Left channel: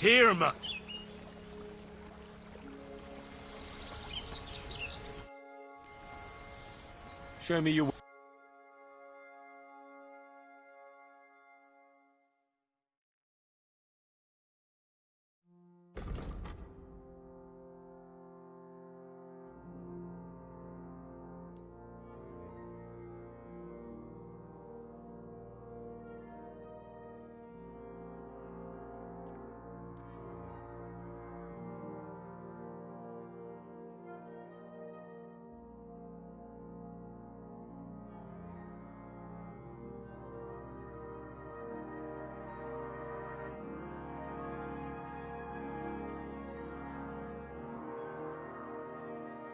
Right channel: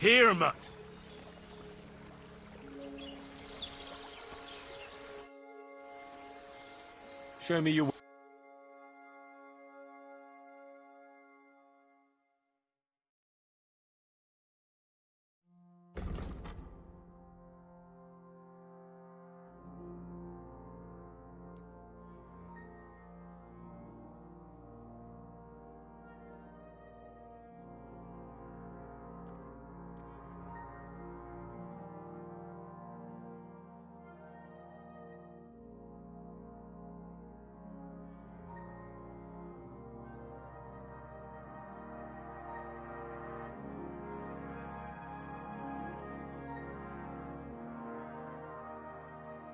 Here, mutt. Show me your...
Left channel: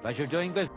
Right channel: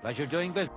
Pleasure doing business.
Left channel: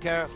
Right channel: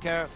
Care.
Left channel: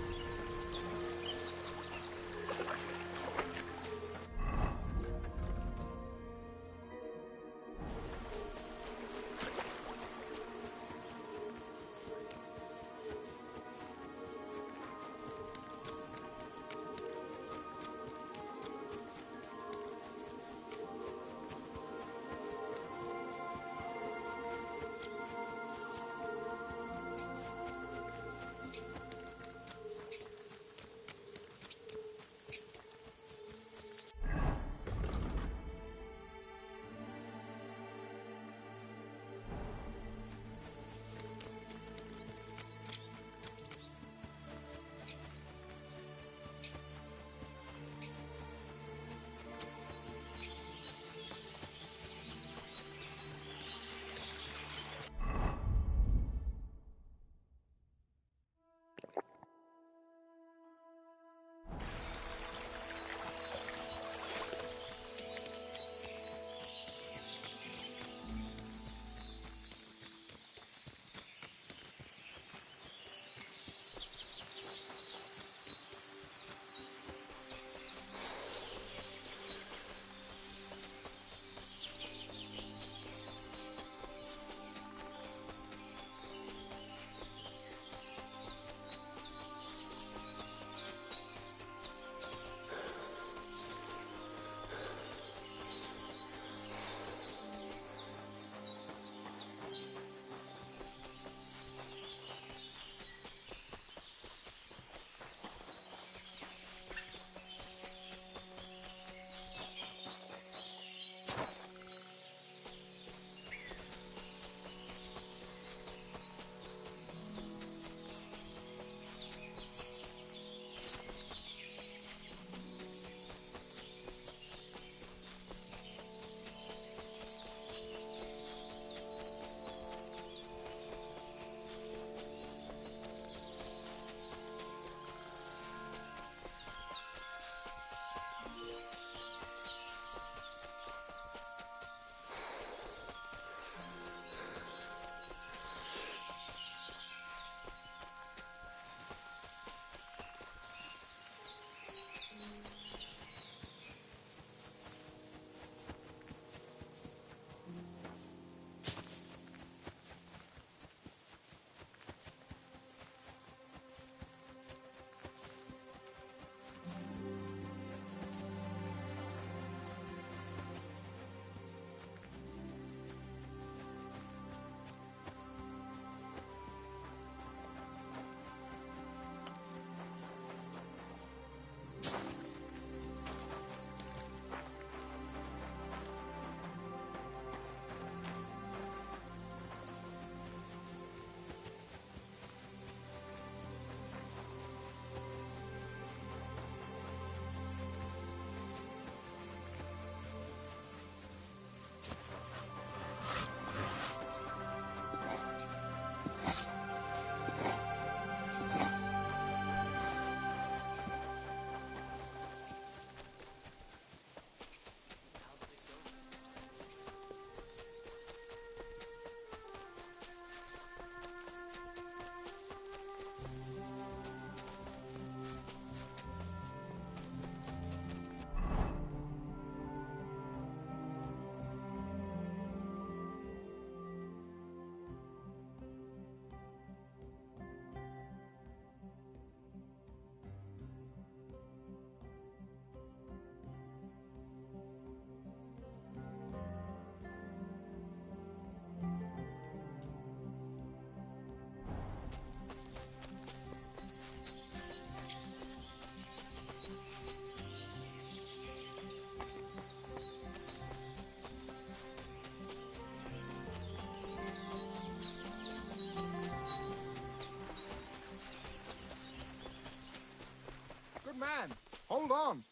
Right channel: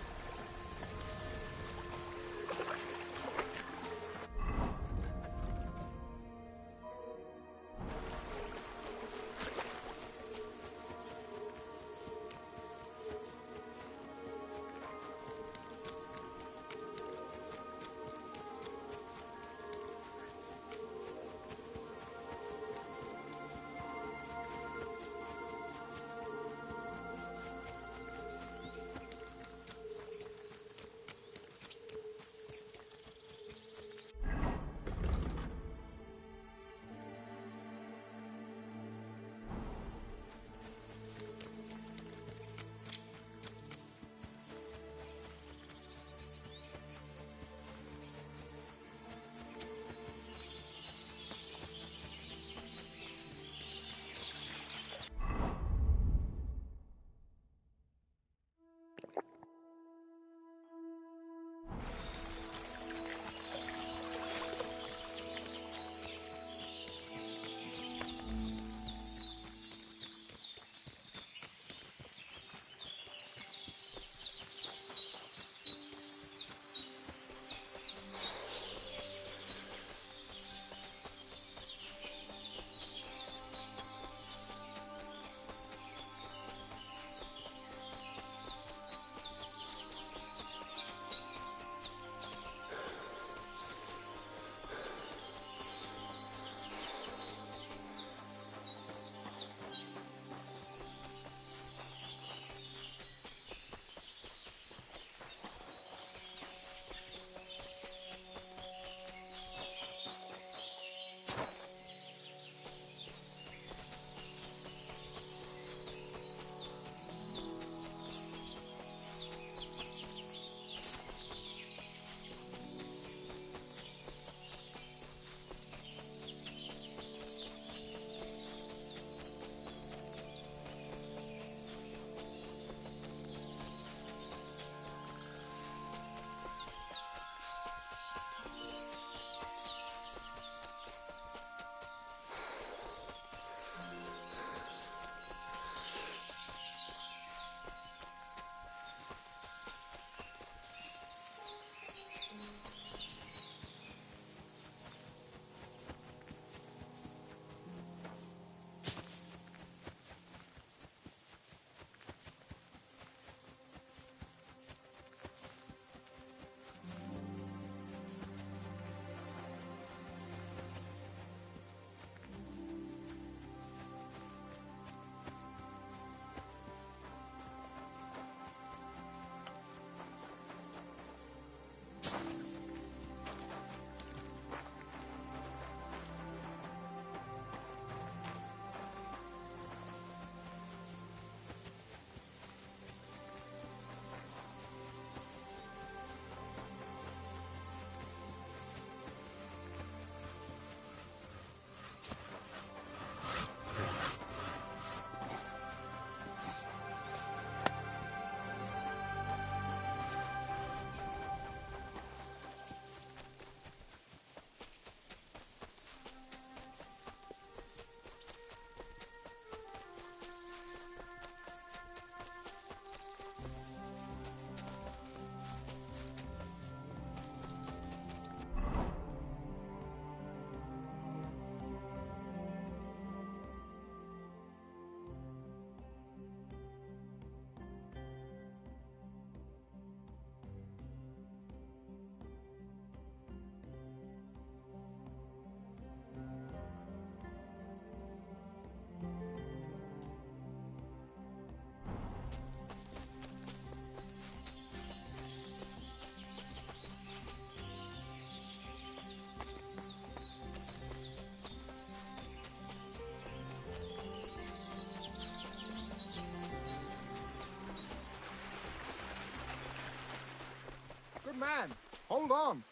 on.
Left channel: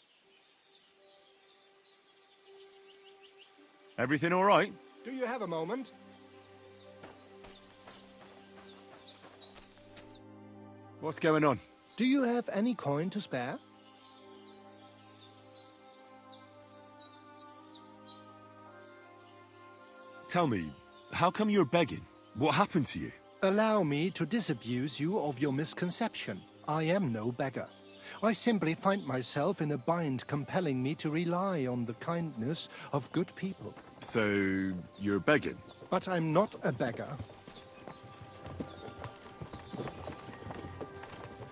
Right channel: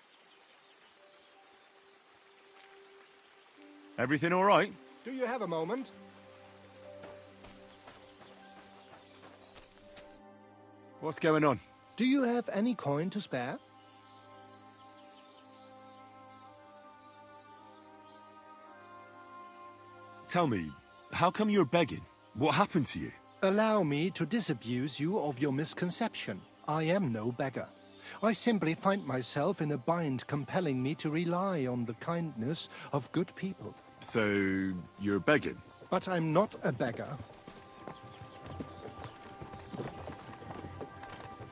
Everything all right? Do you have a moment? What's going on? Do you have any coin to spare? Tell me, how come you're begging? What happened to you? Allow me to disabuse you of your misconception. I am no beggar. I simply find myself in a bind compelling me to rely on the kindness of good people. So, you're begging? But I'm not a beggar.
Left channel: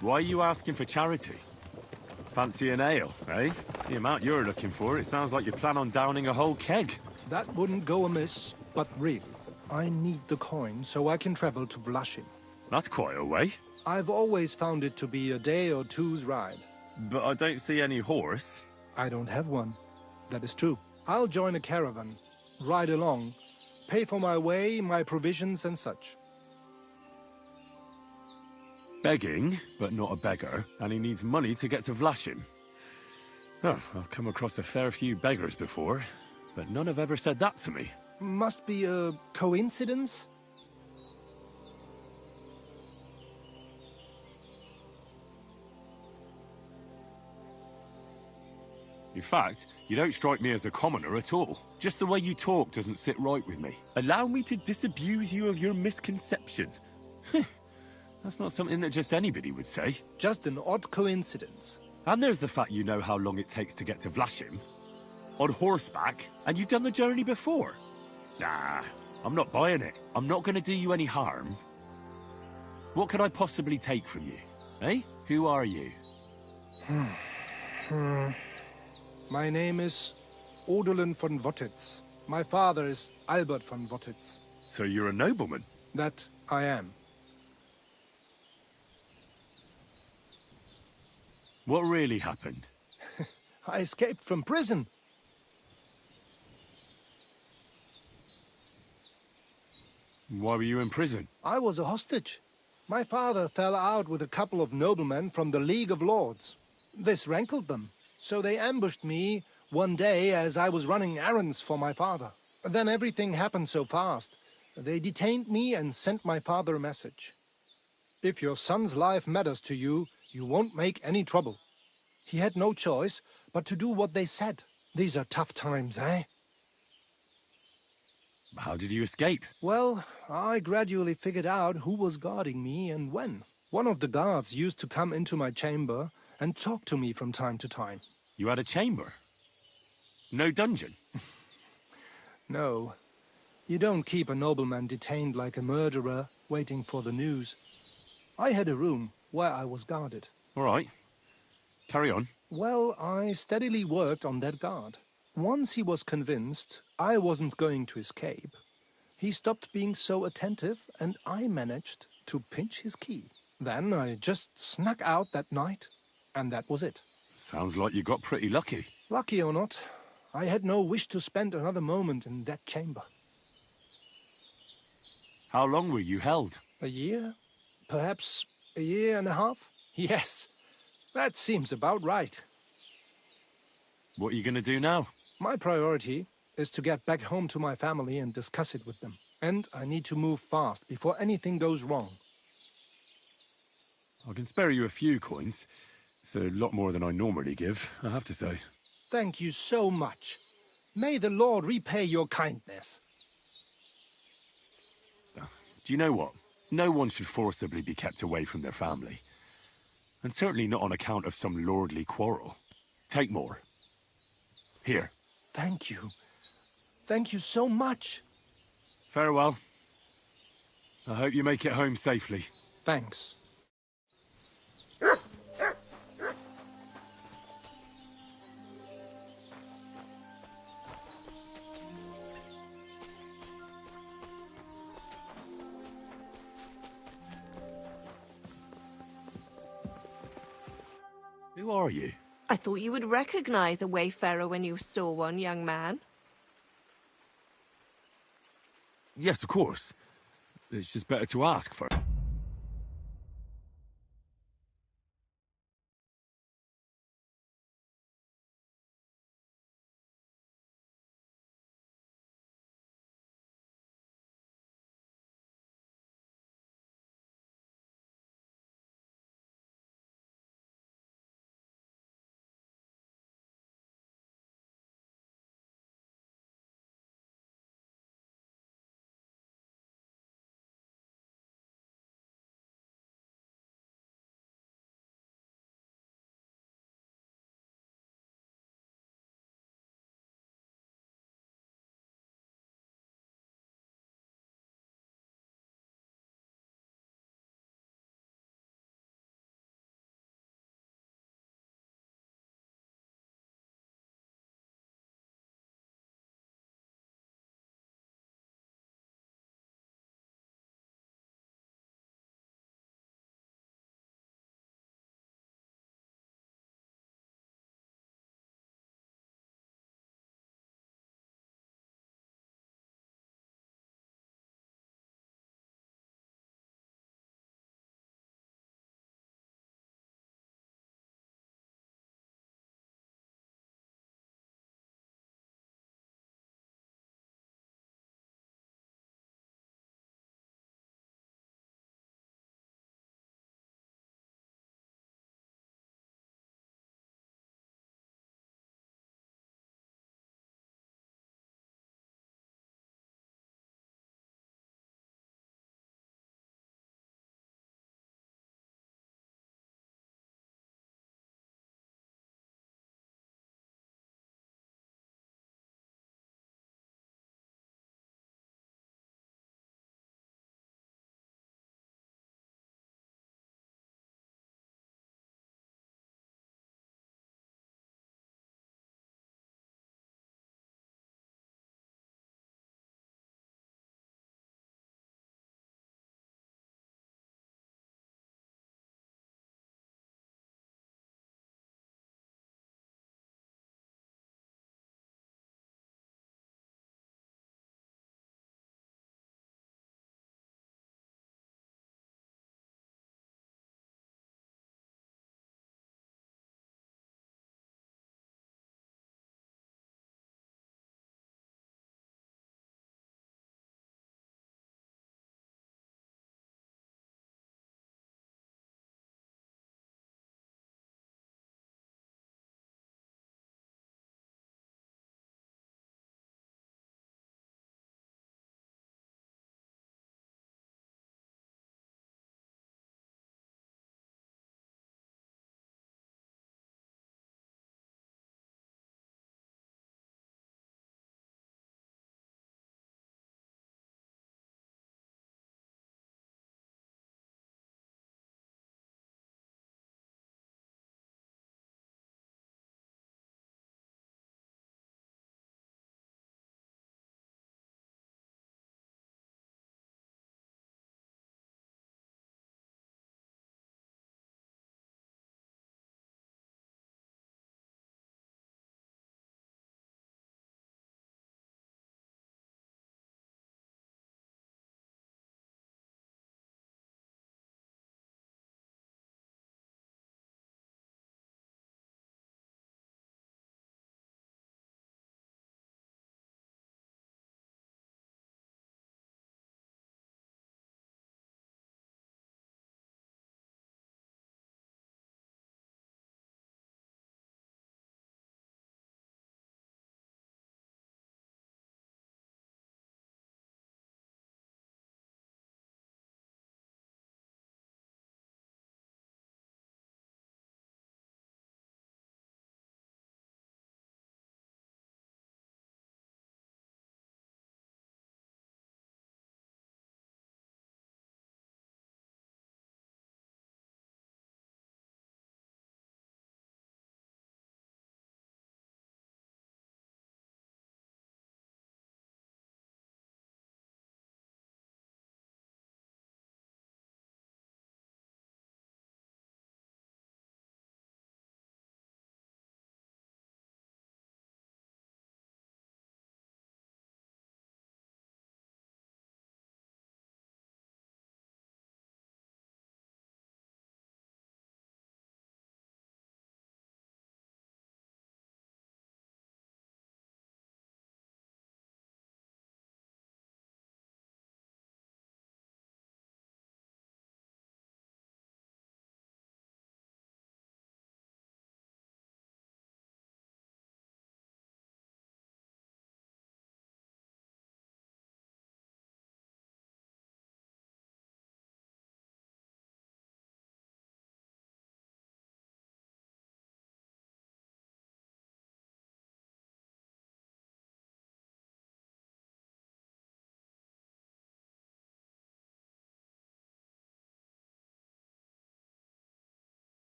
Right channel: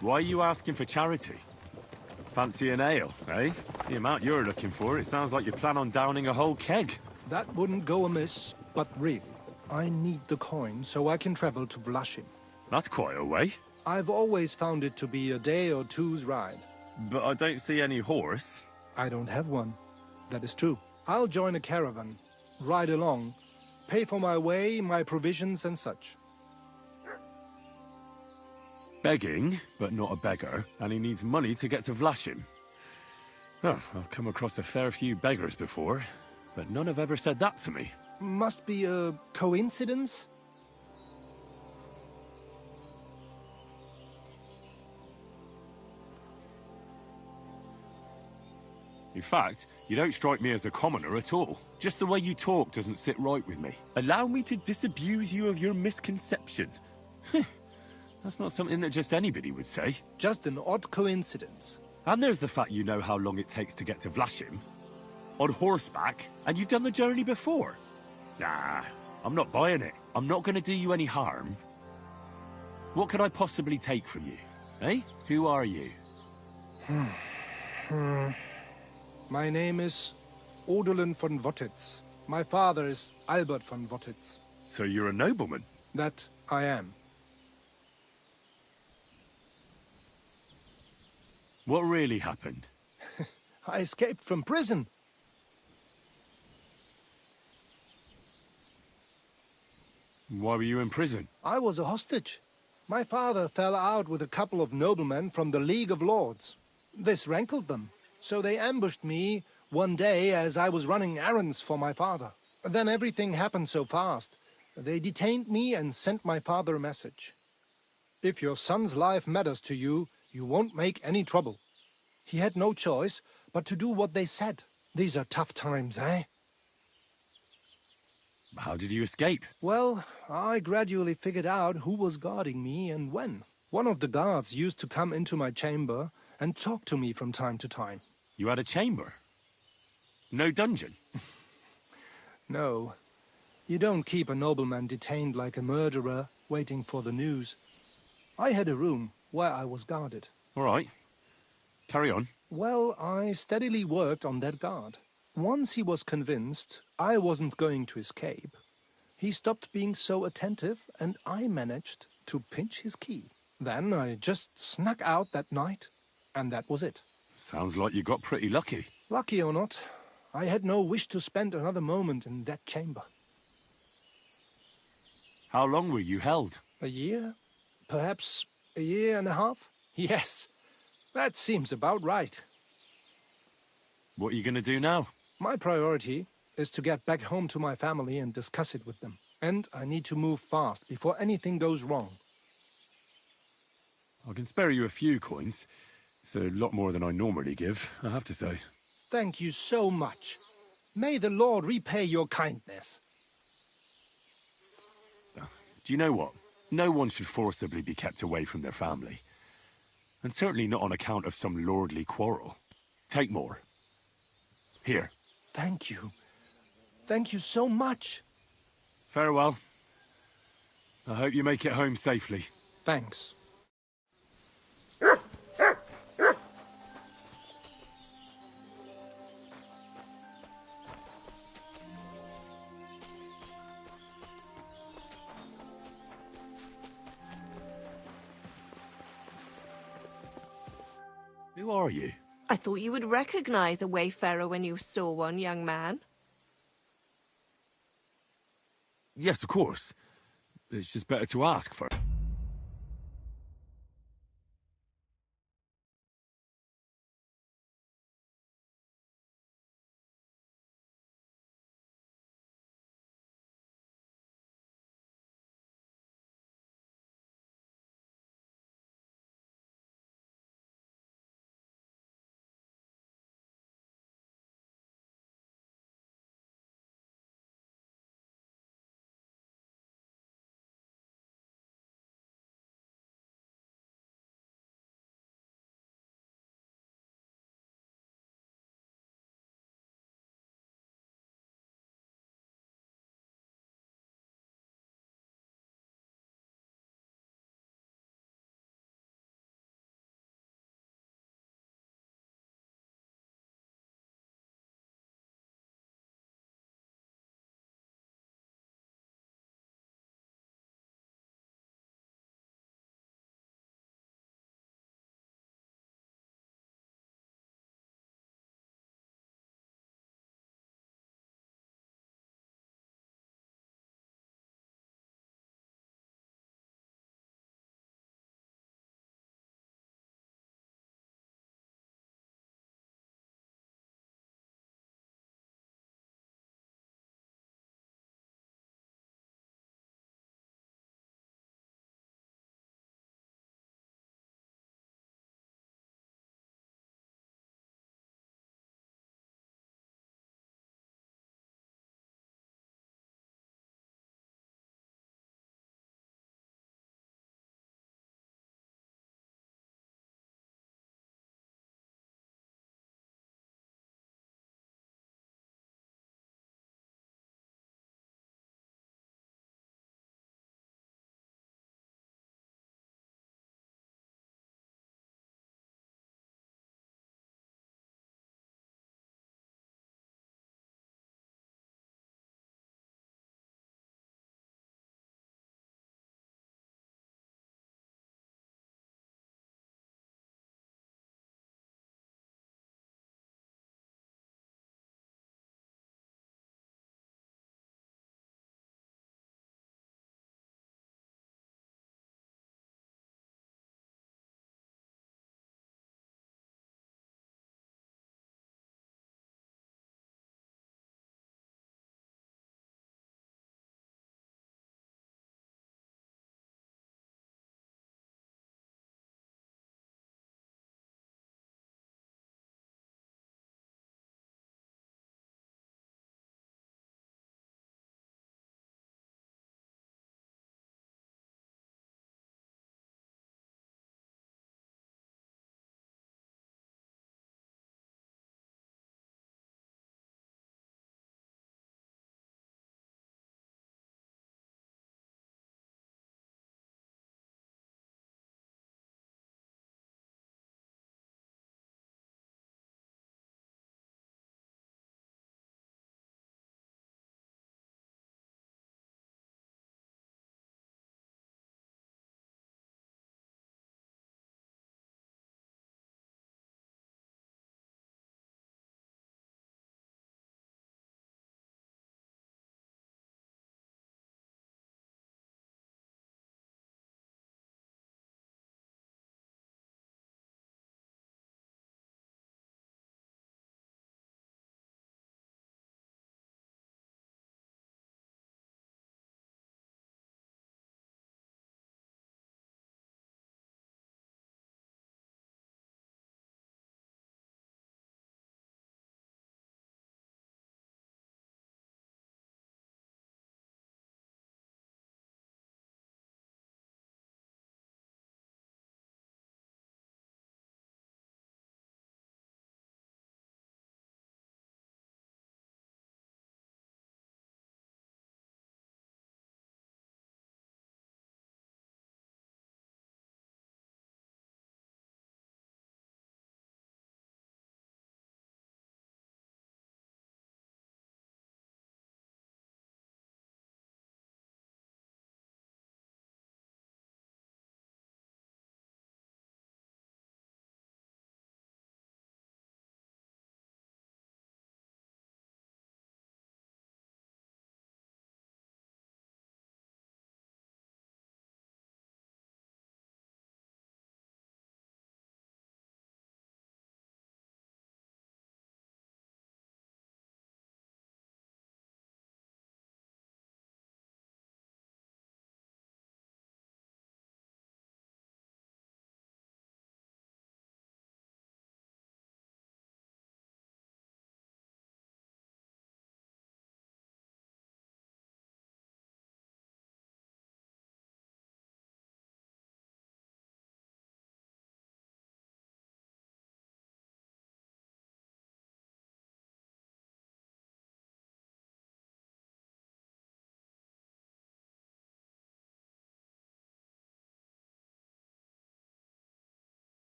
Why are you asking for charity? Fancy an ale, eh? The amount you're looking for, it sounds like you plan on downing a whole keg. That wouldn't go amiss, but really, I need the coin so I can travel to Vlashim. That's quite a way. I've always found it to be a day or two's ride. But I don't see any horse. I don't have one. That is true. I'll join a caravan, ride along, pay for my way, my provisions and such. Begging, but not a beggar, and he needs money to get to Vlashim. Oh, I've come across a fair few beggars before, but none have ever said that to me. Must be a coincidence? In fact, you don't strike me as a commoner at all. Just the way you talk doesn't sit right with me. Allow me to disabuse you of your misconception. That's not something that just anybody would say. Just an odd coincidence. And there's the fact you know how long it takes to get to Vlashim. On horseback, and you've done the journey before. Nah, I'm not buying it. I'm not going to do you any harm. What could I possibly take from you? Eh? Who are you? My name is Odolin von Wottitz. My father is Albert von Wottitz. So you're a nobleman? That I am. What really happened? I escaped from prison. Why were you in prison? I was a hostage. My father fell out with a couple of noblemen from the League of Lords. This rankled them, so they ambushed me one day as I was running errands for my father. Then everything happened so fast. They detained me and sent my father a message. If your son's life matters to you, you won't make any trouble. He had no choice but to do what they said. These are tough times, eh? How did you escape? Well, I gradually figured out who was guarding me and when. One of the guards used to come into my chamber and talk to me from time to time. You had a chamber? No dungeon? No. You don't keep a nobleman detained like a murderer, waiting for the news. I had a room where I was guarded. All right. Carry on. Well, I steadily worked on that guard. Once he was convinced I wasn't going to escape, he stopped being so attentive and I managed to pinch his key. Then I just snuck out that night, and that was it. Sounds like you got pretty lucky. Lucky or not, I had no wish to spend another moment in that chamber. How long were you held? A year? Perhaps a year and a half? Yes, that seems about right. What are you going to do now? My priority is to get back home to my family and discuss it with them. And I need to move fast before anything goes wrong. I can spare you a few coins. It's a lot more than I normally give, I have to say. Thank you so much. May the Lord repay your kindness. Do you know what? No one should forcibly be kept away from their family. And certainly not on account of some lordly quarrel. Take more. Here. Thank you. Thank you so much. Farewell. I hope you make it home safely. Thanks. Who are you? I thought you would recognize a wayfarer when you saw one, young man. Yes, of course. It's just better to ask first.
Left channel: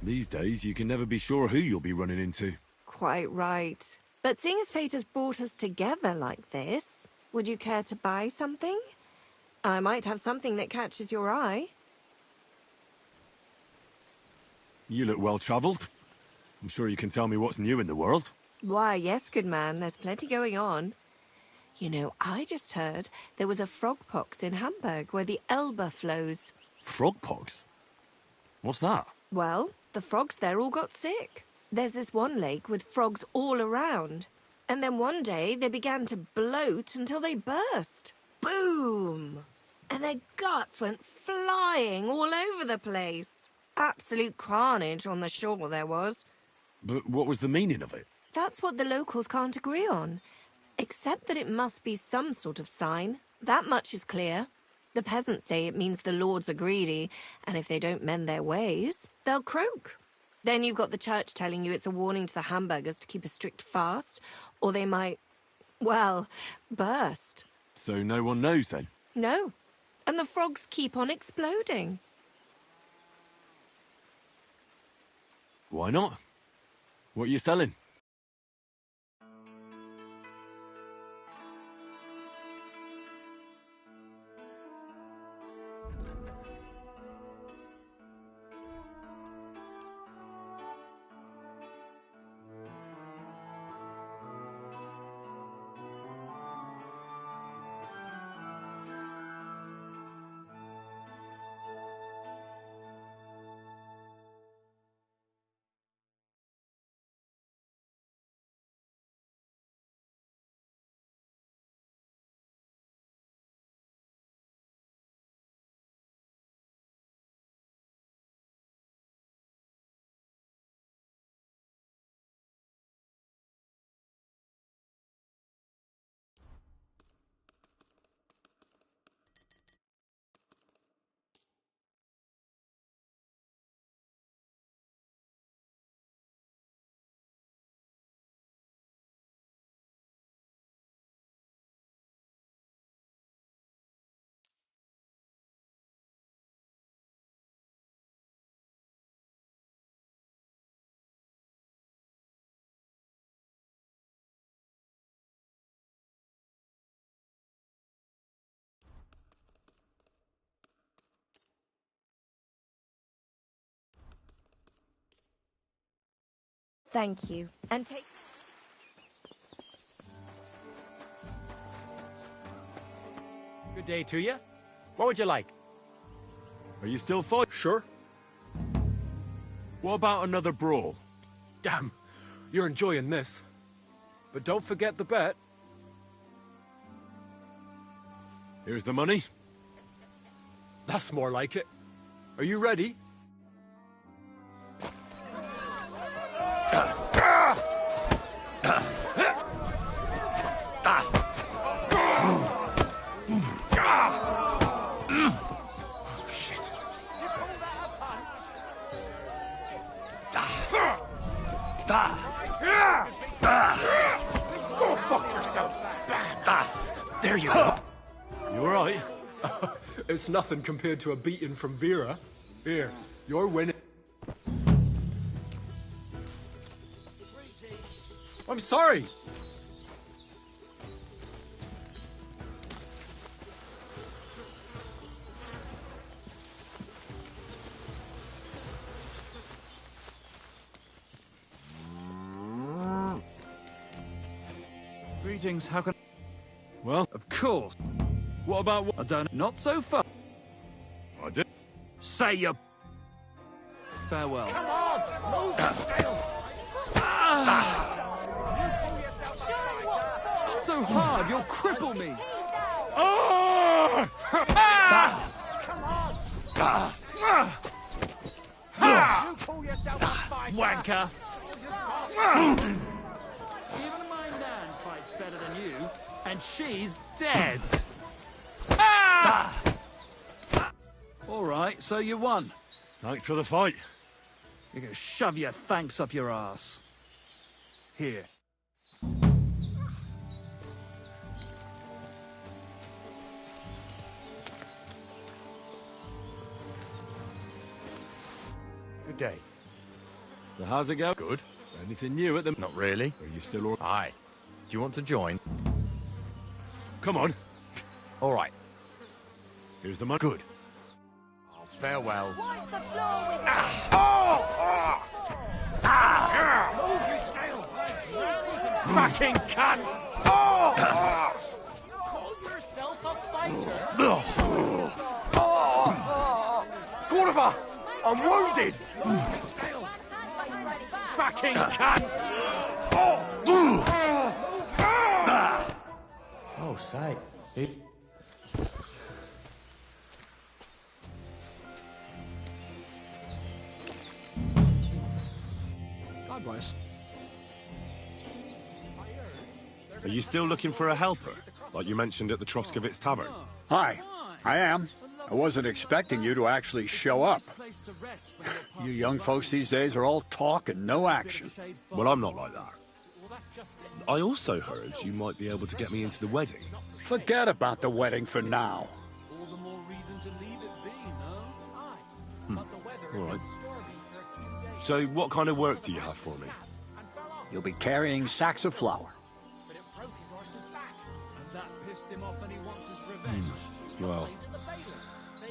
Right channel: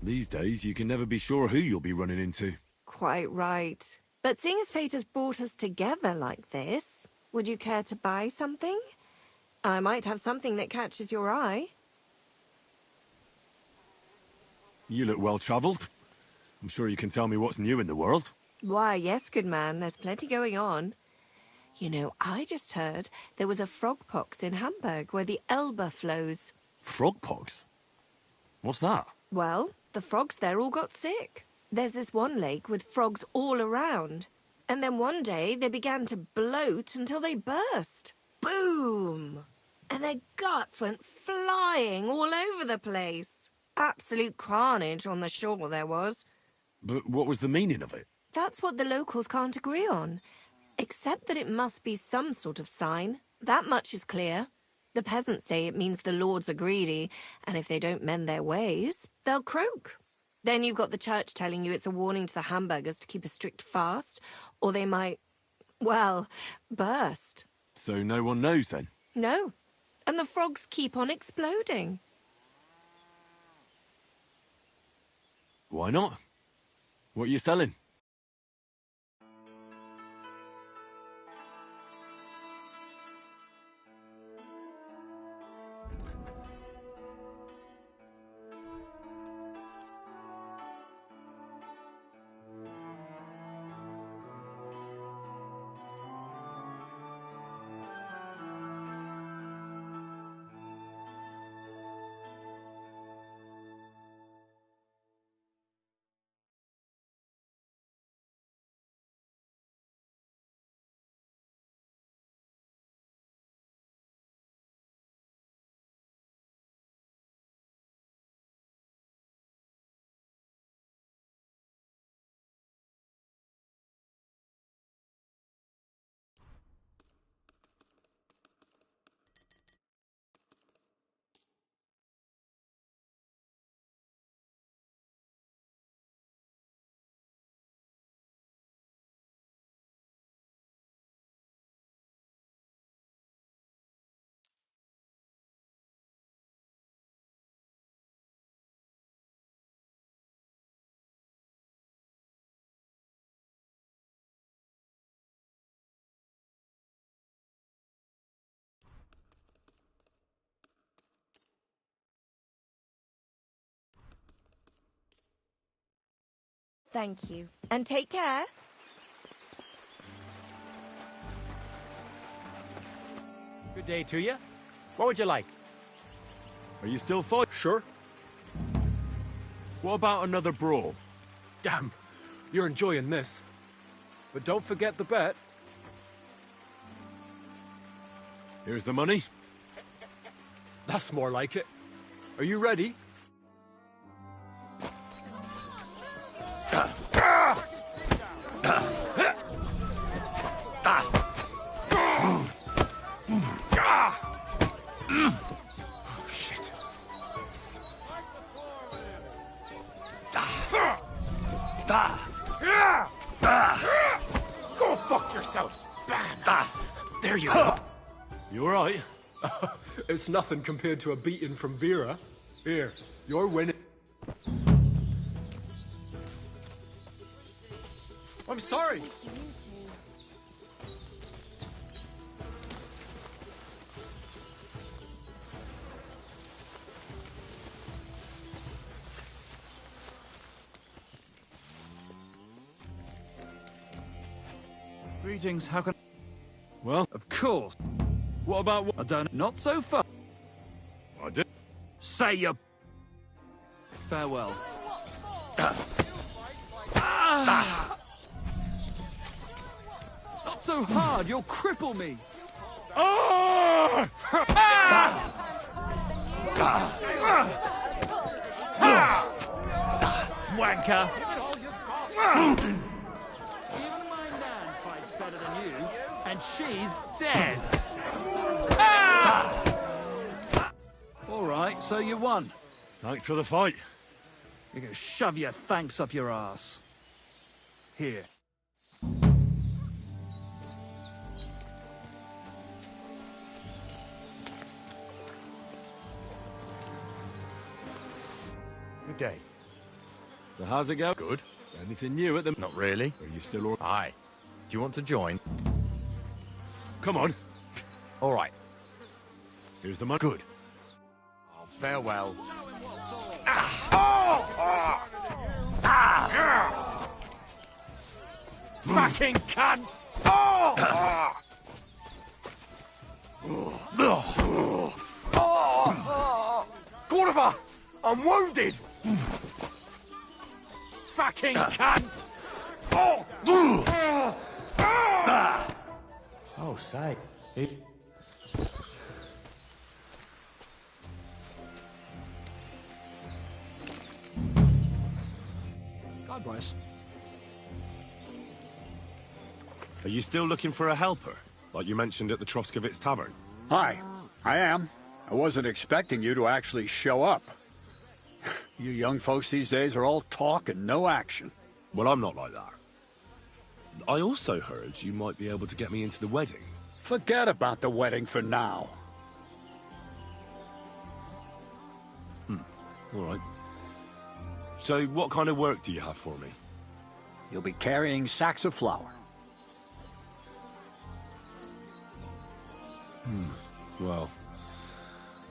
These days, you can never be sure who you'll be running into. Quite right. But seeing as fate has brought us together like this, would you care to buy something? I might have something that catches your eye. You look well-travelled. I'm sure you can tell me what's new in the world. Why, yes, good man, there's plenty going on. You know, I just heard there was a frog pox in Hamburg where the Elbe flows. Frogpox? What's that? Well, the frogs there all got sick. There's this one lake with frogs all around. And then one day they began to bloat until they burst. Boom! And their guts went flying all over the place. Absolute carnage on the shore there was. But what was the meaning of it? That's what the locals can't agree on. Except that it must be some sort of sign. That much is clear. The peasants say it means the lords are greedy, and if they don't mend their ways, they'll croak. Then you've got the church telling you it's a warning to the Hamburgers to keep a strict fast, or they might, well, burst. So no one knows then? No. And the frogs keep on exploding. Why not? What are you selling? Thank you. And take care. Good day to you. What would you like? Are you still fighting? Sure. What about another brawl? Damn, you're enjoying this. But don't forget the bet. Here's the money. That's more like it. Are you ready? Shit. Go fuck yourself. There you go. You alright? It's nothing compared to a beating from Vera. Here, you're winning. I'm sorry. Greetings, how can... Well, Of course. what about what I don't... Not so far. I did? Say your... Farewell. Not so hard, you'll cripple me. Wanker. Even my Nan fights better than you, and she's dead. All right, so you won. Thanks for the fight. You can shove your thanks up your ass. Here. Good day. So how's it go? Good. Anything new at the... Not really. Are you still all... Aye. Do you want to join? Come on. All right. Here's the money. Good. Oh, farewell. Fucking cunt! Gorva! I'm wounded! Fucking cunt! Oh, say. God bless. Are you still looking for a helper? Like you mentioned at the Troskovitz Tavern? Hi, I am. I wasn't expecting you to actually show up. You young folks these days are all talk and no action. Well, I'm not like that. I also heard you might be able to get me into the wedding. Forget about the wedding for now. All right. So what kind of work do you have for me? You'll be carrying sacks of flour. Well,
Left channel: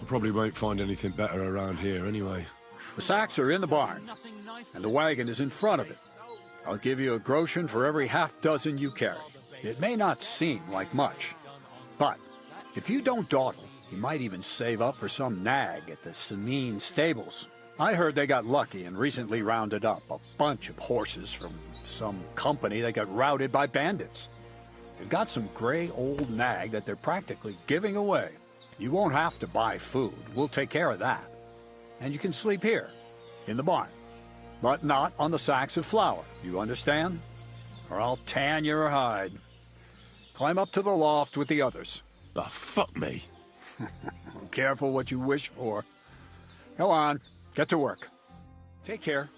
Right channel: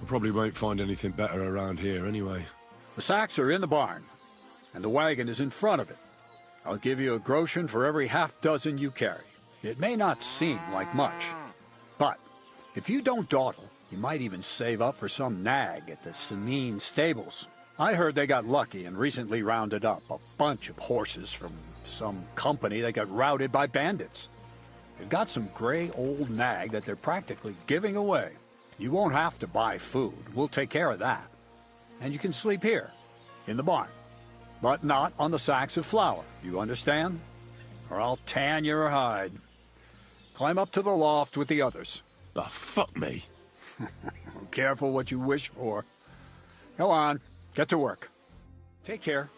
I probably won't find anything better around here anyway. The sacks are in the barn, and the wagon is in front of it. I'll give you a groschen for every half dozen you carry. It may not seem like much, but if you don't dawdle, you might even save up for some nag at the Samine stables. I heard they got lucky and recently rounded up a bunch of horses from some company that got routed by bandits. They've got some gray old nag that they're practically giving away. You won't have to buy food. We'll take care of that. And you can sleep here, in the barn. But not on the sacks of flour. You understand? Or I'll tan your hide. Climb up to the loft with the others. Oh, fuck me. Careful what you wish for. Go on. Get to work. Take care.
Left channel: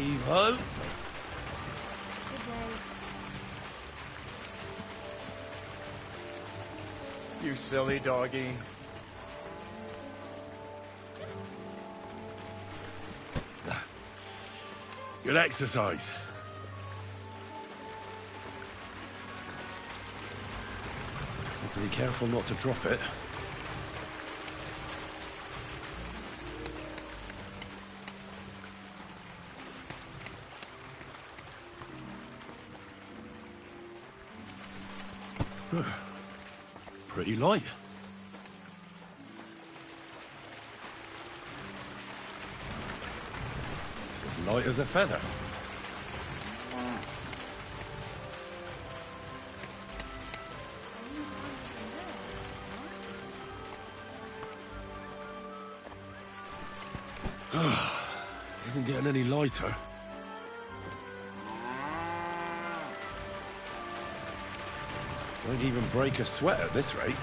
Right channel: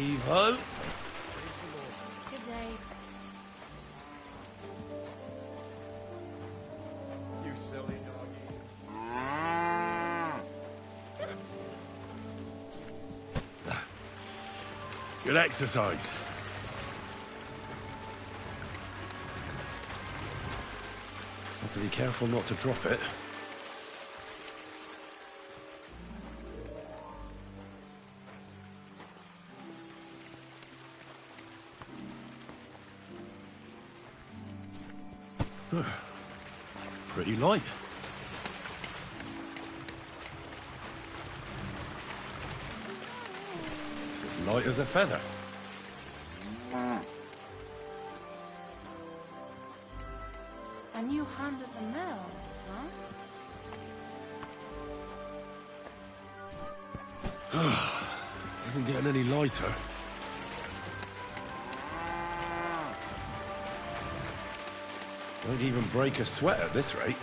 Evo. Good day. You silly doggy. Good exercise. Have to be careful not to drop it. Pretty light. It's as light as a feather. And you handed them there, huh? Isn't getting any lighter. Won't even break a sweat at this rate.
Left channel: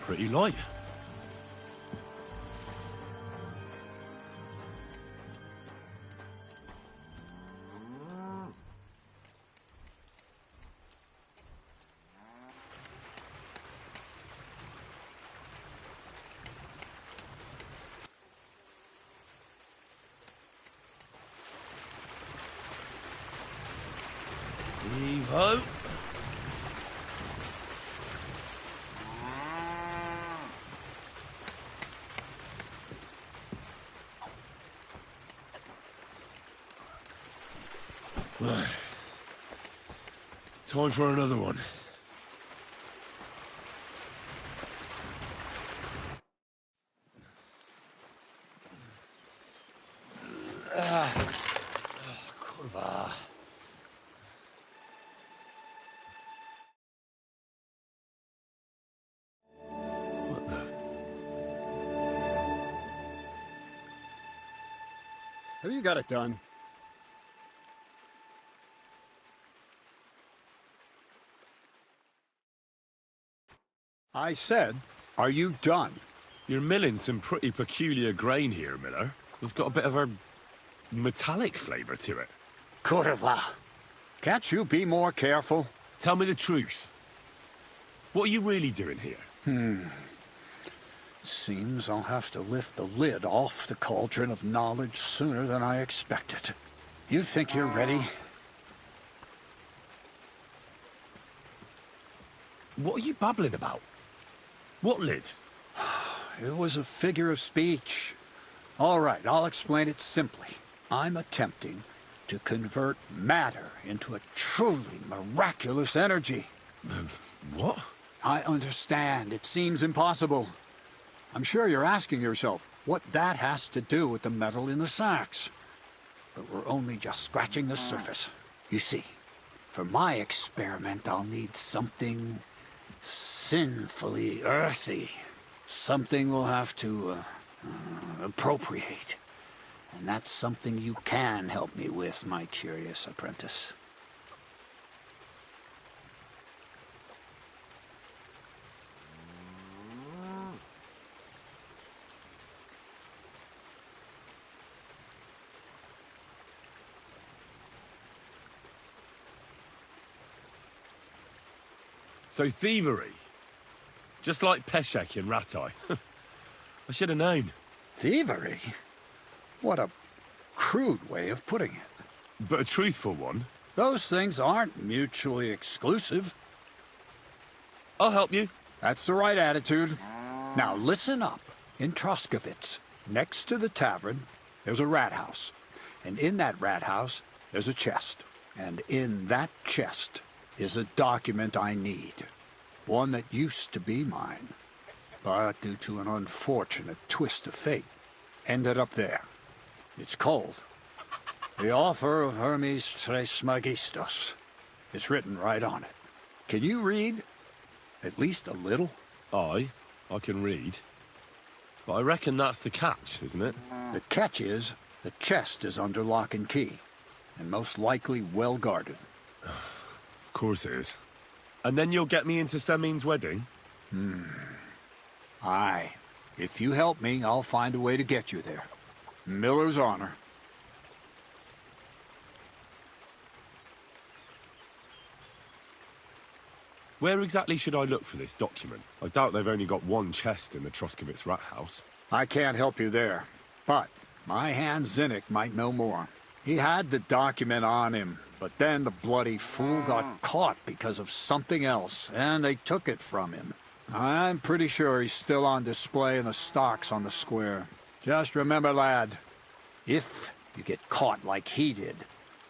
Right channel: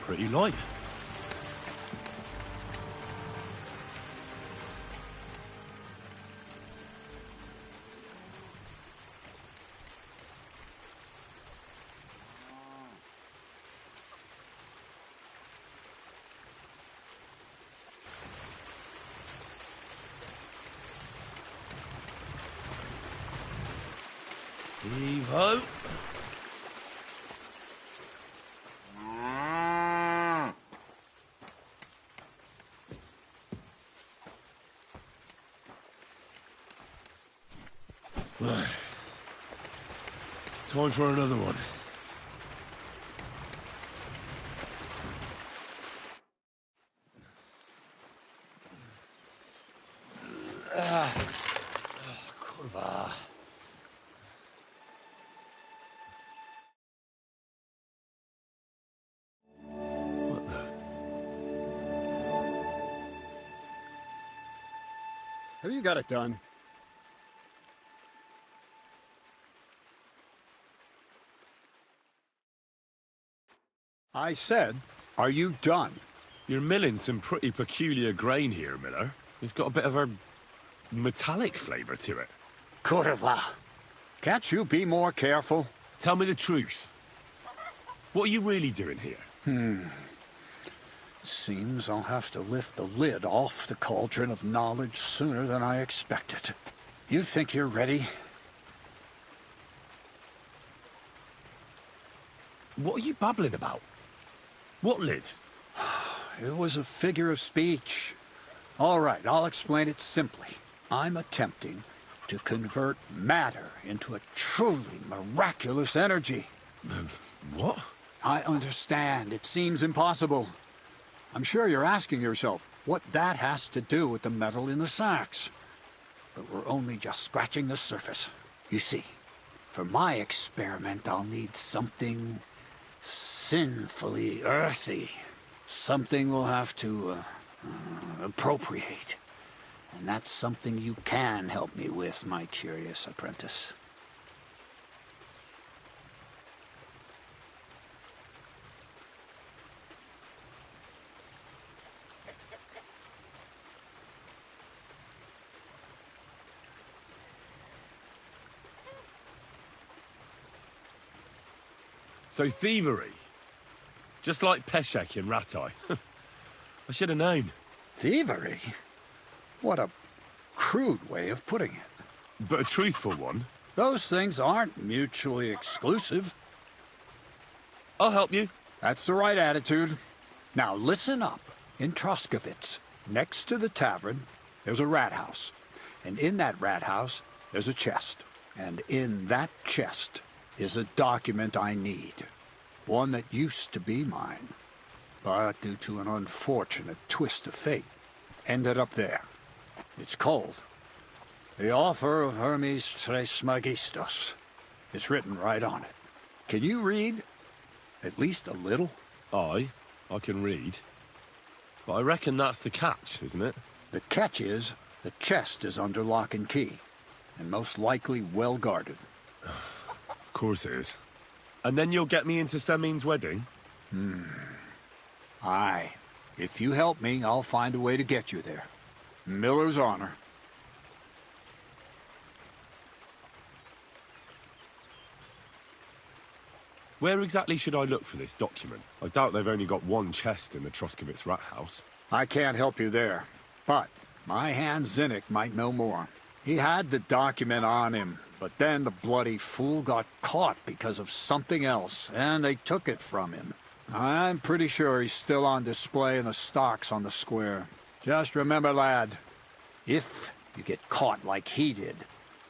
Pretty light. Oh. Time for another one. Kurwa. What the? Have you got it done? I said, are you done? You're milling some pretty peculiar grain here, Miller. It's got a bit of a metallic flavour to it. Kurwa. Can't you be more careful? Tell me the truth. What are you really doing here? Seems I'll have to lift the lid off the cauldron of knowledge sooner than I expected. You think you're ready? What are you babbling about? What lid? It was a figure of speech. All right, I'll explain it simply. I'm attempting to convert matter into a truly miraculous energy. What? I understand. It seems impossible. I'm sure you're asking yourself what that has to do with the metal in the sacks. But we're only just scratching the surface. You see, for my experiment, I'll need something sinfully earthy. Something we'll have to appropriate. And that's something you can help me with, my curious apprentice. So thievery. Just like Peshek in Ratai. I should have known. Thievery? What a crude way of putting it. But a truthful one. Those things aren't mutually exclusive. I'll help you. That's the right attitude. Now listen up. In Troskovitz, next to the tavern, there's a rat house. And in that rat house, there's a chest. And in that chest is a document I need. One that used to be mine. But due to an unfortunate twist of fate, ended up there. It's called The Offer of Hermes Trismegistos. It's written right on it. Can you read? At least a little? I can read. But I reckon that's the catch, isn't it? The catch is, the chest is under lock and key, and most likely well guarded. Of course it is. And then you'll get me into Semin's wedding? Aye. If you help me, I'll find a way to get you there. Miller's honor. Where exactly should I look for this document? I doubt they've only got one chest in the Troskovitz rat house. I can't help you there, but my hand Zinnik might know more. He had the document on him, but then the bloody fool got caught because of something else, and they took it from him. I'm pretty sure he's still on display in the stocks on the square. Just remember, lad, if you get caught like he did,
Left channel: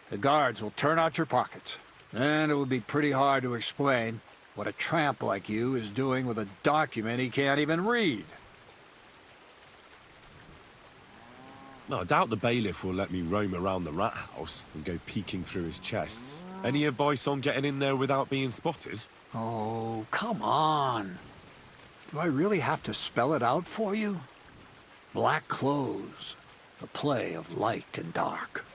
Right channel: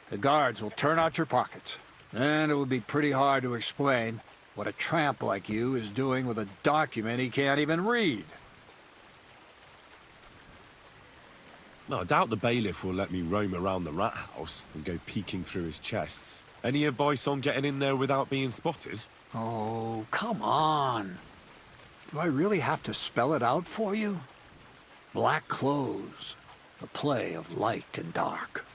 the guards will turn out your pockets. Then it will be pretty hard to explain what a tramp like you is doing with a document he can't even read. No, I doubt the bailiff will let me roam around the rat house and go peeking through his chests. Any advice on getting in there without being spotted? Oh, come on. Do I really have to spell it out for you? Black clothes, the play of light and dark.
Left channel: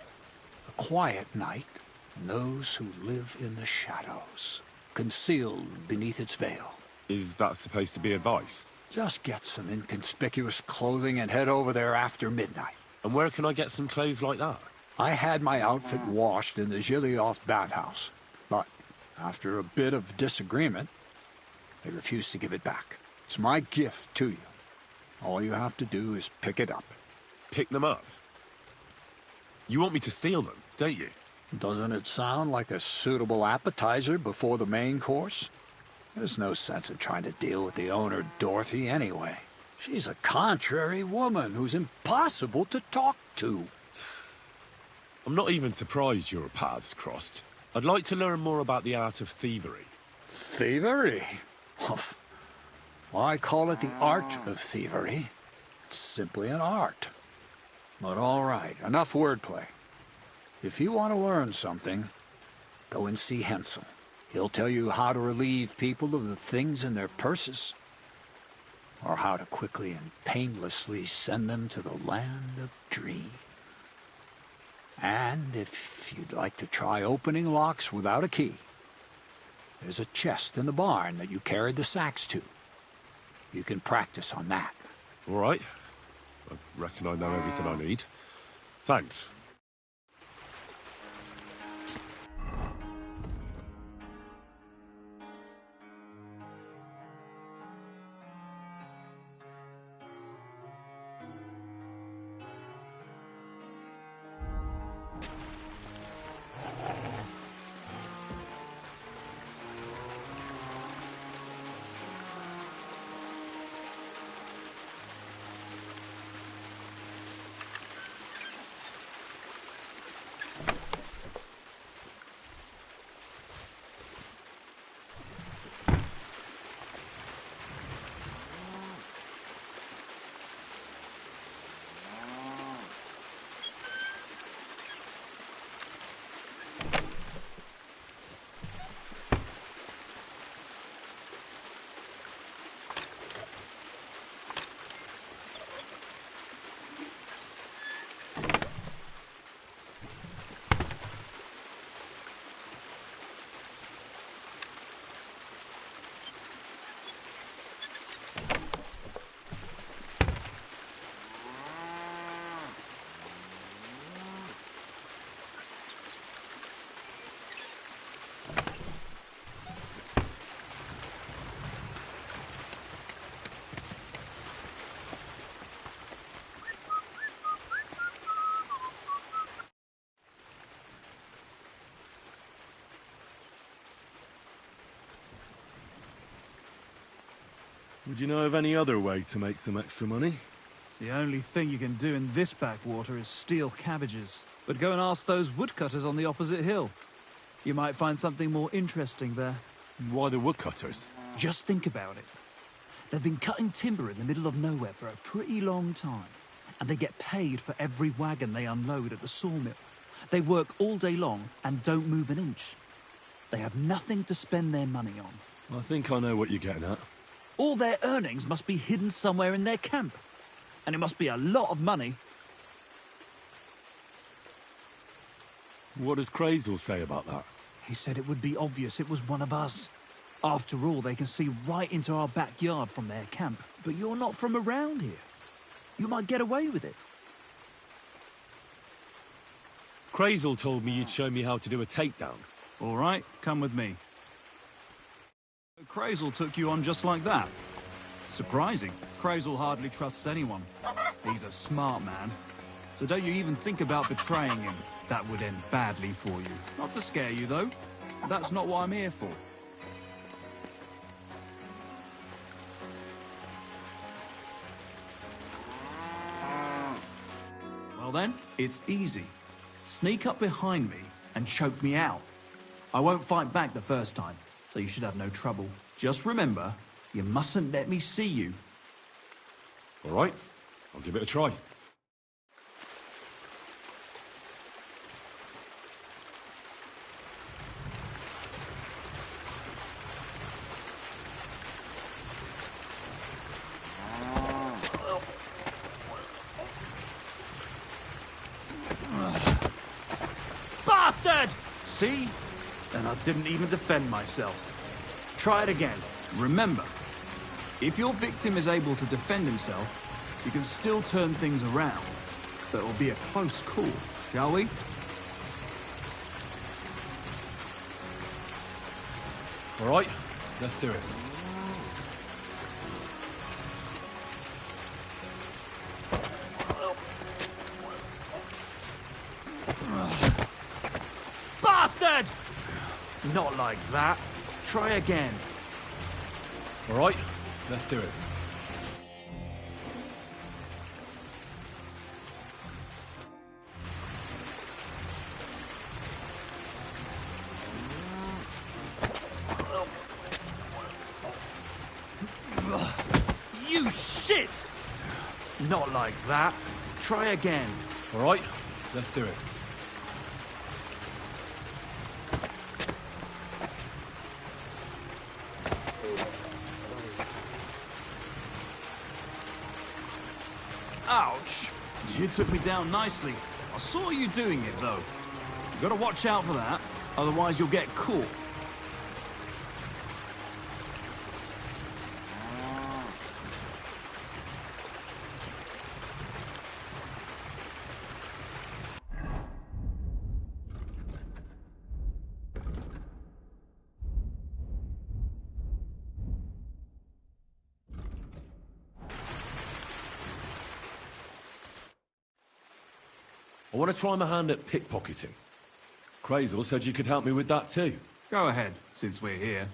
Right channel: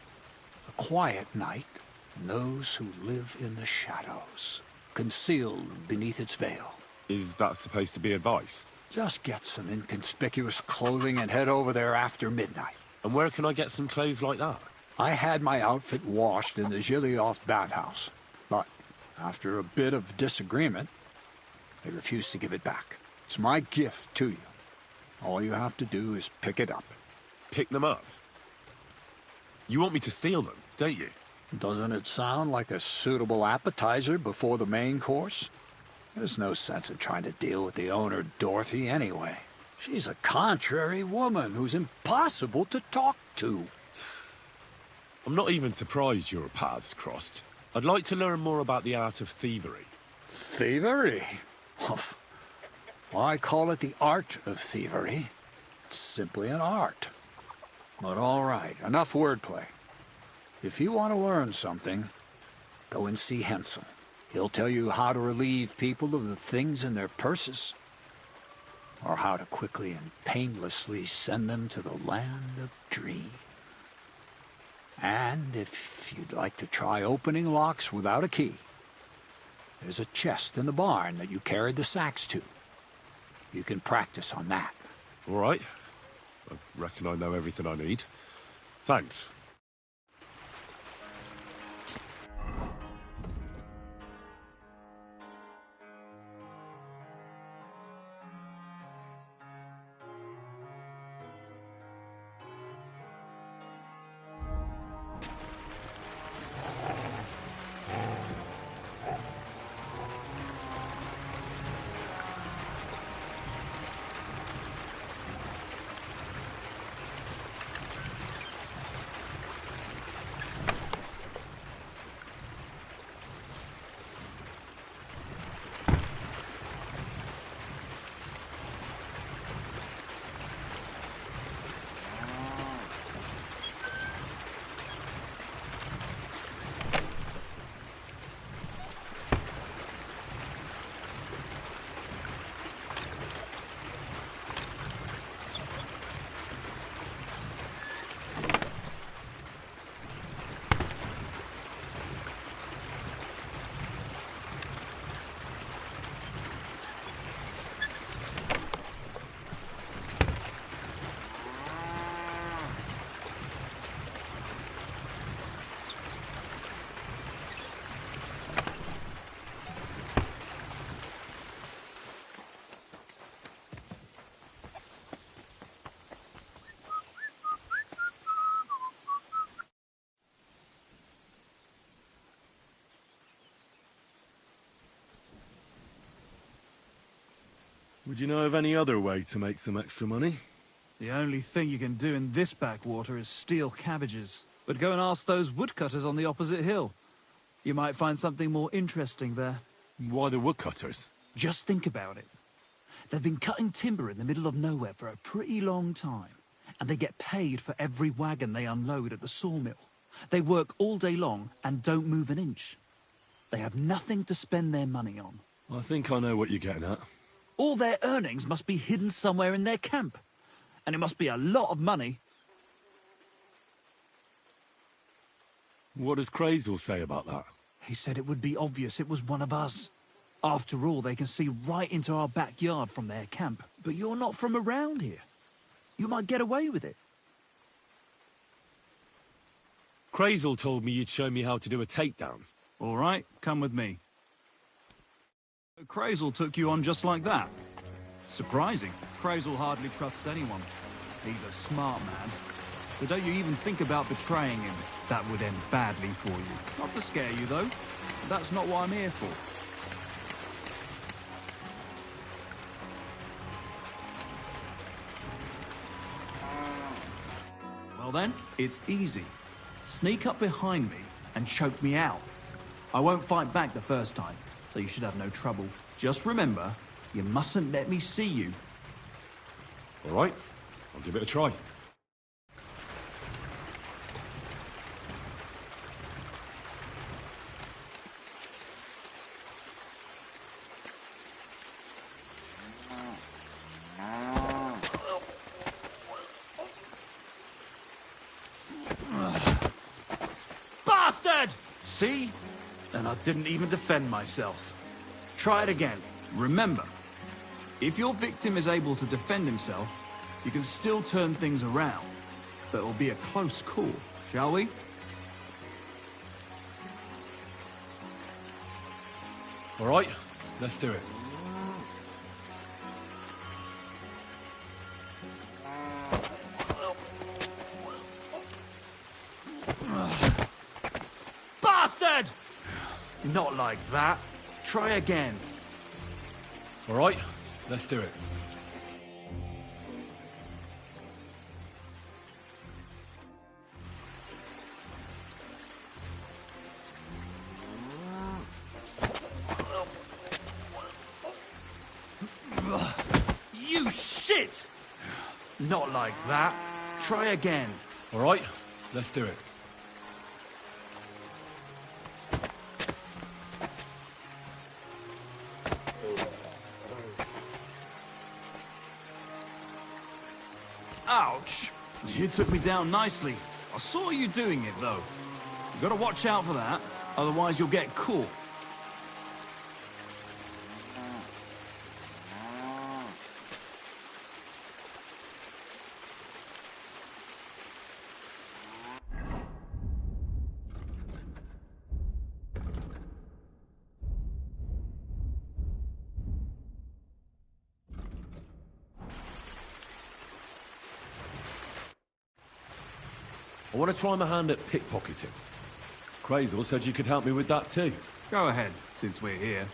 A quiet night, and those who live in the shadows, concealed beneath its veil. Is that supposed to be advice? Just get some inconspicuous clothing and head over there after midnight. And where can I get some clothes like that? I had my outfit washed in the Gilioff bathhouse, but after a bit of disagreement, they refused to give it back. It's my gift to you. All you have to do is pick it up. Pick them up? You want me to steal them, don't you? Doesn't it sound like a suitable appetizer before the main course? There's no sense in trying to deal with the owner, Dorothy, anyway. She's a contrary woman who's impossible to talk to. I'm not even surprised your paths crossed. I'd like to learn more about the art of thievery. Thievery? Why call it the art of thievery? It's simply an art. But all right, enough wordplay. If you want to learn something, go and see Hensel. He'll tell you how to relieve people of the things in their purses, or how to quickly and painlessly send them to the land of dreams. And if you'd like to try opening locks without a key, there's a chest in the barn that you carried the sacks to. You can practice on that. All right. I reckon I know everything I need. Thanks. Would you know of any other way to make some extra money? The only thing you can do in this backwater is steal cabbages. But go and ask those woodcutters on the opposite hill. You might find something more interesting there. Why the woodcutters? Just think about it. They've been cutting timber in the middle of nowhere for a pretty long time, and they get paid for every wagon they unload at the sawmill. They work all day long and don't move an inch. They have nothing to spend their money on. I think I know what you're getting at. All their earnings must be hidden somewhere in their camp. And it must be a lot of money. What does Crazel say about that? He said it would be obvious it was one of us. After all, they can see right into our backyard from their camp. But you're not from around here. You might get away with it. Crazel told me you'd show me how to do a takedown. All right, come with me. Crazel took you on just like that. Surprising. Crazel hardly trusts anyone. He's a smart man. So don't you even think about betraying him. That would end badly for you. Not to scare you, though. That's not what I'm here for. Well then, it's easy. Sneak up behind me and choke me out. I won't fight back the first time, so you should have no trouble. Just remember, you mustn't let me see you. All right, I'll give it a try. Bastard! See? And I didn't even defend myself. Try it again. Remember, if your victim is able to defend himself, you can still turn things around. But it will be a close call, shall we? All right, let's do it. Not like that. Try again. All right, let's do it. You shit! Not like that. Try again. All right, let's do it. Ouch! You took me down nicely. I saw you doing it, though. You gotta watch out for that, otherwise you'll get caught. I want to try my hand at pickpocketing. Crazel said you could help me with that too. Go ahead, since we're here.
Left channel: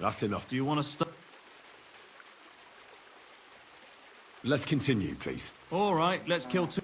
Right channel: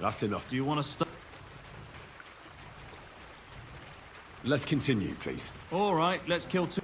That's enough. Do you want to stop? Let's continue, please. All right, let's kill two.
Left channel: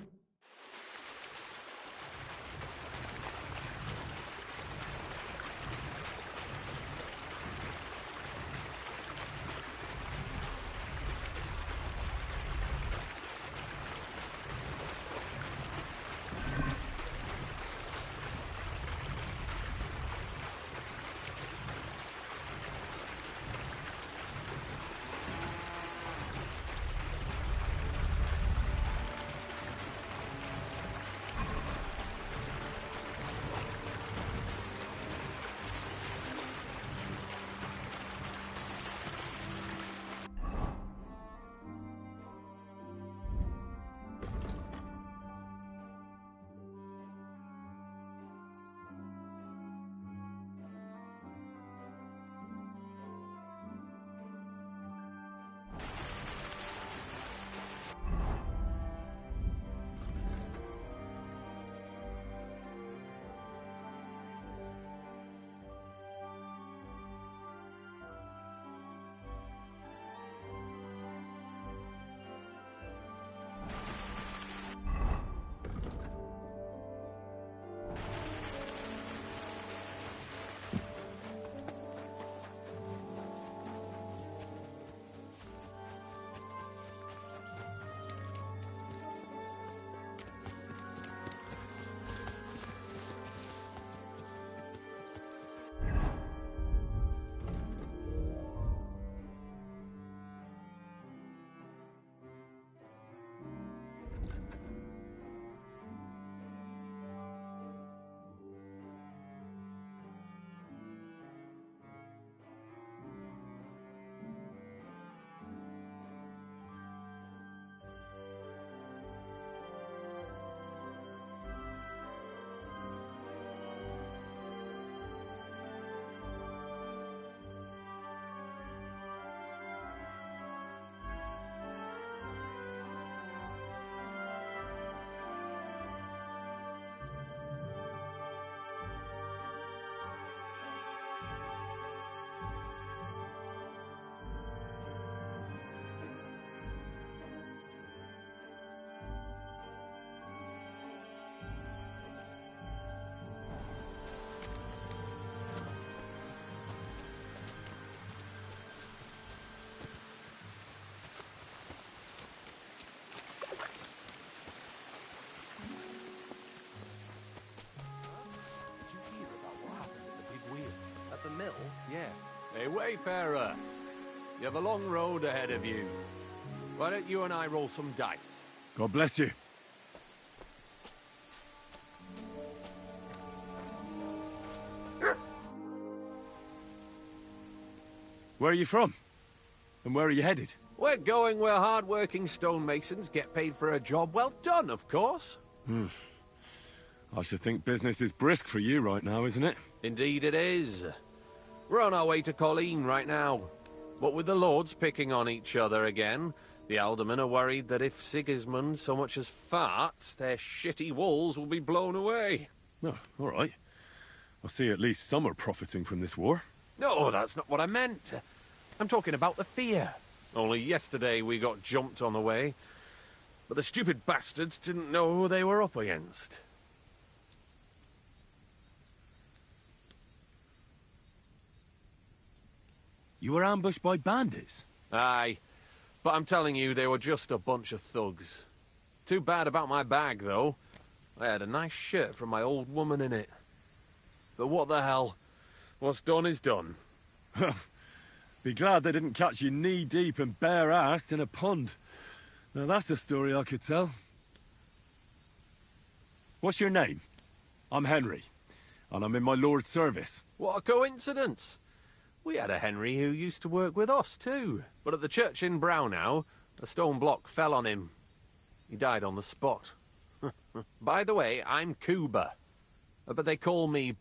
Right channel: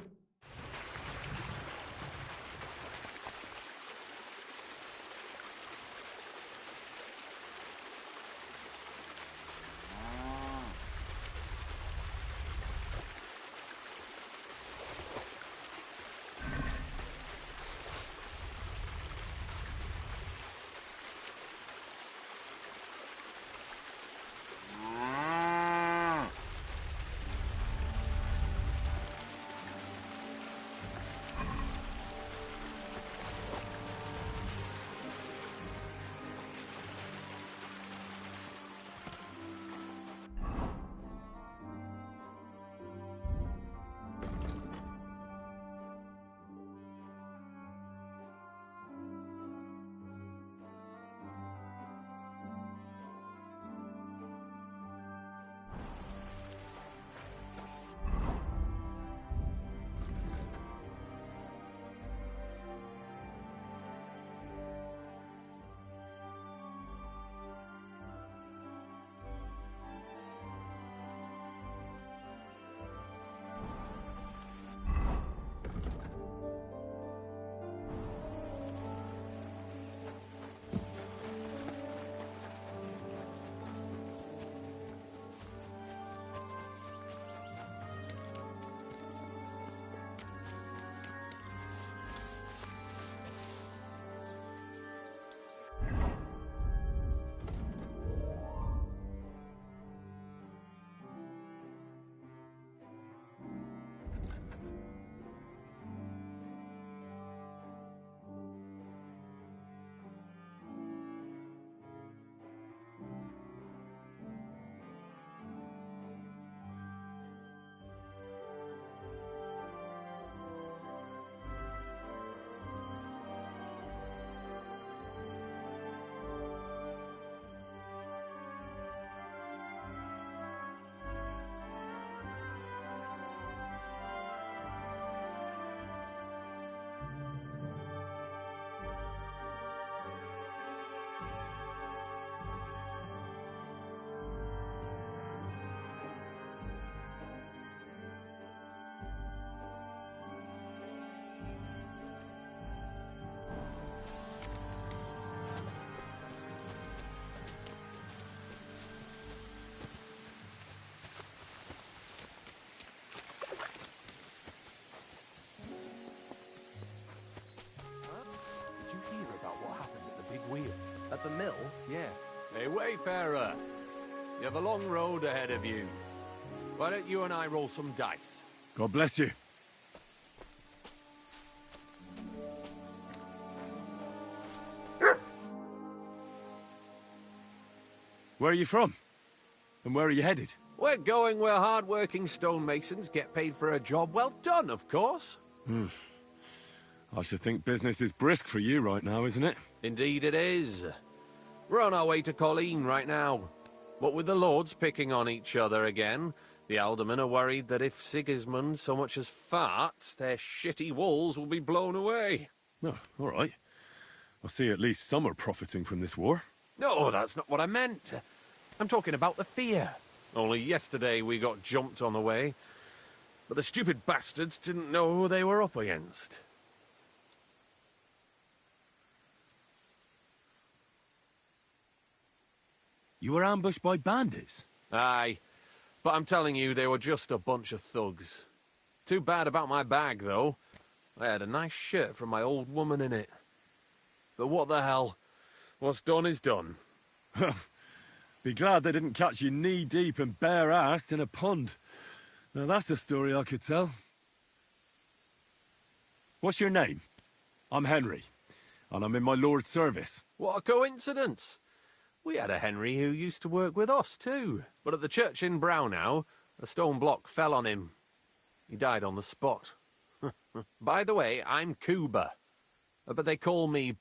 At the mill? Yeah. Hey, wayfarer. You have a long road ahead of you. Why don't you and I roll some dice? God bless you. Where are you from? And where are you headed? We're going where hard-working stonemasons get paid for a job well done, of course. I should think business is brisk for you right now, isn't it? Indeed it is. We're on our way to Colleen right now. What with the lords picking on each other again, the aldermen are worried that if Sigismund so much as farts, their shitty walls will be blown away. Oh, all right. I see at least some are profiting from this war. No, that's not what I meant. I'm talking about the fear. Only yesterday we got jumped on the way. But the stupid bastards didn't know who they were up against. You were ambushed by bandits? Aye. But I'm telling you, they were just a bunch of thugs. Too bad about my bag, though. I had a nice shirt from my old woman in it. But what the hell? What's done is done. Be glad they didn't catch you knee-deep and bare-assed in a pond. Now that's a story I could tell. What's your name? I'm Henry, and I'm in my lord's service. What a coincidence. We had a Henry who used to work with us, too. But at the church in Brownhow, a stone block fell on him. He died on the spot. By the way, I'm Cuba. But they call me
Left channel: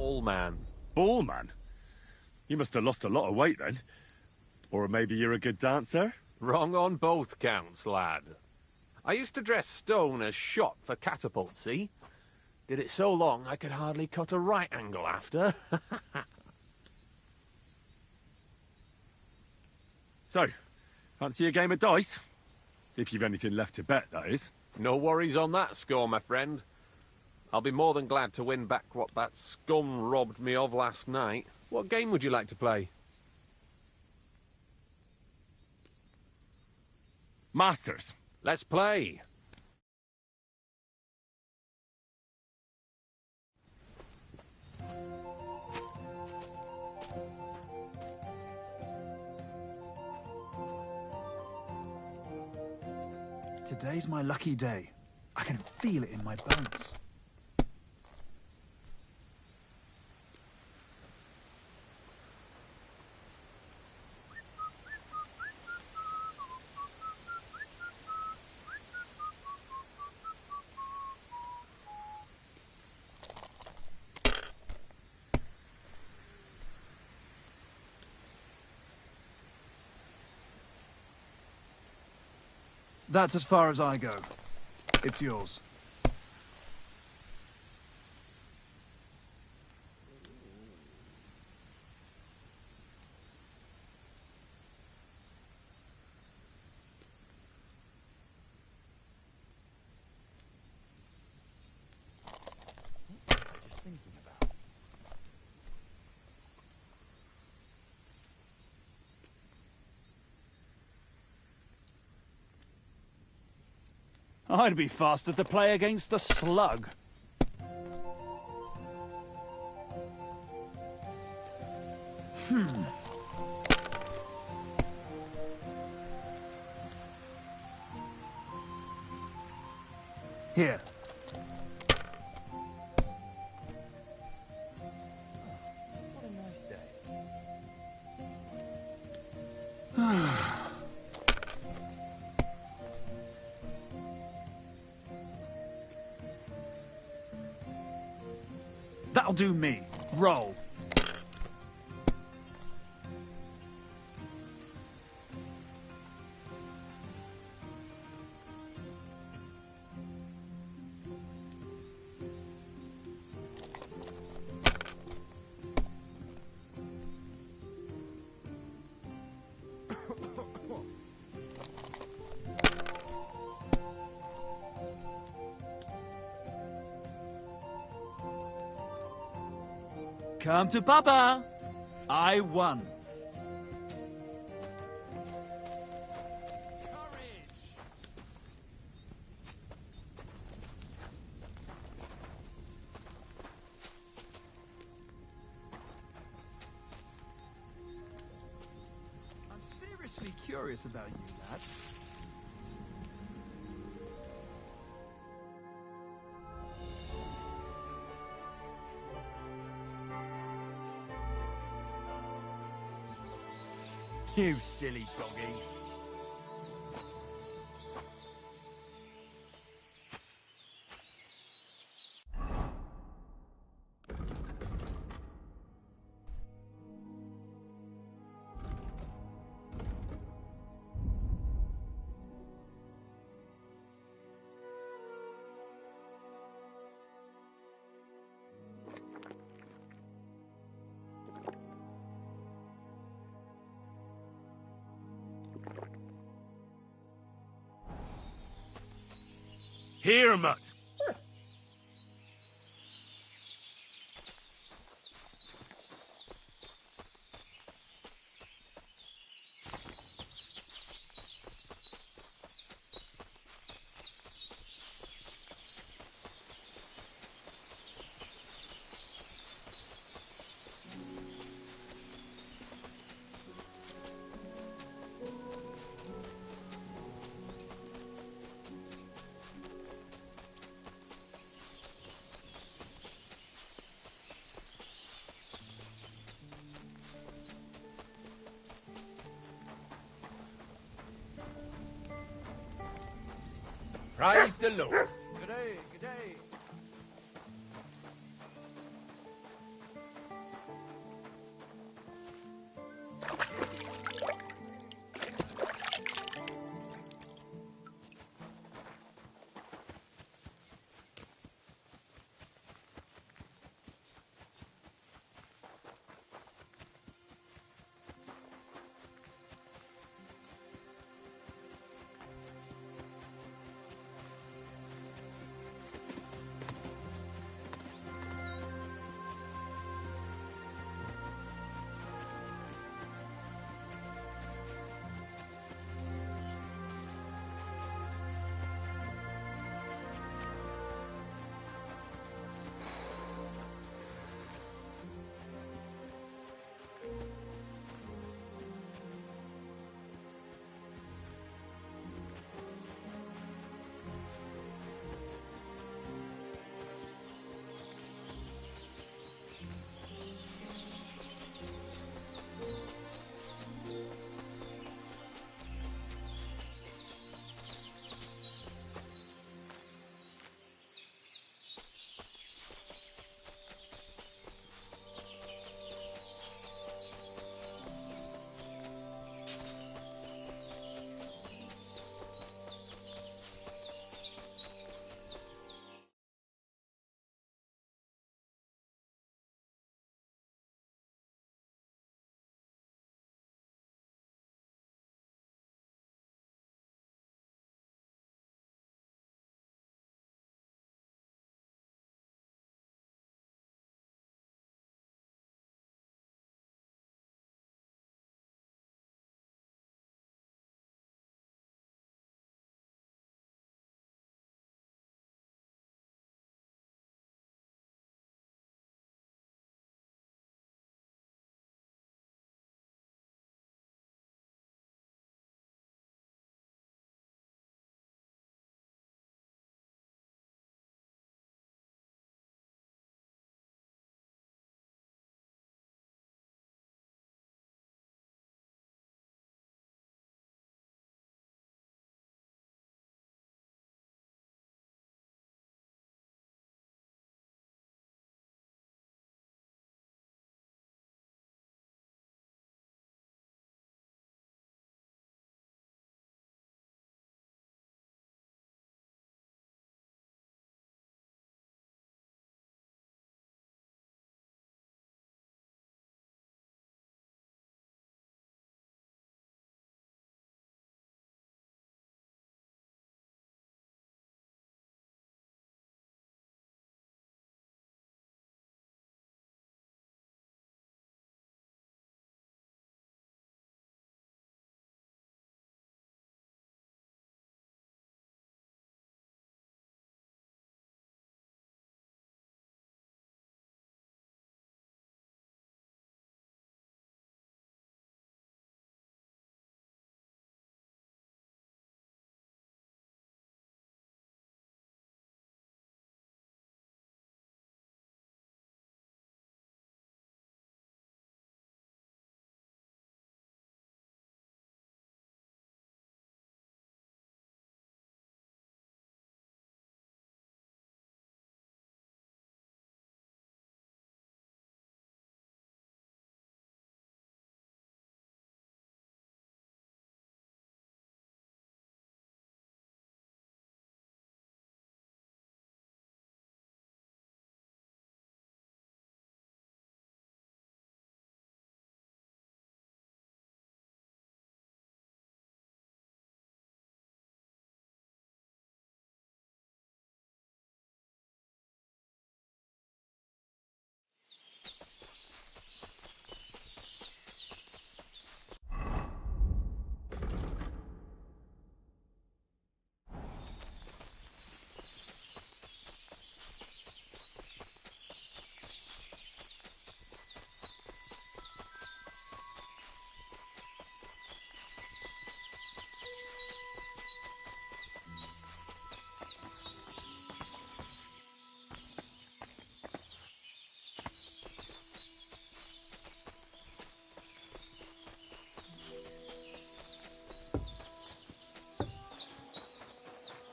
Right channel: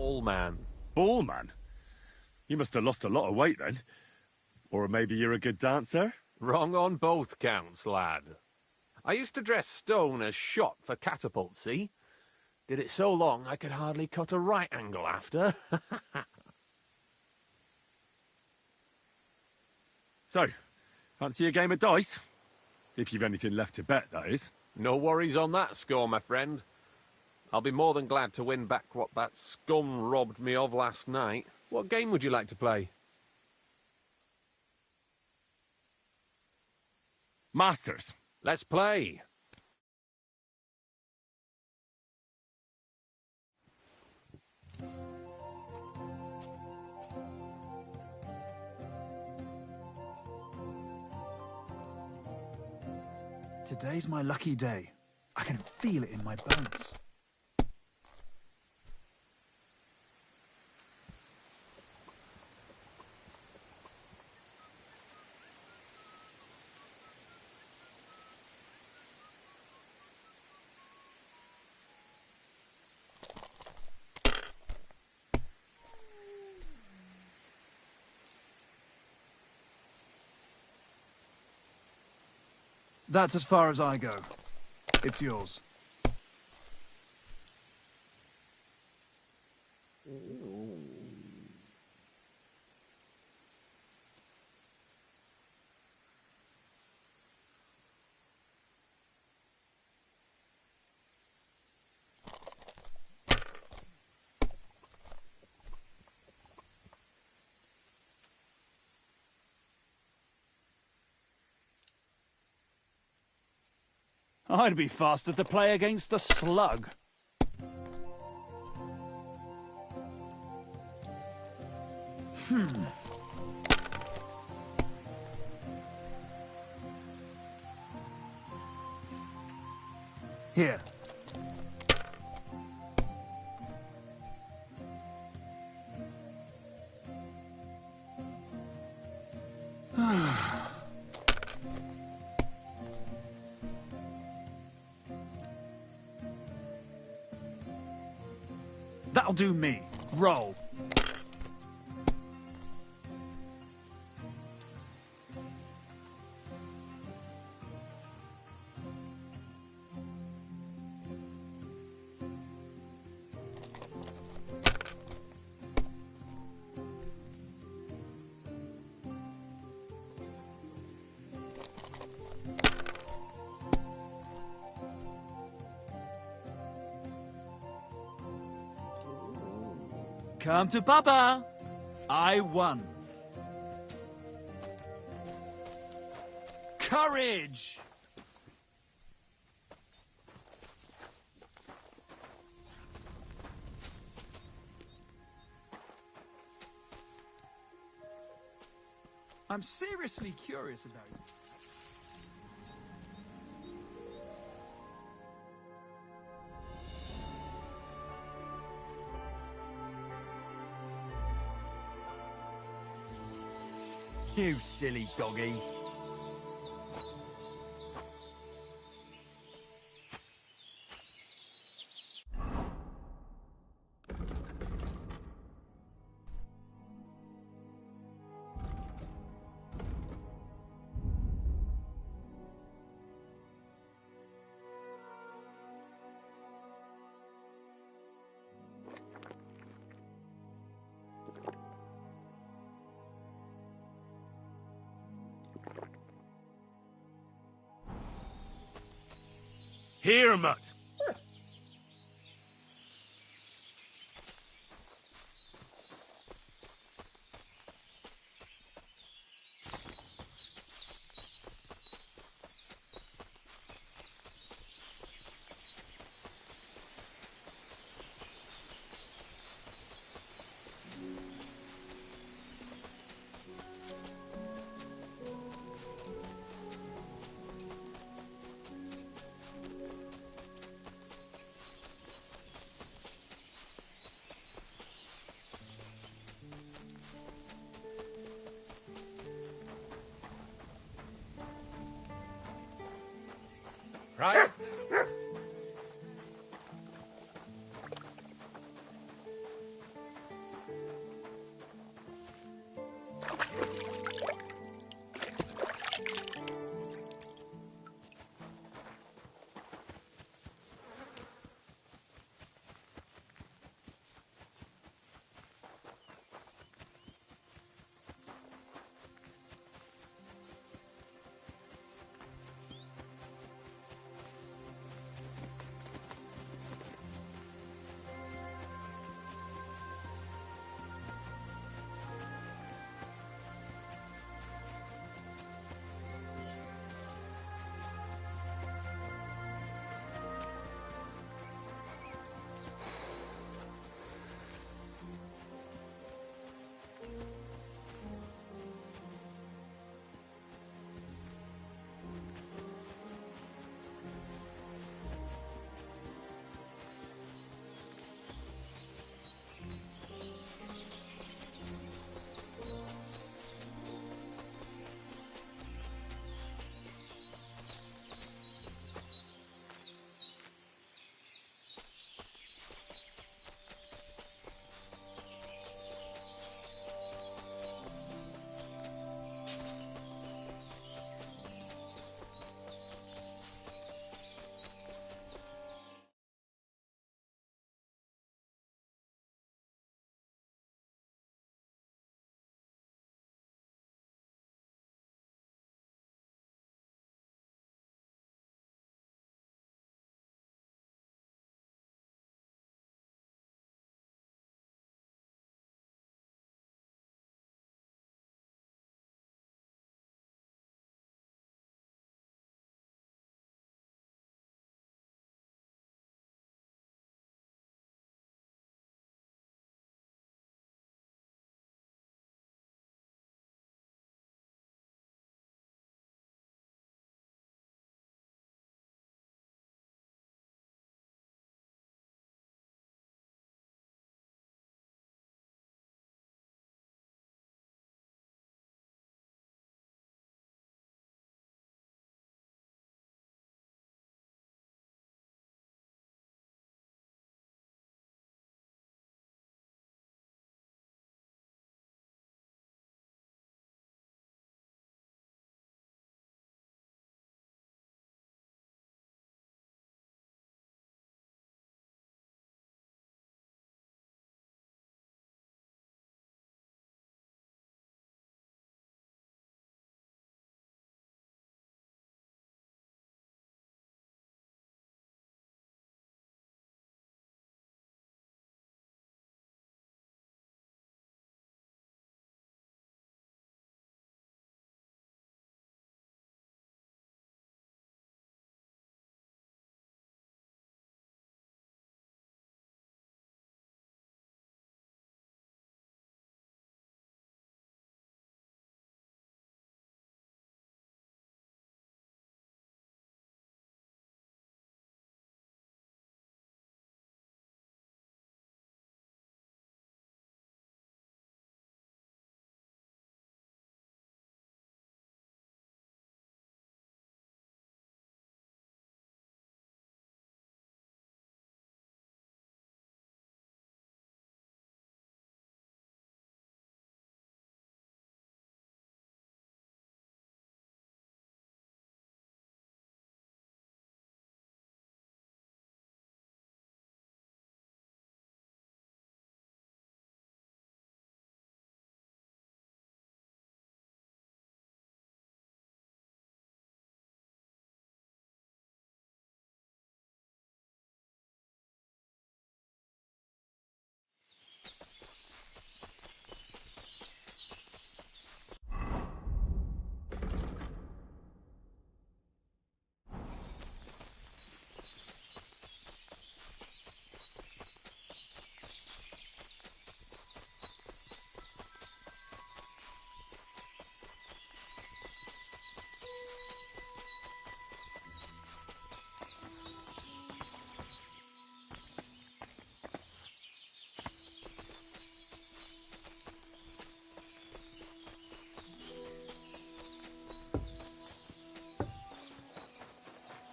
All man. Ball man? You must have lost a lot of weight then. Or maybe you're a good dancer? Wrong on both counts, lad. I used to dress stone as shot for catapult, see? Did it so long I could hardly cut a right angle after. So, fancy a game of dice? If you've anything left to bet, that is. No worries on that score, my friend. I'll be more than glad to win back what that scum robbed me of last night. What game would you like to play? Masters. Let's play. Today's my lucky day. I can feel it in my bones. That's as far as I go. It's yours. I'd be faster to play against a slug. Here. That'll do me. Roll. Come to Papa. I won. Courage! I'm seriously curious about you, lad. You silly doggy. Here, mutt. Praise the Lord.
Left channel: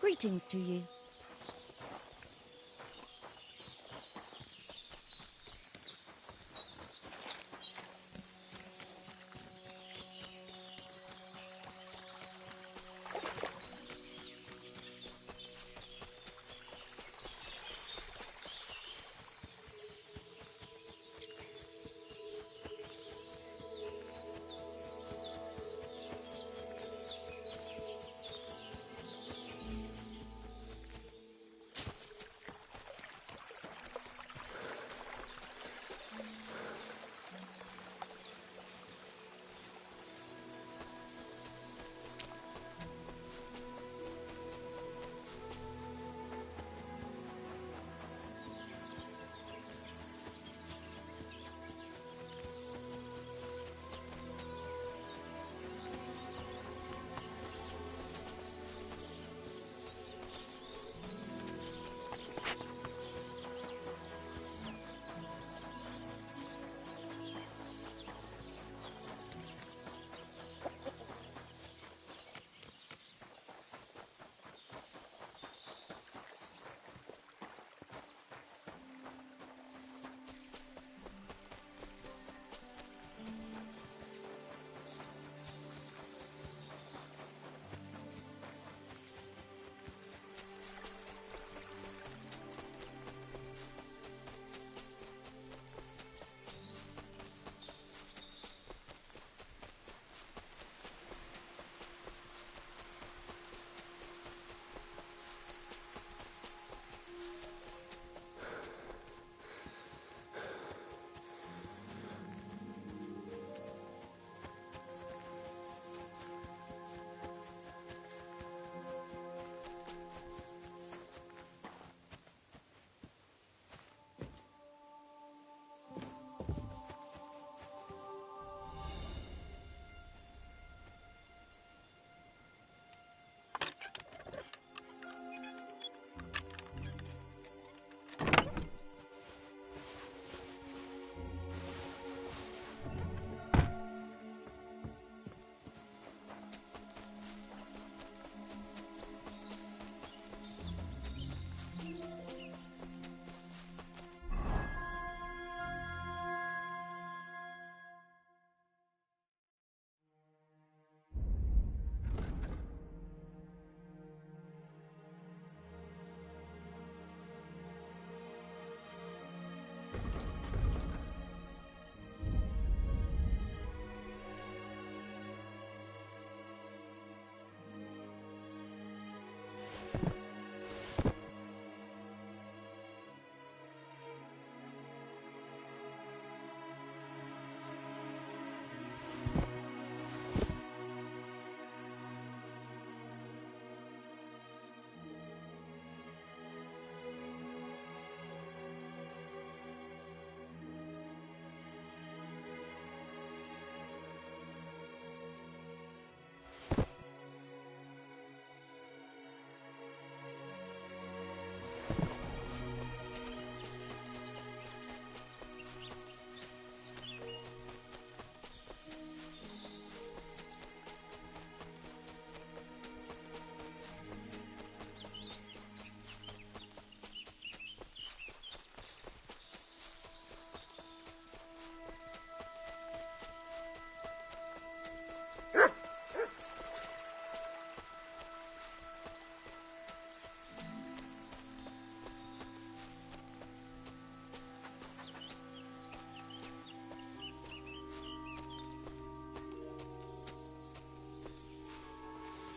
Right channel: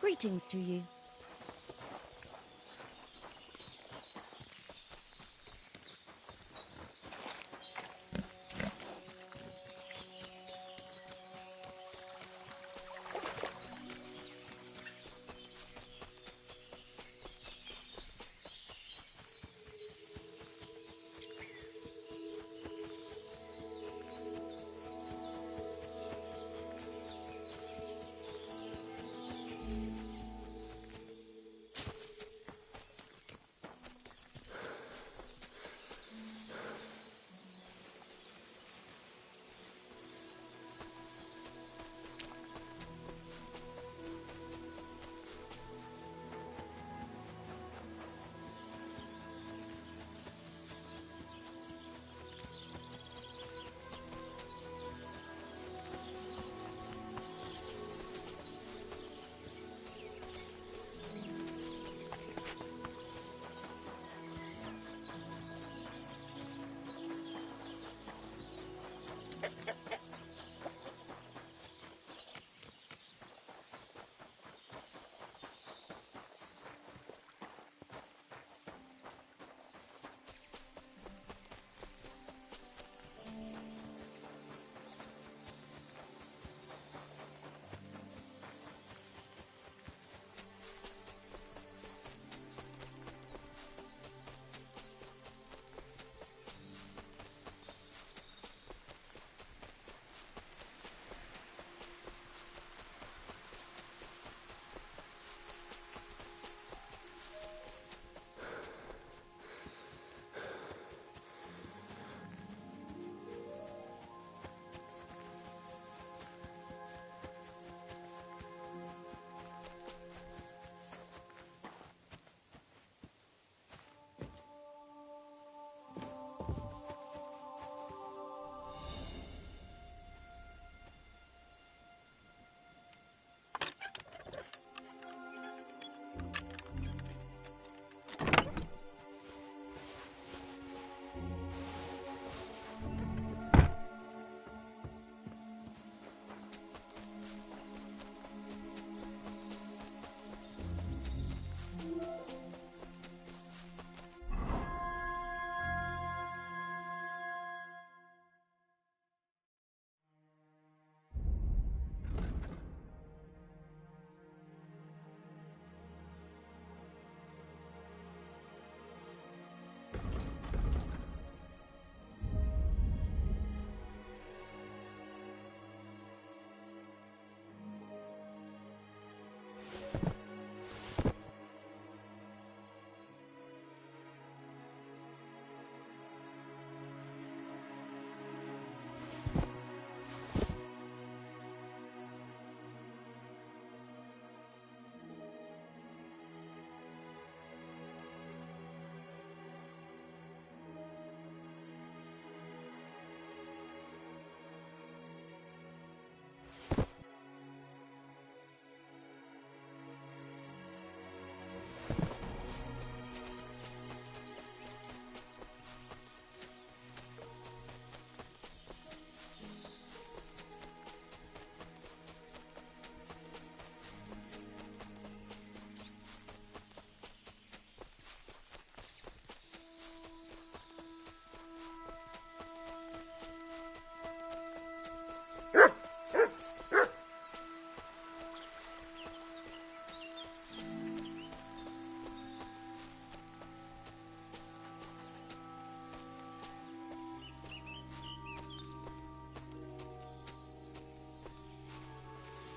Greetings to you.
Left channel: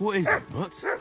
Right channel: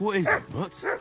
What is it, Mutt?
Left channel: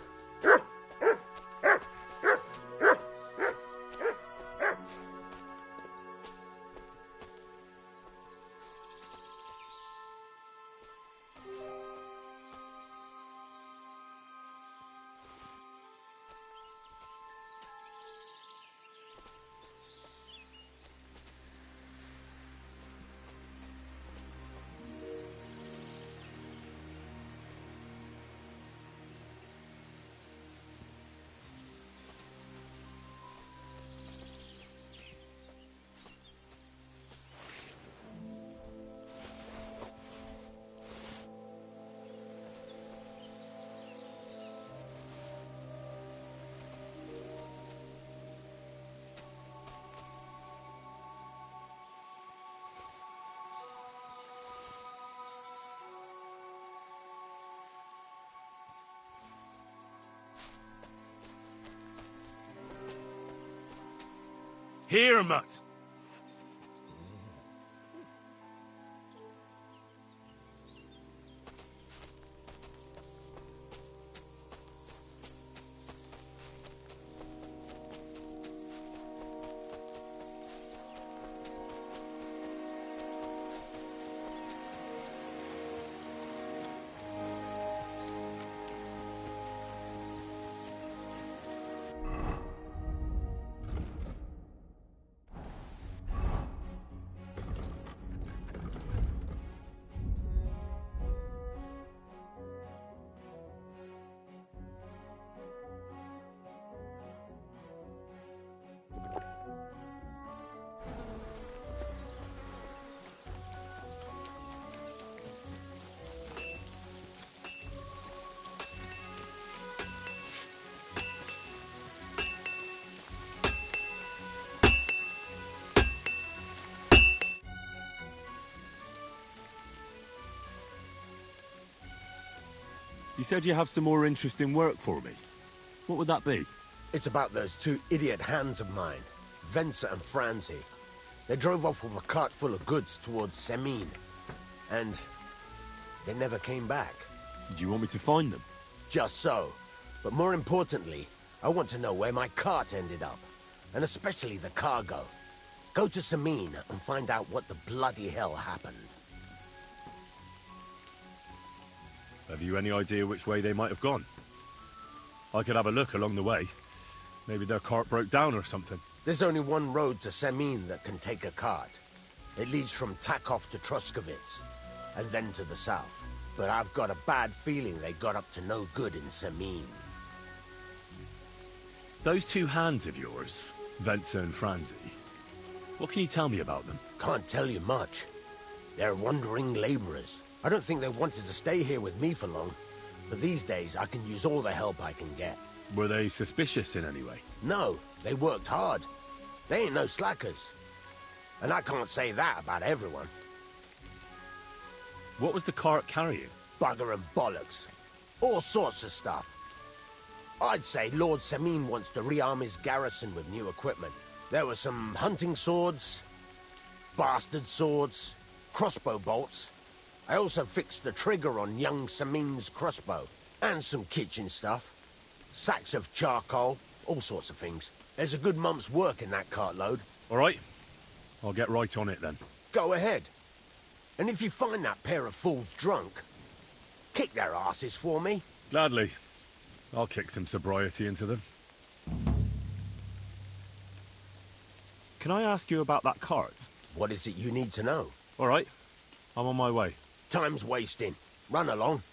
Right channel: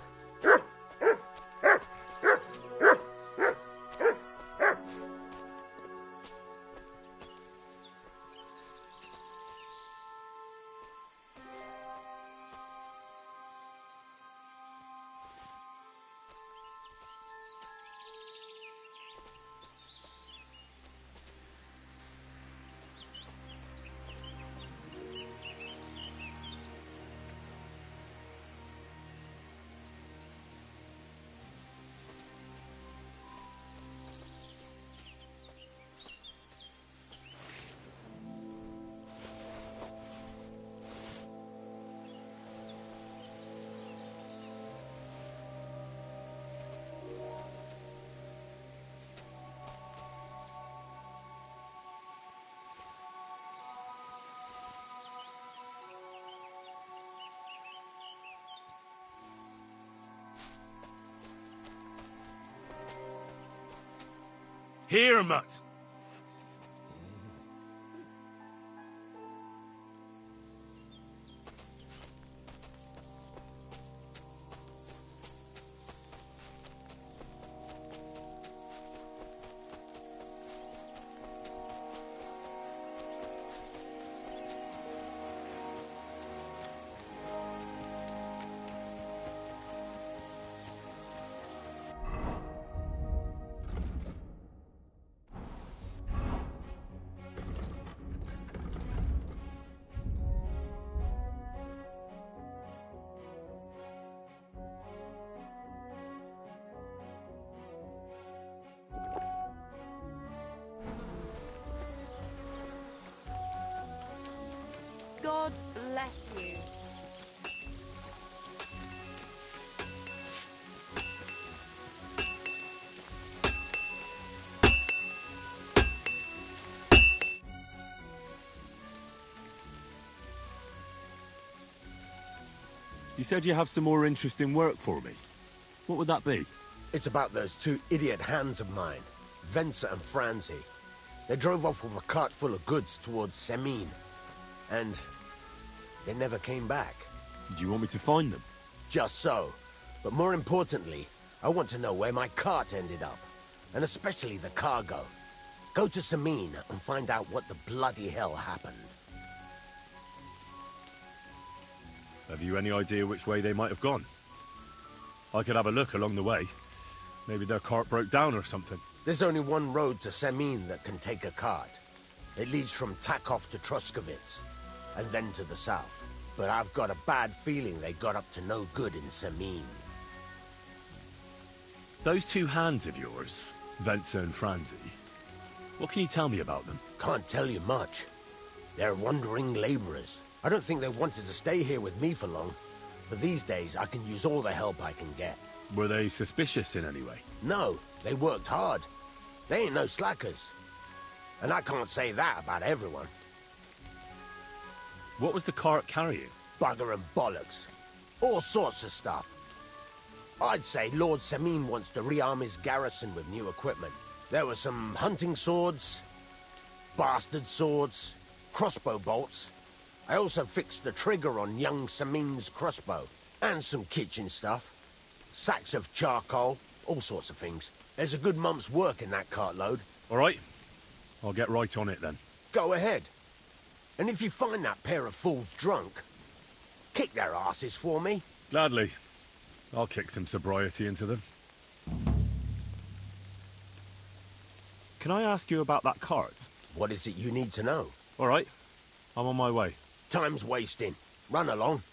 Here, Mutt. God bless you. You said you have some more interesting work for me. What would that be? It's about those two idiot hands of mine, Venser and Franzi. They drove off with a cart full of goods towards Semin, and they never came back. Do you want me to find them? Just so. But more importantly, I want to know where my cart ended up, and especially the cargo. Go to Semin and find out what the bloody hell happened. Have you any idea which way they might have gone? I could have a look along the way. Maybe their cart broke down or something. There's only one road to Semin that can take a cart. It leads from Takov to Troskovitz, and then to the south. But I've got a bad feeling they got up to no good in Semin. Those two hands of yours, Venser and Franzi, what can you tell me about them? Can't tell you much. They're wandering laborers. I don't think they wanted to stay here with me for long. But these days, I can use all the help I can get. Were they suspicious in any way? No, they worked hard. They ain't no slackers. And I can't say that about everyone. What was the cart carrying? Bugger and bollocks. All sorts of stuff. I'd say Lord Semin wants to rearm his garrison with new equipment. There were some hunting swords, bastard swords, crossbow bolts. I also fixed the trigger on young Semin's crossbow. And some kitchen stuff. Sacks of charcoal, all sorts of things. There's a good month's work in that cartload. All right. I'll get right on it then. Go ahead. And if you find that pair of fools drunk, kick their asses for me. Gladly. I'll kick some sobriety into them. Can I ask you about that cart? What is it you need to know? All right. I'm on my way. Time's wasting. Run along.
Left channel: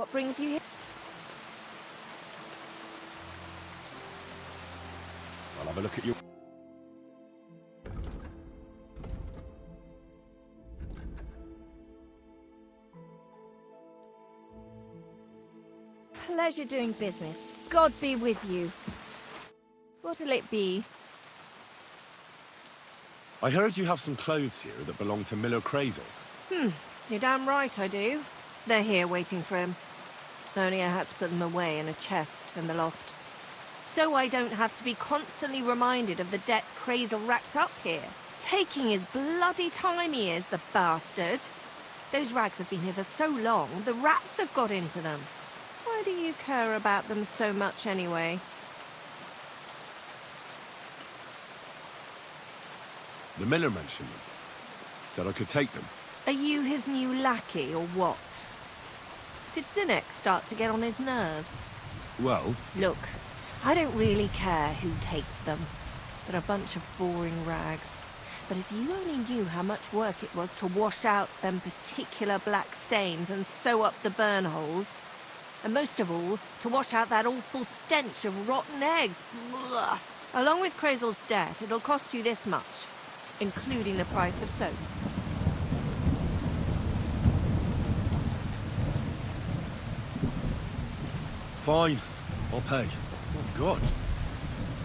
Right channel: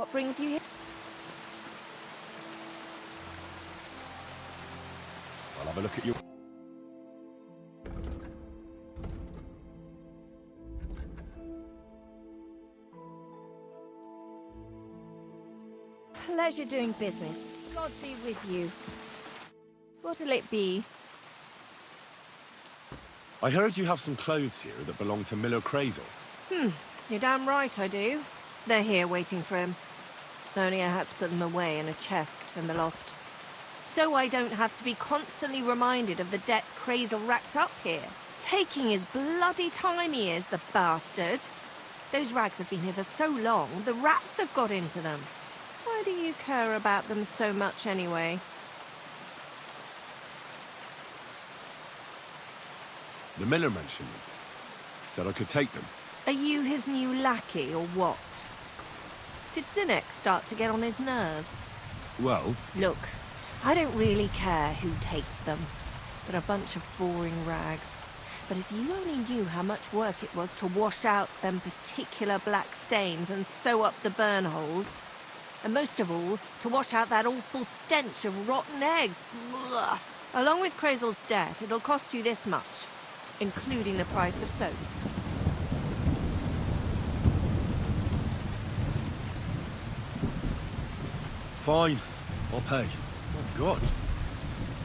What brings you here? I'll have a look at you. Pleasure doing business. God be with you. What'll it be? I heard you have some clothes here that belong to Miller Crazel. You're damn right I do. They're here waiting for him. Only I had to put them away in a chest in the loft. So I don't have to be constantly reminded of the debt Crazel racked up here. Taking his bloody time he is, the bastard. Those rags have been here for so long, the rats have got into them. Why do you care about them so much anyway? The Miller mentioned them. Said I could take them. Are you his new lackey or what? Did Zinnek start to get on his nerves? Well, Look, I don't really care who takes them. They're a bunch of boring rags. But if you only knew how much work it was to wash out them particular black stains and sew up the burn holes, and most of all, to wash out that awful stench of rotten eggs. Ugh. Along with Crazel's debt, it'll cost you this much, including the price of soap. fine. I'll pay. Oh, God.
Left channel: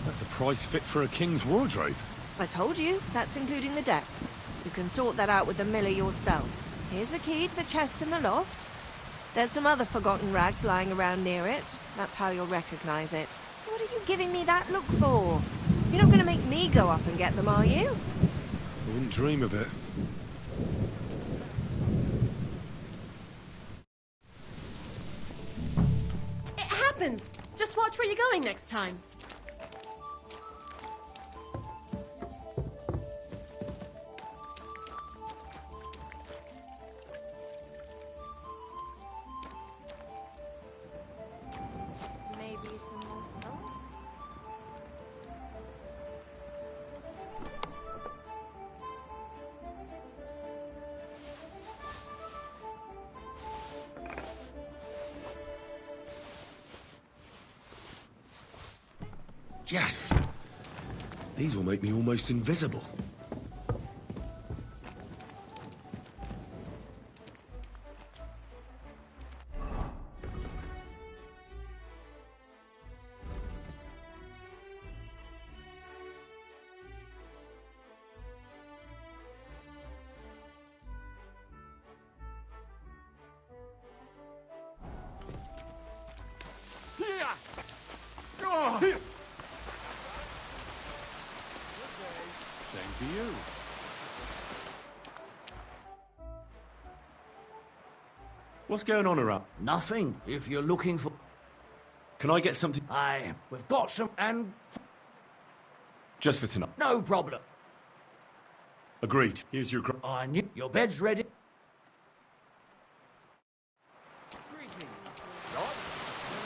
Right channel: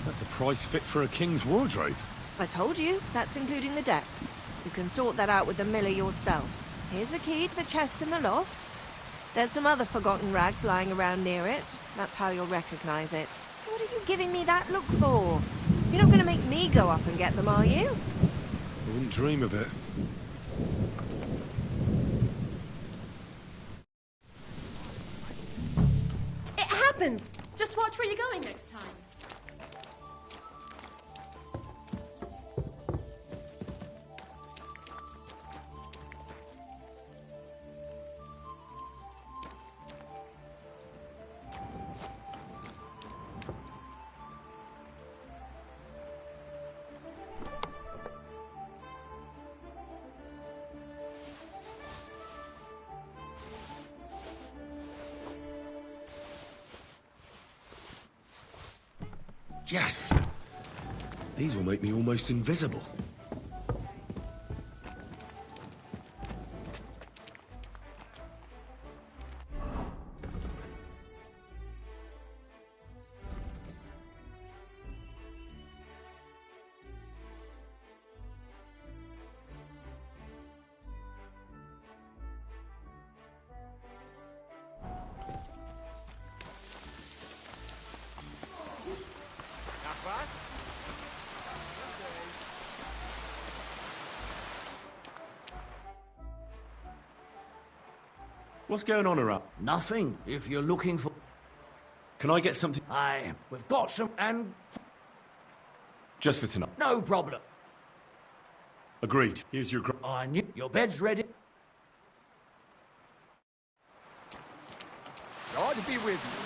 That's a price fit for a king's wardrobe. I told you, that's including the debt. You can sort that out with the miller yourself. Here's the key to the chest in the loft. There's some other forgotten rags lying around near it. That's how you'll recognize it. What are you giving me that look for? You're not going to make me go up and get them, are you? I wouldn't dream of it. It happens! Just watch where you're going next time. Yes! These will make me almost invisible. What's going on around? Nothing, if you're looking for... Can I get something? Aye, we've got some, and... Just for tonight. No problem. Agreed. Here's your... I knew... Your bed's ready. God be with you.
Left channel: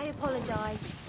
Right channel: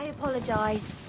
I apologize.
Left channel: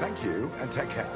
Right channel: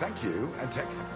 Thank you, and take care.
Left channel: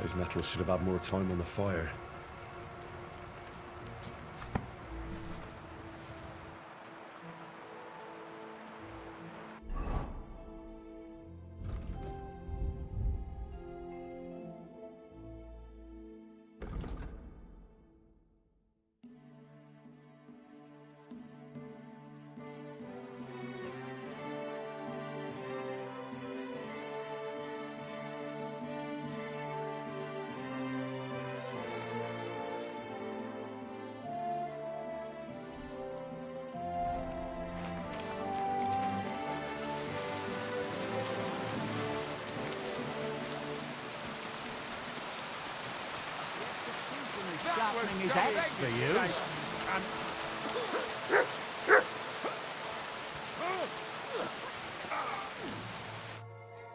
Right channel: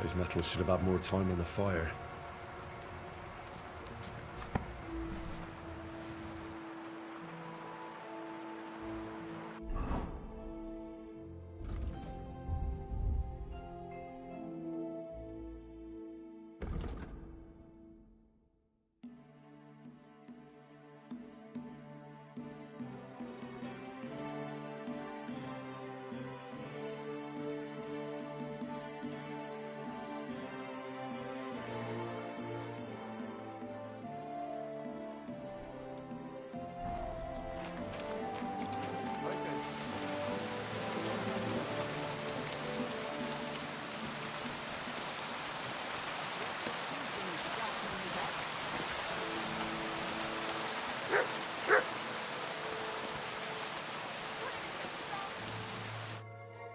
Those metals should have had more time on the fire.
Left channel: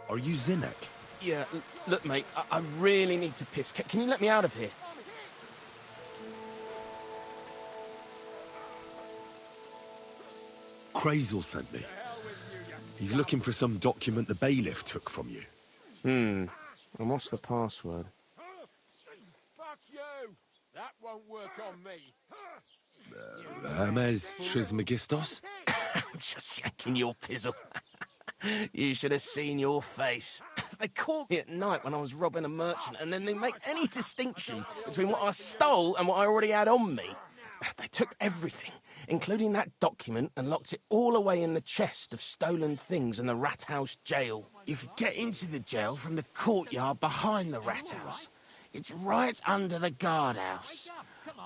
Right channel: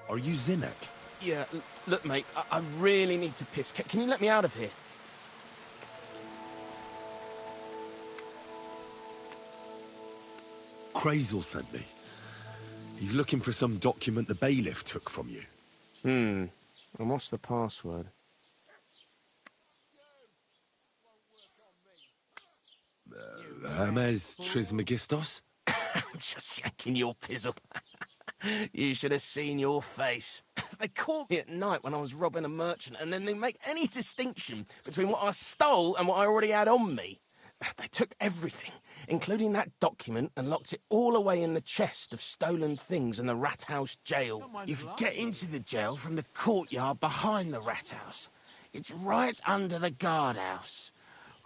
Are you Zinnek? Yeah, look, mate, I really need to piss. Can you let me out of here? Crazel sent me. He's looking for some document the bailiff took from you. And what's the password? Fuck you! That won't work on me. Hermes Trismegistos? I'm just yanking your pizzle. You should have seen your face. They caught me at night when I was robbing a merchant, and then they make any distinction between what I stole and what I already had on me. They took everything, including that document, and locked it all away in the chest of stolen things in the rat house jail. You could get into the jail from the courtyard behind the rat house. It's right under the guardhouse.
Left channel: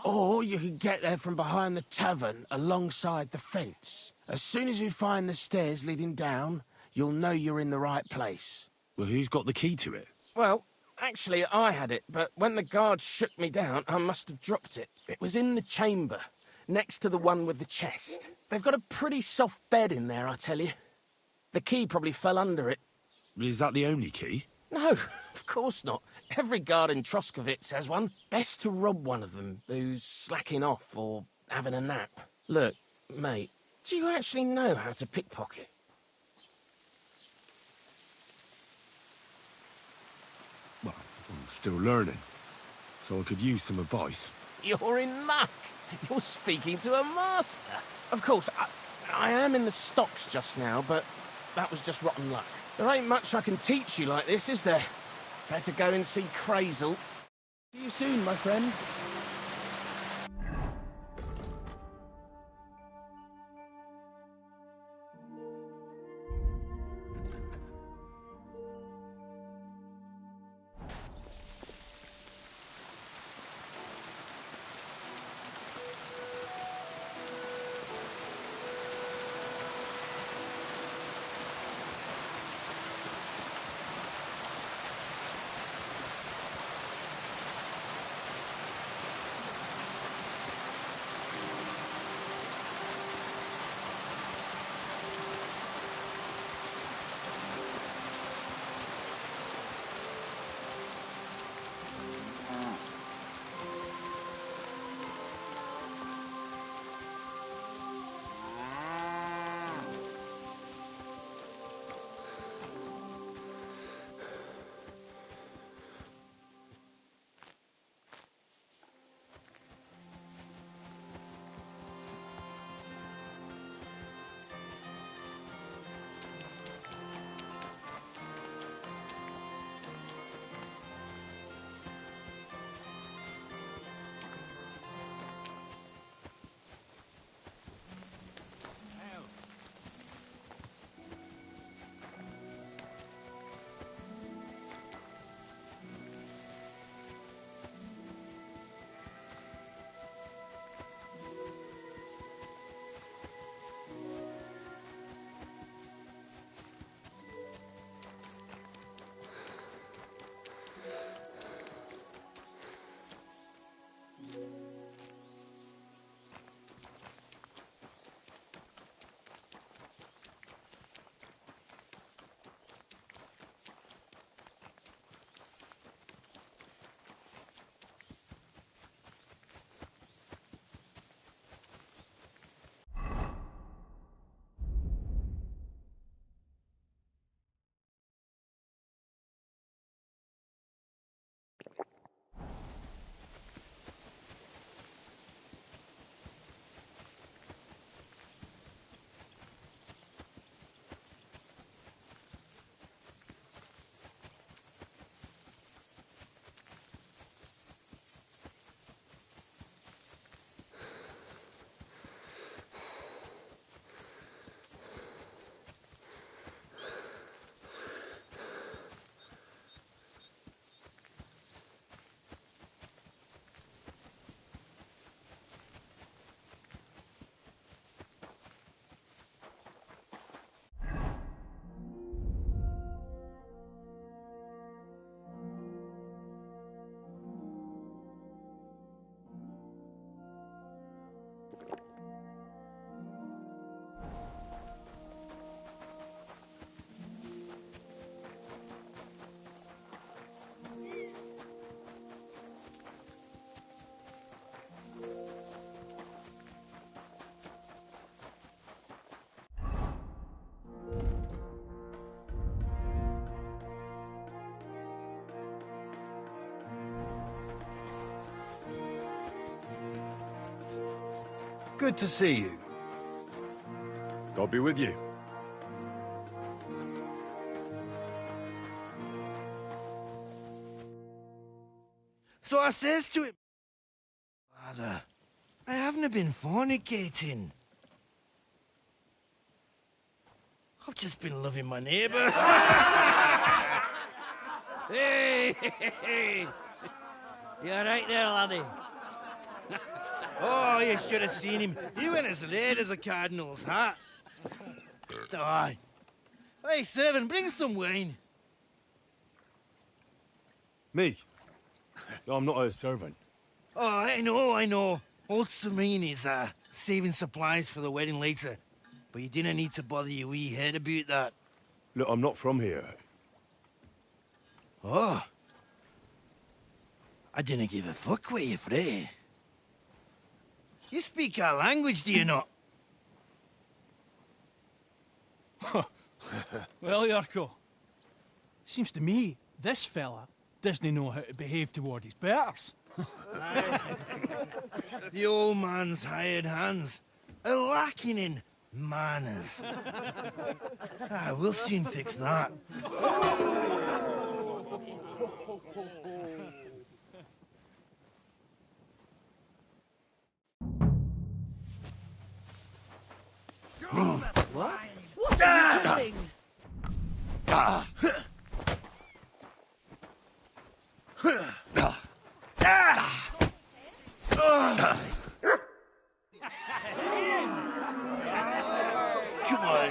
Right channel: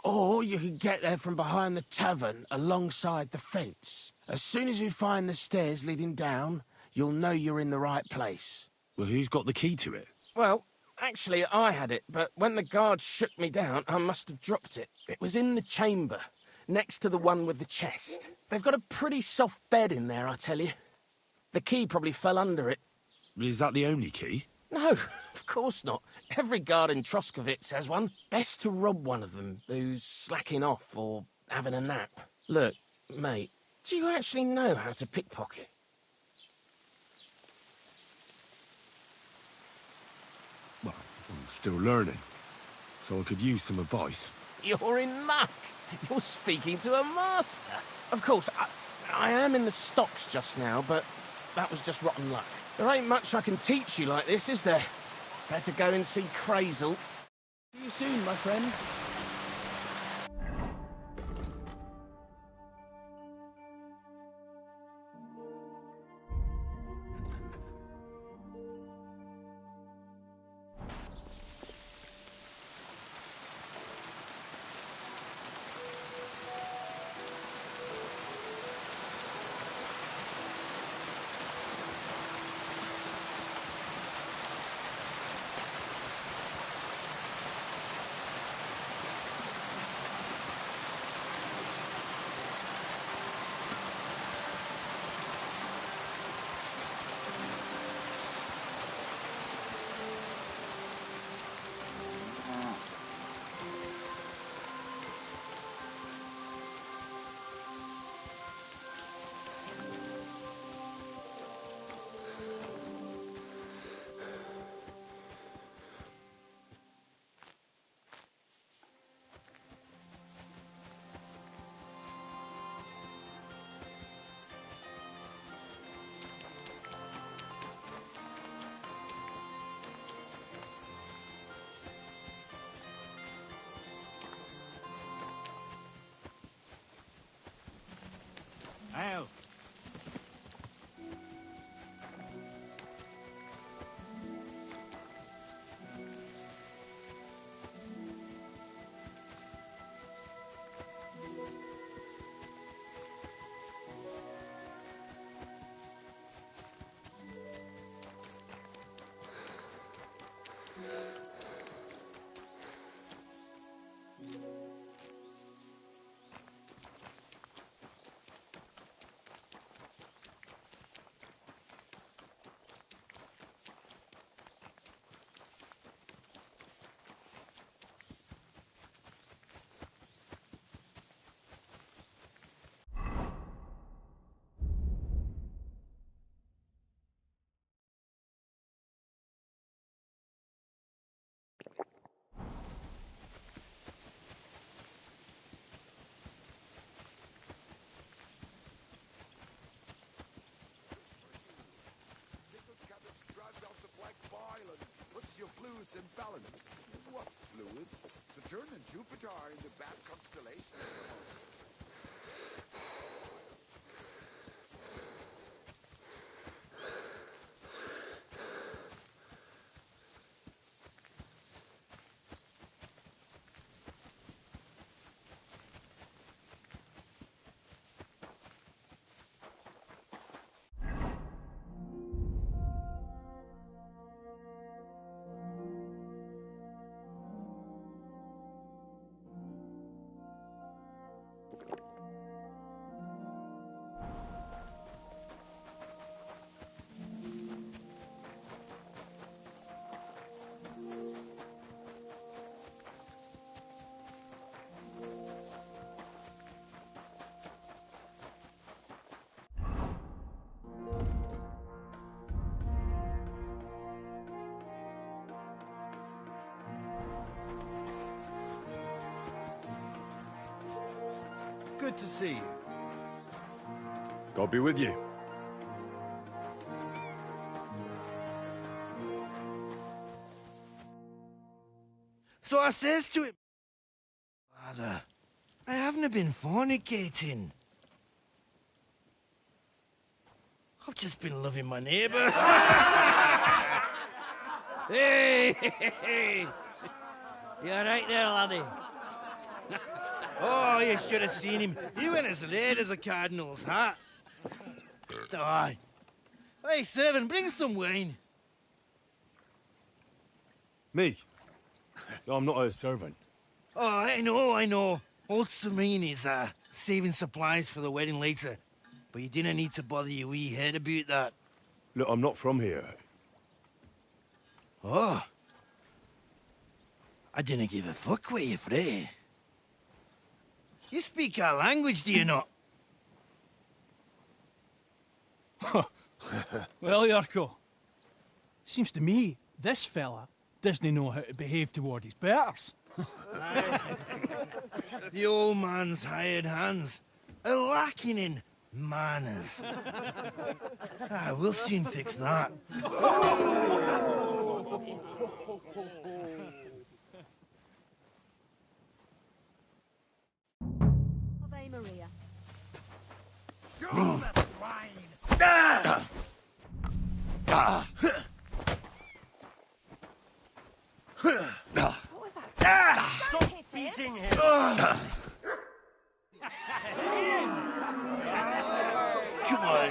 Or you could get there from behind the tavern alongside the fence. As soon as you find the stairs leading down, you'll know you're in the right place. Well, who's got the key to it? Well, actually, I had it, but when the guards shook me down, I must have dropped it. It was in the chamber, next to the one with the chest. They've got a pretty soft bed in there, I tell you. The key probably fell under it. Is that the only key? No, of course not. Every guard in Troskovitz has one. Best to rob one of them who's slacking off or having a nap. Look, mate, do you actually know how to pickpocket? Well, still learning, so I could use some advice. You're in luck. You're speaking to a master. Of course, I am in the stocks just now, but that was just rotten luck. There ain't much I can teach you like this, is there? Better go and see Crazel. See you soon, my friend. Good to see you. God be with you. So I says to him, Father, I haven't been fornicating. I've just been loving my neighbour. Hey! You alright there, laddie? Oh, you should have seen him. He went as red as a cardinal's hat. Aye. Hey, servant, bring some wine. Me? I'm not a servant. Oh, I know. Old Serene is saving supplies for the wedding later. But you didn't need to bother your wee head about that. Look, I'm not from here. Oh. I didn't give a fuck what you're frae. You speak our language, do you not? Well, Yarko, seems to me this fella doesn't know how to behave toward his betters. The old man's hired hands are lacking in manners. We'll soon fix that. Come on.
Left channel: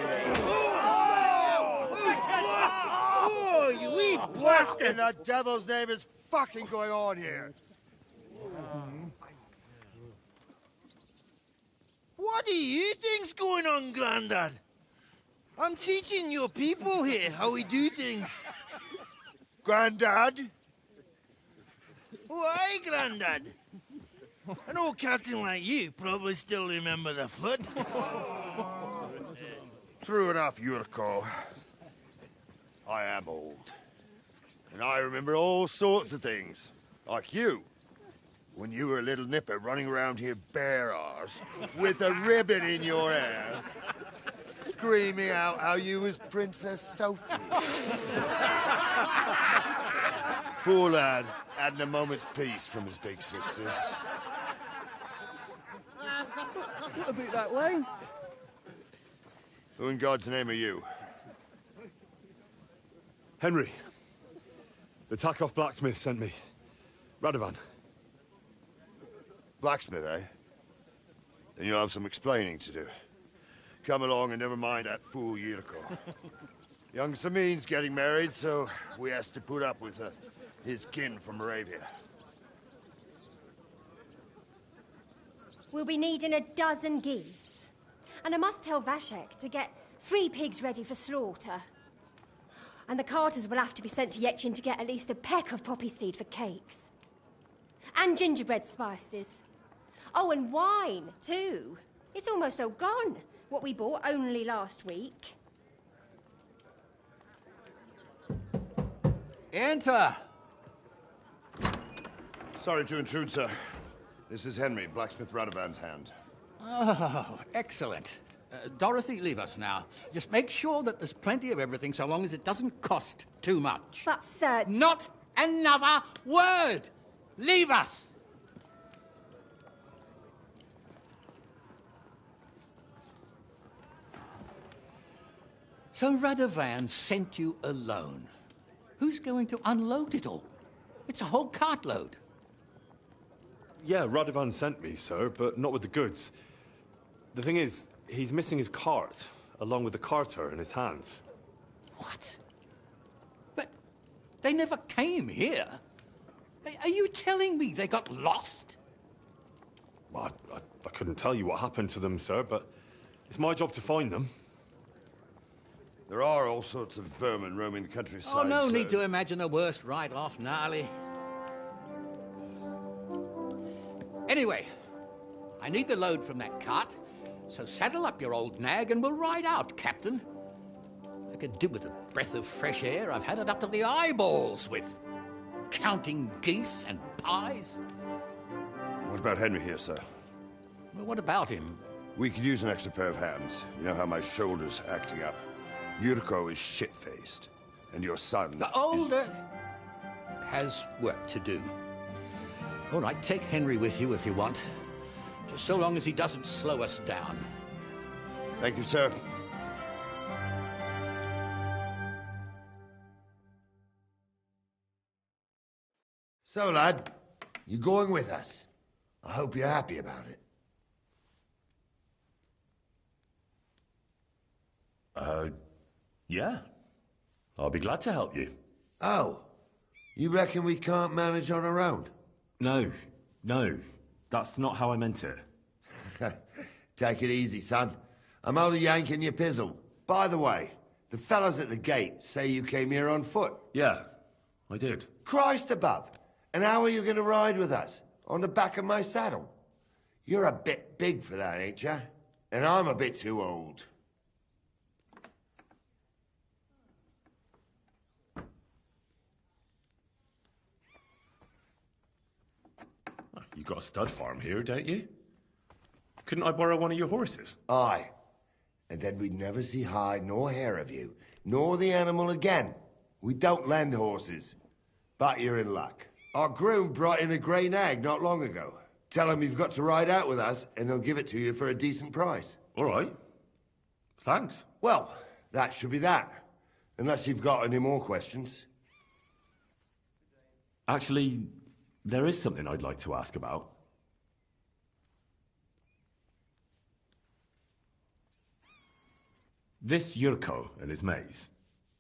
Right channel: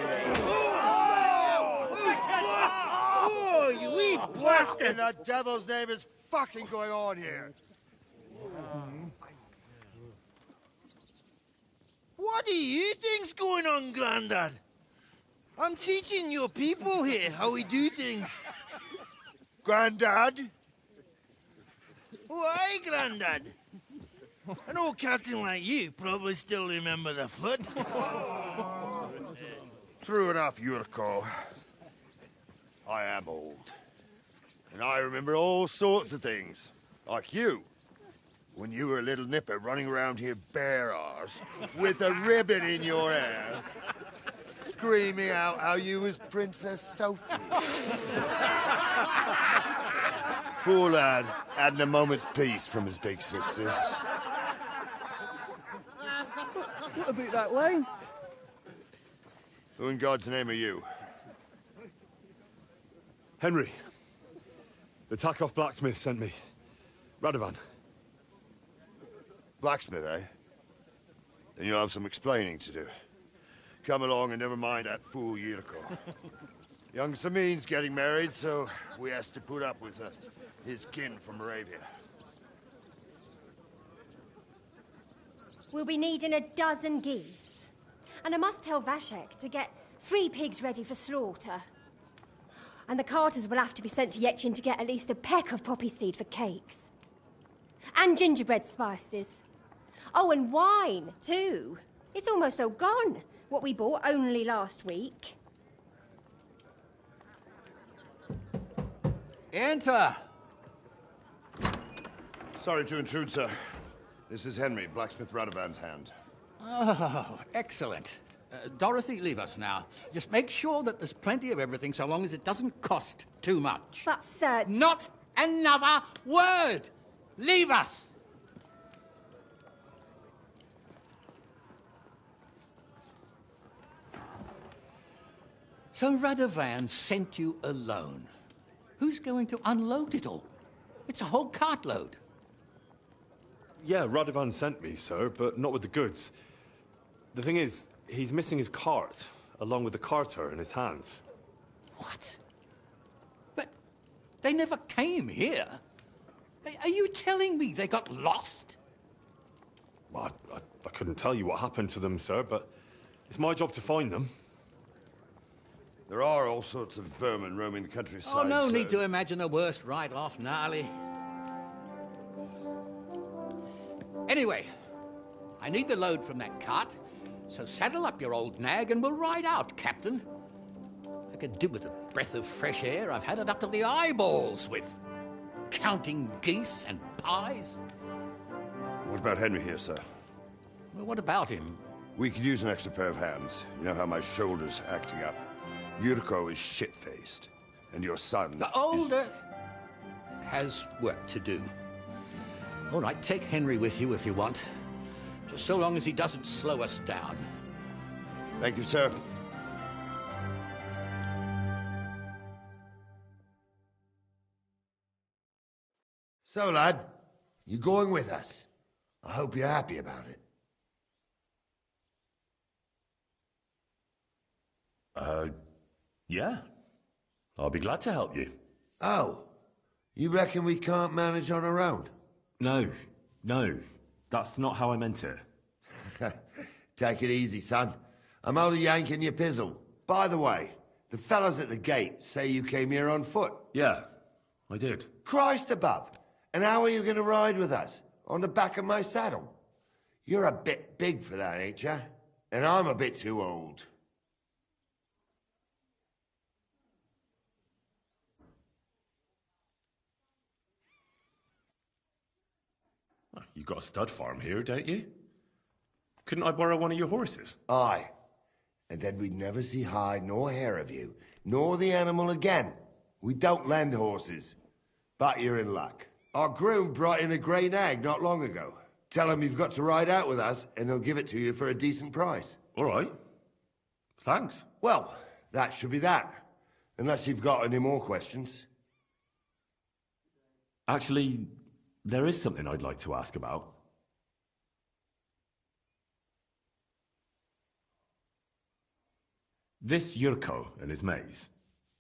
Oh, you wee What bastard! in the devil's name is fucking going on here? What do you think's going on, Grandad? I'm teaching your people here how we do things. Grandad? Why, Grandad? An old captain like you probably still remember the flood. True enough, Yurko. I am old. And I remember all sorts of things. Like you. When you were a little nipper running around here bare-arse, with a ribbon in your hair, screaming out how you was Princess Sophie. Poor lad, hadn't a moment's peace from his big sisters. What about that wine? Who in God's name are you? Henry. The Takeoff blacksmith sent me. Radovan. Blacksmith, eh? Then you'll have some explaining to do. Come along and never mind that fool Yurko. Young Samin's getting married, so we has to put up with his kin from Moravia. We'll be needing a dozen geese. And I must tell Vashek to get 3 pigs ready for slaughter. And the carters will have to be sent to Yetchin to get at least a peck of poppy seed for cakes. And gingerbread spices. Oh, and wine, too. It's almost all gone, what we bought only last week. Enter! Sorry to intrude, sir. This is Henry, blacksmith Radovan's hand. Oh, excellent. Dorothy, leave us now. Just make sure that there's plenty of everything so long as it doesn't cost too much. But, sir... Not another word! Leave us! So Radovan sent you alone. Who's going to unload it all? It's a whole cartload. Yeah, Radovan sent me, sir, but not with the goods. The thing is, he's missing his cart, along with the carter in his hands. What? But they never came here. Are you telling me they got lost? Well, I couldn't tell you what happened to them, sir, but it's my job to find them. There are all sorts of vermin roaming the countryside. Oh, no need to imagine the worst right off, gnarly. Anyway, I need the load from that cart, so saddle up your old nag and we'll ride out, Captain. I could do with a breath of fresh air. I've had it up to the eyeballs with counting geese and pies. What about Henry here, sir? Well, what about him? We could use an extra pair of hands. You know how my shoulder's acting up. Yurko is shit-faced, and your son... The older has work to do. All right, take Henry with you if you want. Just so long as he doesn't slow us down. Thank you, sir. So, lad, you going with us? I hope you're happy about it. Yeah. I'll be glad to help you. Oh, you reckon we can't manage on our own? No. That's not how I meant it. Take it easy, son. I'm only yanking your pizzle. By the way, the fellas at the gate say you came here on foot. Yeah, I did. Christ above. And how are you going to ride with us? On the back of my saddle? You're a bit big for that, ain't ya? And I'm a bit too old. You've got a stud farm here, don't you? Couldn't I borrow one of your horses? Aye. And then we'd never see hide nor hair of you, nor the animal again. We don't lend horses. But you're in luck. Our groom brought in a grey nag not long ago. Tell him you've got to ride out with us, and he'll give it to you for a decent price. All right. Thanks. Well, that should be that. Unless you've got any more questions. Actually, there is something I'd like to ask about. This Yurko and his mates,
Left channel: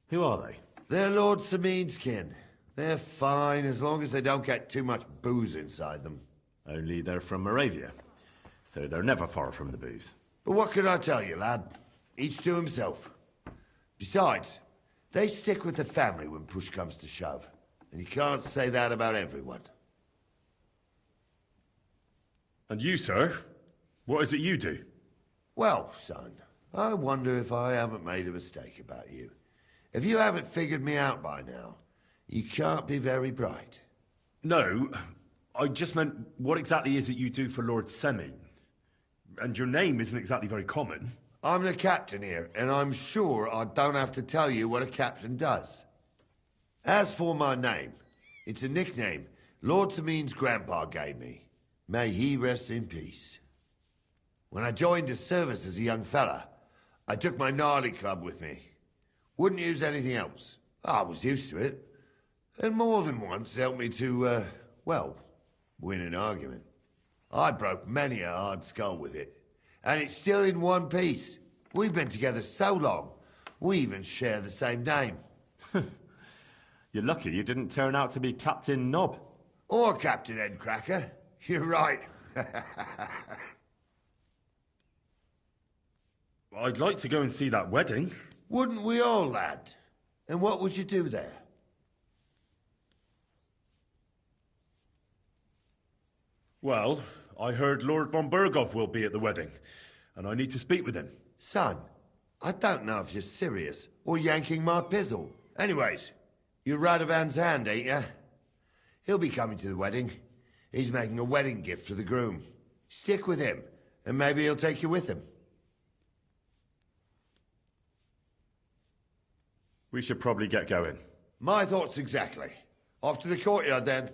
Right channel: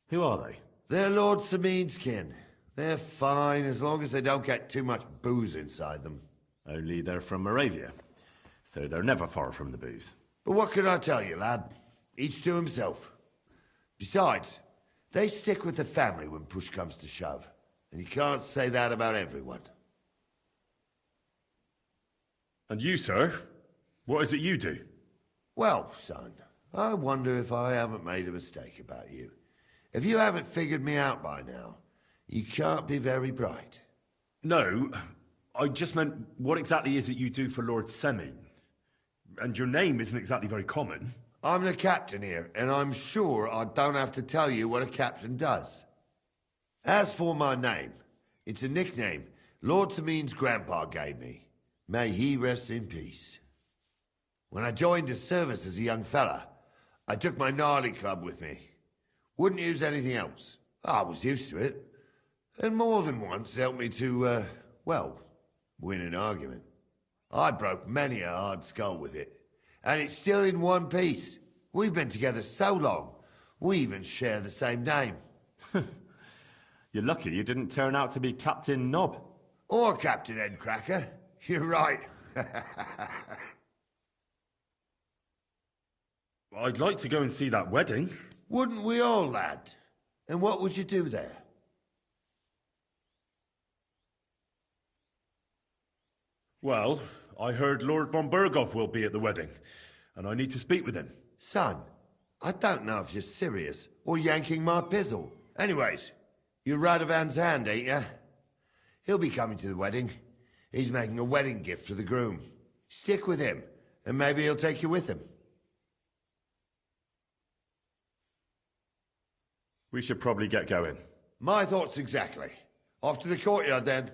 who are they? They're Lord Samin's kin. They're fine as long as they don't get too much booze inside them. Only they're from Moravia, so they're never far from the booze. But what can I tell you, lad? Each to himself. Besides, they stick with the family when push comes to shove. And you can't say that about everyone. And you, sir? What is it you do? Well, son, I wonder if I haven't made a mistake about you. If you haven't figured me out by now, you can't be very bright. No, I just meant, what exactly is it you do for Lord Semin? And your name isn't exactly very common. I'm the captain here, and I'm sure I don't have to tell you what a captain does. As for my name, it's a nickname Lord Samin's grandpa gave me. May he rest in peace. When I joined his service as a young fella, I took my gnarly club with me. Wouldn't use anything else. I was used to it. And more than once helped me to, well, win an argument. I broke many a hard skull with it. And it's still in one piece. We've been together so long, we even share the same name. You're lucky you didn't turn out to be Captain Knob. Or Captain Headcracker. You're right. I'd like to go and see that wedding. Wouldn't we all, lad? And what would you do there? Well, I heard Lord von Burgov will be at the wedding, and I need to speak with him. Son, I don't know if you're serious or yanking my pizzle. Anyways, you're Radovan's hand, ain't ya? He'll be coming to the wedding. He's making a wedding gift for the groom. Stick with him, and maybe he'll take you with him. We should probably get going. My thoughts exactly. Off to the courtyard, then.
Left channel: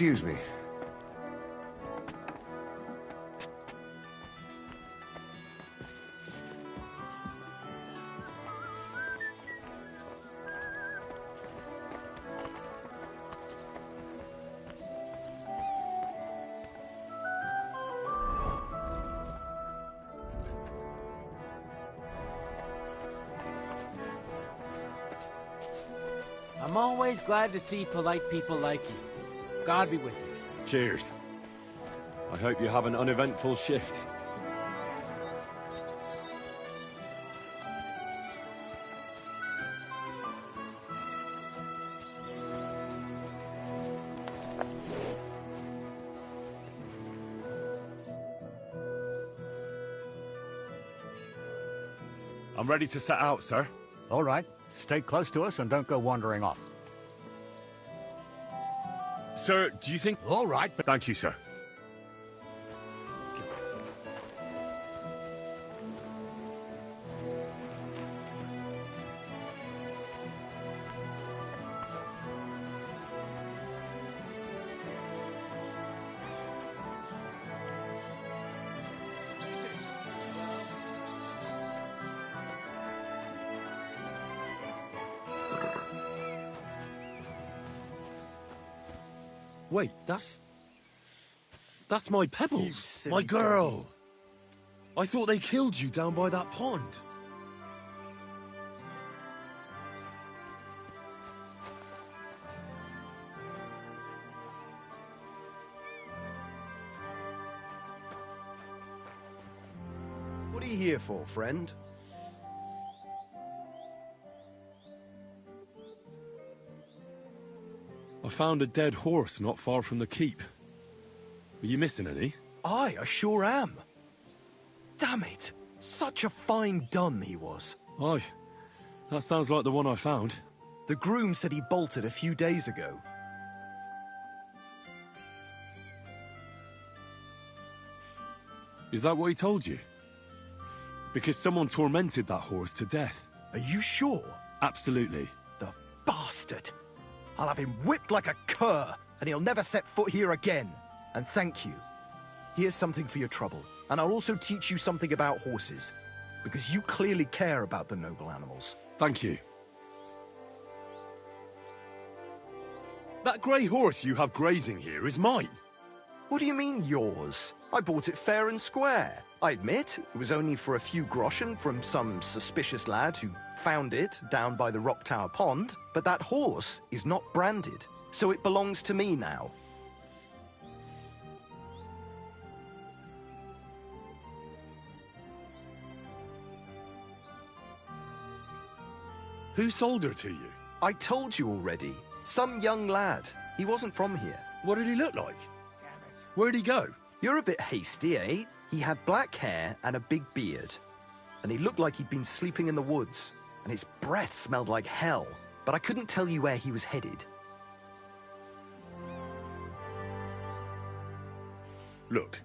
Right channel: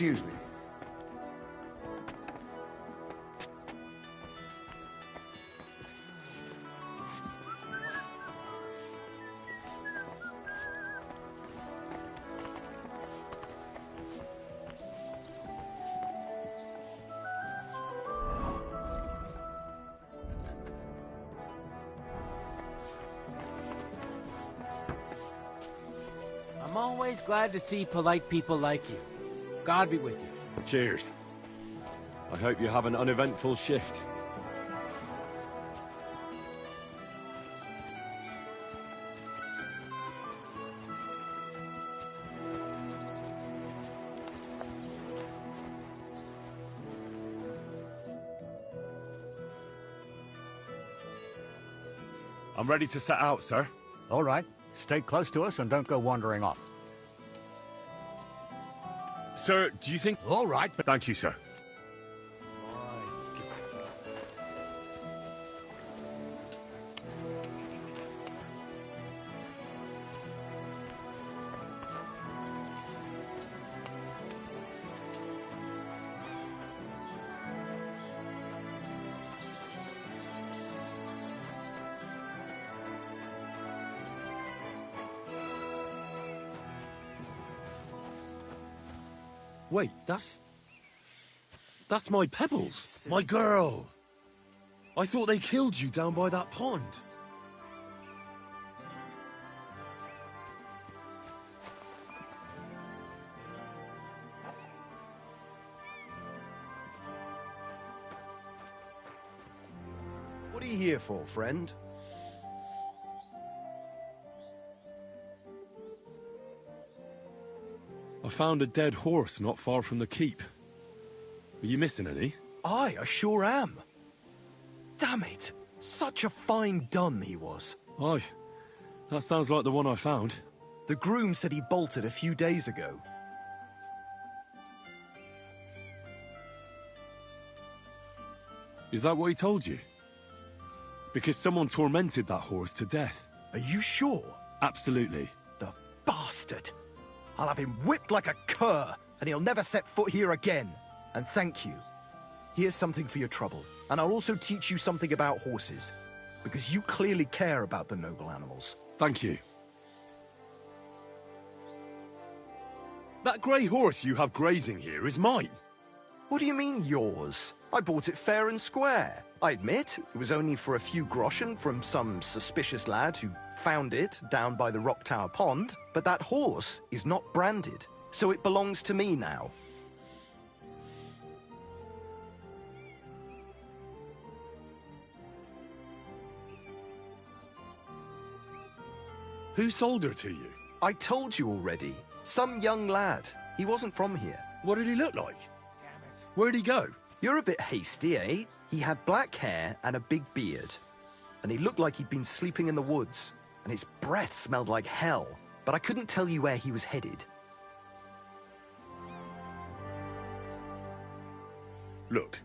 Excuse me. I'm always glad to see polite people like you. God be with you. Cheers. I hope you have an uneventful shift. I'm ready to set out, sir. All right. Stay close to us and don't go wandering off. Sir, do you think... All right, but... Thank you, sir. Wait, that's my Pebbles, my girl. I thought they killed you down by that pond. What are you here for, friend? I found a dead horse not far from the keep. Are you missing any? Aye, I sure am. Damn it! Such a fine dun he was. Aye, that sounds like the one I found. The groom said he bolted a few days ago. Is that what he told you? Because someone tormented that horse to death. Are you sure? Absolutely. The bastard! I'll have him whipped like a cur, and he'll never set foot here again. And thank you. Here's something for your trouble, and I'll also teach you something about horses, because you clearly care about the noble animals. Thank you. That grey horse you have grazing here is mine. What do you mean, yours? I bought it fair and square. I admit, it was only for a few groschen from some suspicious lad who found it down by the Rock Tower Pond, but that horse is not branded, so it belongs to me now. Who sold her to you? I told you already. Some young lad. He wasn't from here. What did he look like? Where'd he go? You're a bit hasty, eh? He had black hair and a big beard. And he looked like he'd been sleeping in the woods. And his breath smelled like hell. But I couldn't tell you where he was headed. Look,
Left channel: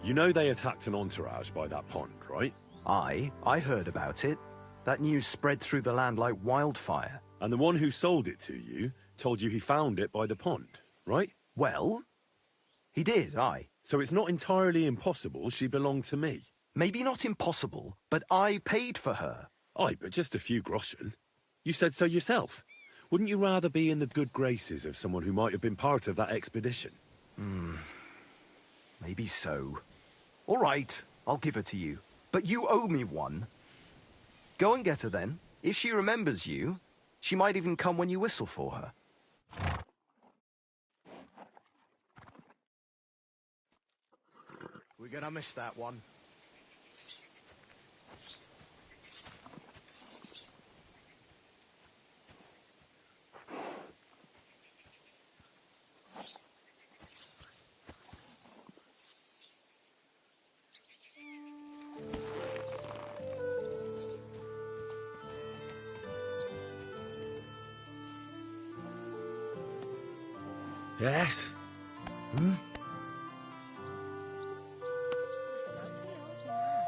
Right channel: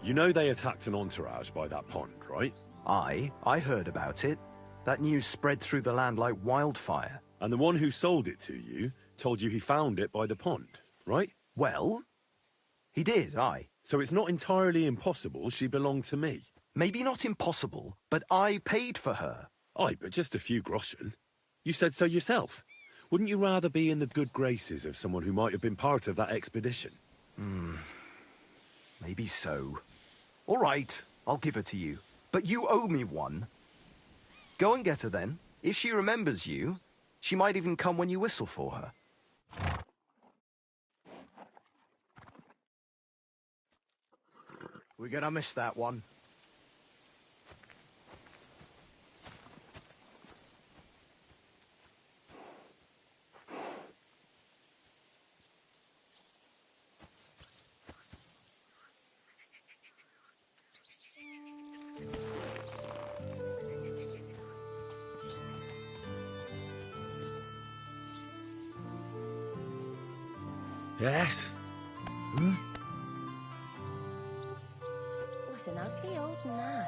you know they attacked an entourage by that pond, right? Aye, I heard about it. That news spread through the land like wildfire. And the one who sold it to you told you he found it by the pond, right? Well, he did, aye. So it's not entirely impossible she belonged to me. Maybe not impossible, but I paid for her. Aye, but just a few groschen. You said so yourself. Wouldn't you rather be in the good graces of someone who might have been part of that expedition? Maybe so. All right, I'll give her to you. But you owe me one. Go and get her then. If she remembers you, she might even come when you whistle for her. We're gonna miss that one. Yes? What an ugly old nag.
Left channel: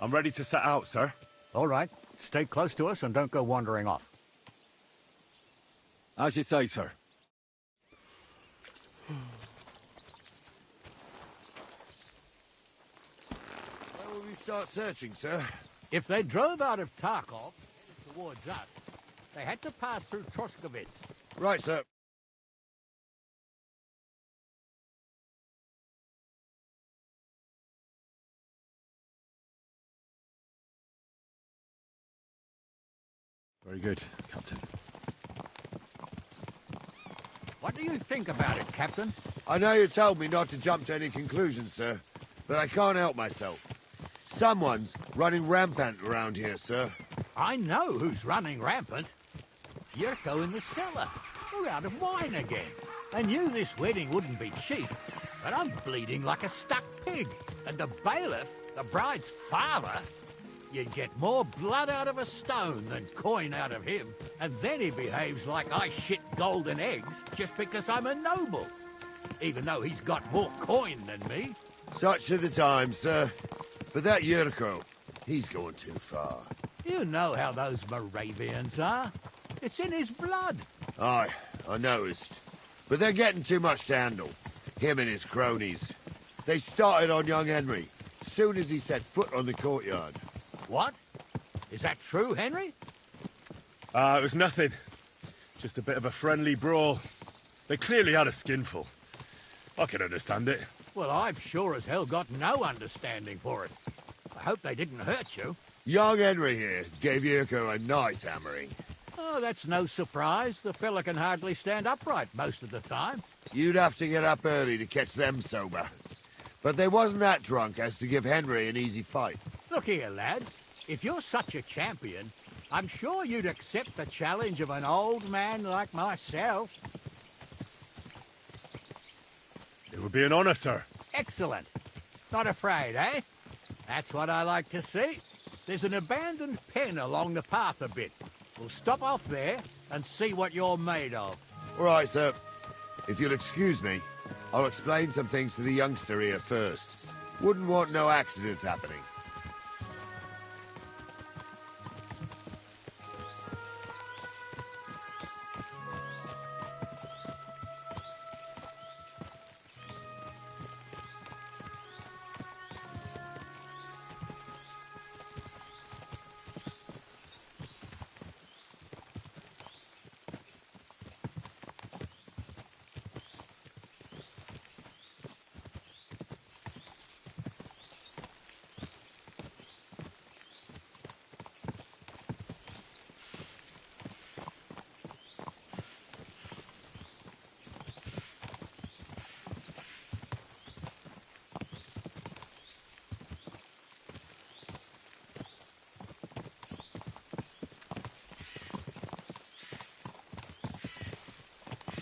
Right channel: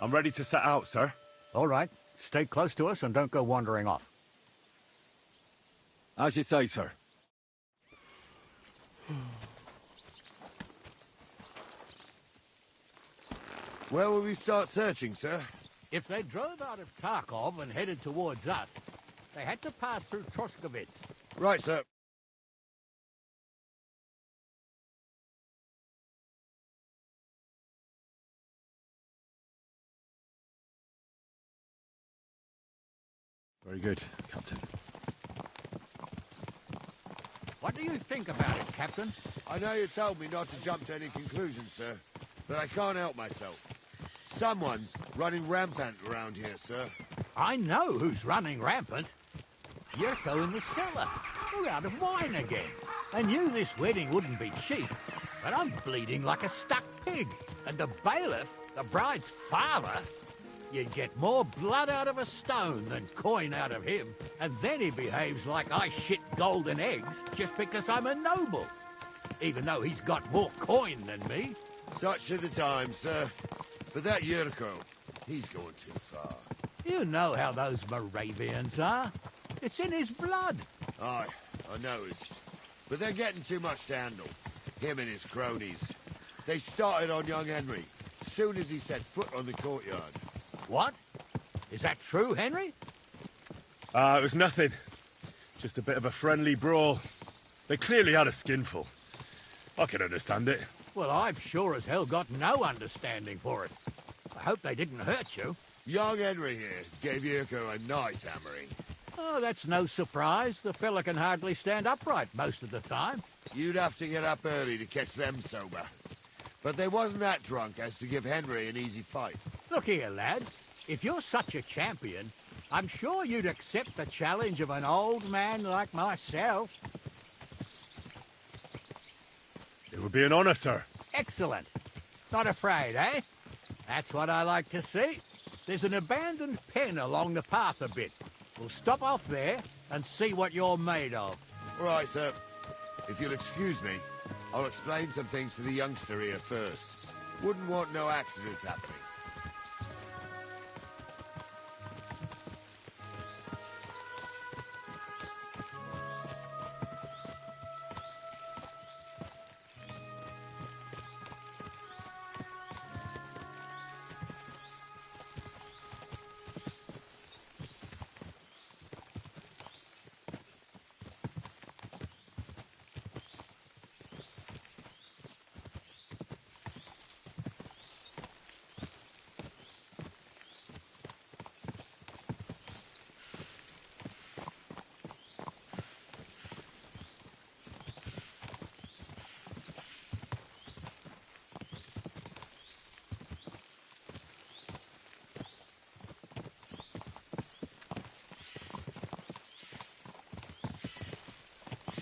I'm ready to set out, sir. All right. Stay close to us and don't go wandering off. As you say, sir. Where will we start searching, sir? If they drove out of Tarkov and headed towards us, they had to pass through Troskovitz. Right, sir. Very good, Captain. What do you think about it, Captain? I know you told me not to jump to any conclusions, sir, but I can't help myself. Someone's running rampant around here, sir. I know who's running rampant. Yurko in the cellar. We're out of wine again. I knew this wedding wouldn't be cheap, but I'm bleeding like a stuck pig. And the bailiff, the bride's father, you'd get more blood out of a stone than coin out of him. And then he behaves like I shit golden eggs just because I'm a noble. Even though he's got more coin than me. Such are the times, sir. But that Yurko, he's going too far. You know how those Moravians are. It's in his blood. Aye, I noticed. But they're getting too much to handle. Him and his cronies. They started on young Henry, soon as he set foot on the courtyard. What? Is that true, Henry? It was nothing. Just a bit of a friendly brawl. They clearly had a skinful. I can understand it. Well, I've sure as hell got no understanding for it. I hope they didn't hurt you. Young Henry here gave Yurko a nice hammering. Oh, that's no surprise. The fella can hardly stand upright most of the time. You'd have to get up early to catch them sober. But they wasn't that drunk as to give Henry an easy fight. Look here, lad. If you're such a champion, I'm sure you'd accept the challenge of an old man like myself. It would be an honor, sir. Excellent. Not afraid, eh? That's what I like to see. There's an abandoned pen along the path a bit. We'll stop off there and see what you're made of. All right, sir. If you'll excuse me, I'll explain some things to the youngster here first. Wouldn't want no accidents happening.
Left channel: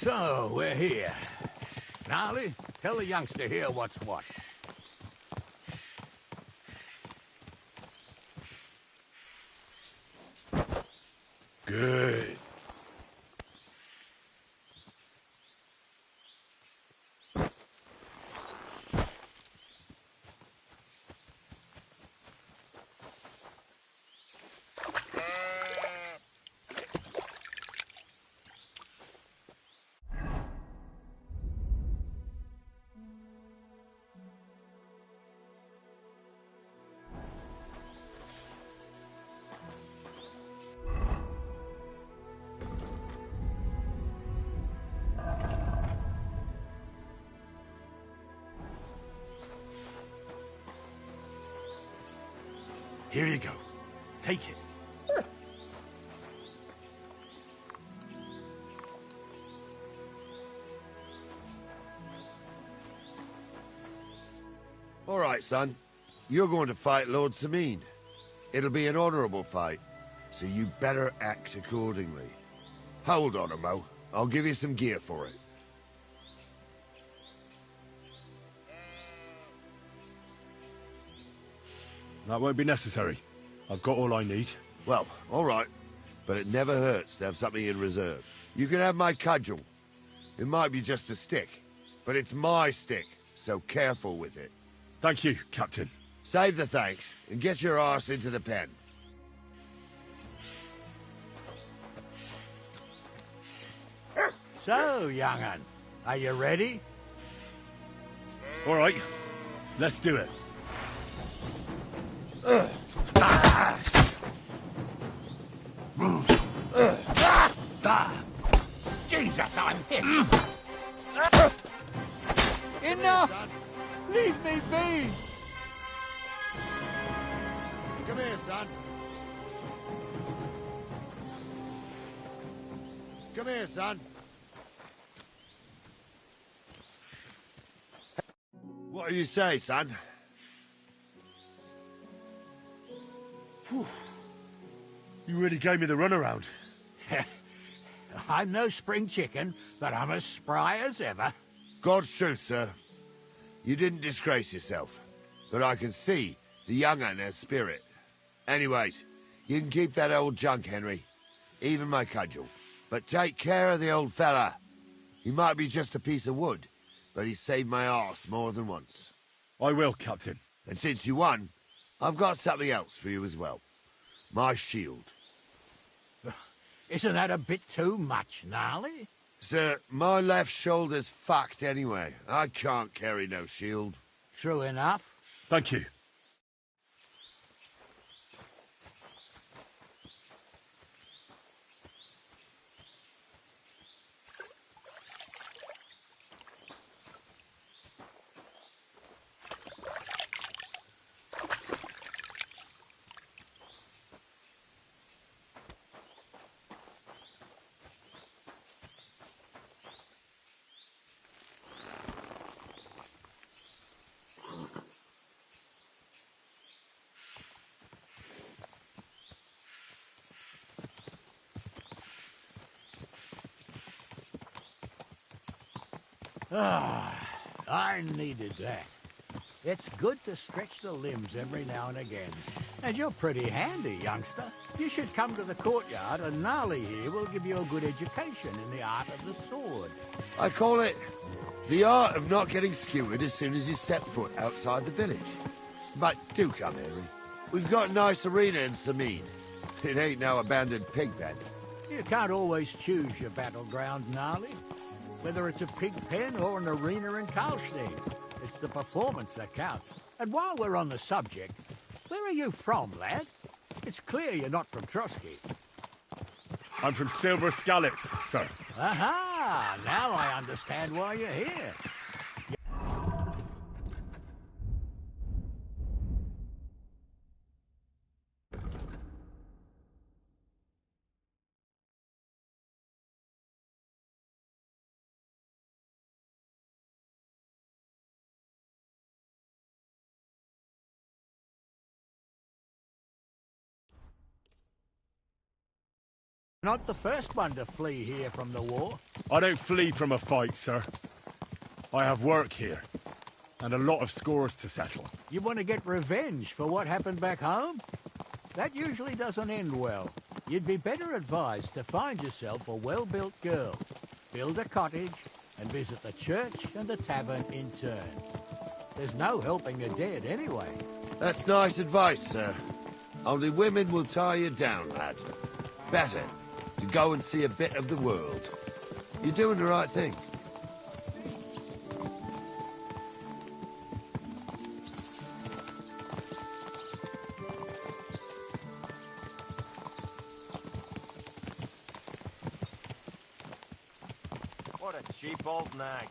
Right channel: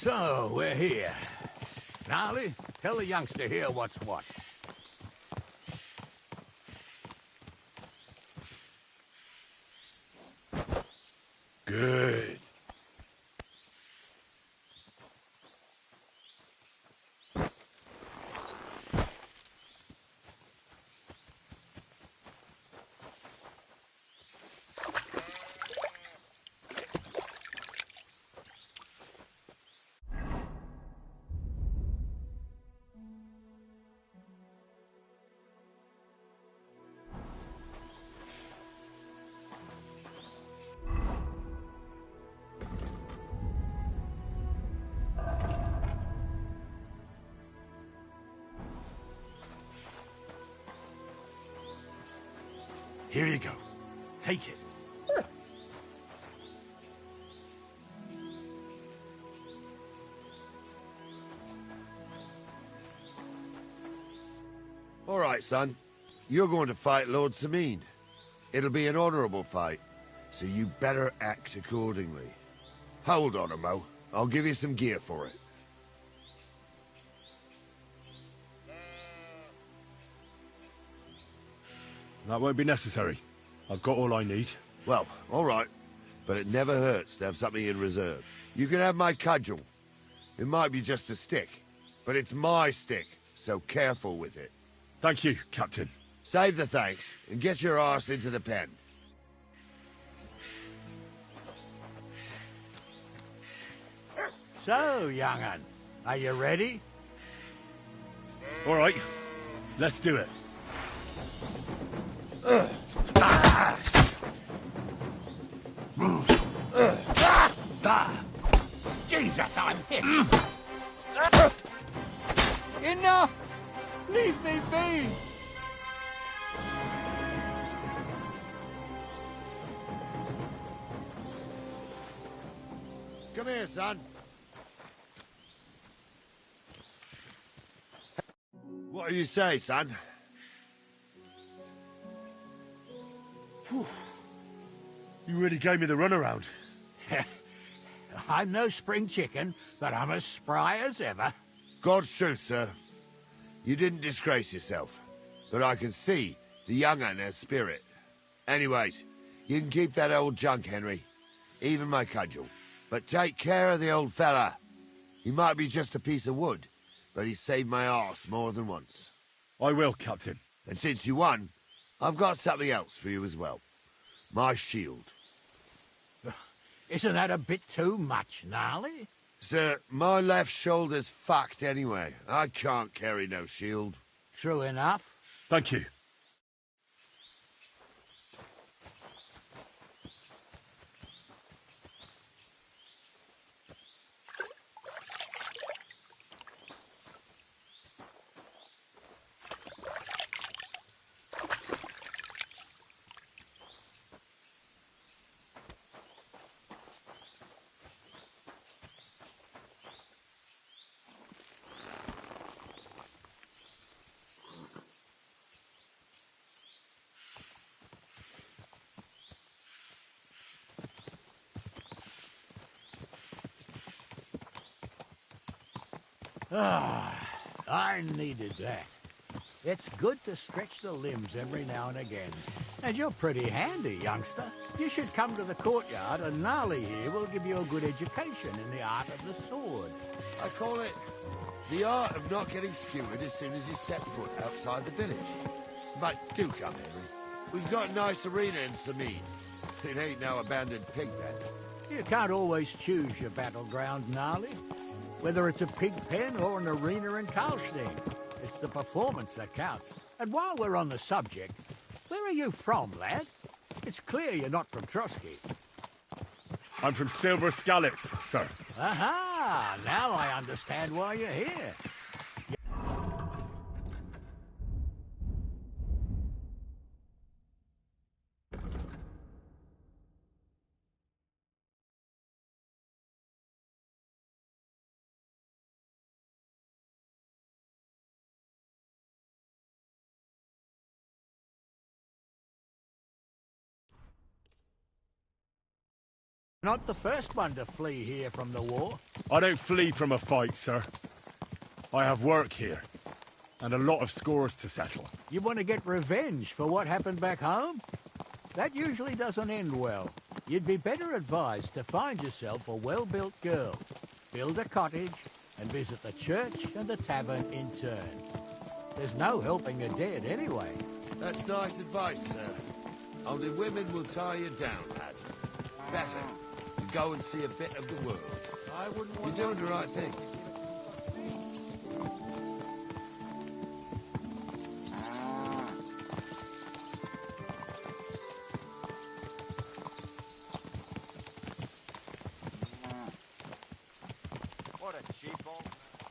So, we're here. Gnarly, tell the youngster here what's what. Good. Here you go. Take it. All right, son. You're going to fight Lord Sameen. It'll be an honorable fight, so you better act accordingly. Hold on, Mo. I'll give you some gear for it. That won't be necessary. I've got all I need. Well, all right. But it never hurts to have something in reserve. You can have my cudgel. It might be just a stick, but it's my stick, so careful with it. Thank you, Captain. Save the thanks and get your arse into the pen. So, young'un, are you ready? All right, let's do it. Jesus, I'm hit! Enough! Leave me be! Come here, son. Come here, son. What do you say, son? Whew. You really gave me the runaround. I'm no spring chicken, but I'm as spry as ever. God's truth, sir. You didn't disgrace yourself, but I can see the young un has spirit. Anyways, you can keep that old junk, Henry. Even my cudgel. But take care of the old fella. He might be just a piece of wood, but he saved my arse more than once. I will, Captain. And since you won, I've got something else for you as well. My shield. Isn't that a bit too much, Gnarly? Sir, my left shoulder's fucked anyway. I can't carry no shield. True enough. Thank you. I needed that. It's good to stretch the limbs every now and again. And you're pretty handy, youngster. You should come to the courtyard, and Gnarly here will give you a good education in the art of the sword. I call it the art of not getting skewered as soon as you step foot outside the village. But do come, Henry. We've got a nice arena in Sameen. It ain't no abandoned pig pen. You can't always choose your battleground, Gnarly. Whether it's a pig pen or an arena in Karlstein, it's the performance that counts. And while we're on the subject, where are you from, lad? It's clear you're not from Trotsky. I'm from Silver Scallops, sir. Aha! Now I understand why you're here. Not the first one to flee here from the war. I don't flee from a fight, sir. I have work here, and a lot of scores to settle. You want to get revenge for what happened back home? That usually doesn't end well. You'd be better advised to find yourself a well-built girl, build a cottage, and visit the church and the tavern in turn. There's no helping the dead anyway. That's nice advice, sir. Only women will tie you down, lad. Better to go and see a bit of the world. You're doing the right thing. What a cheap old nag.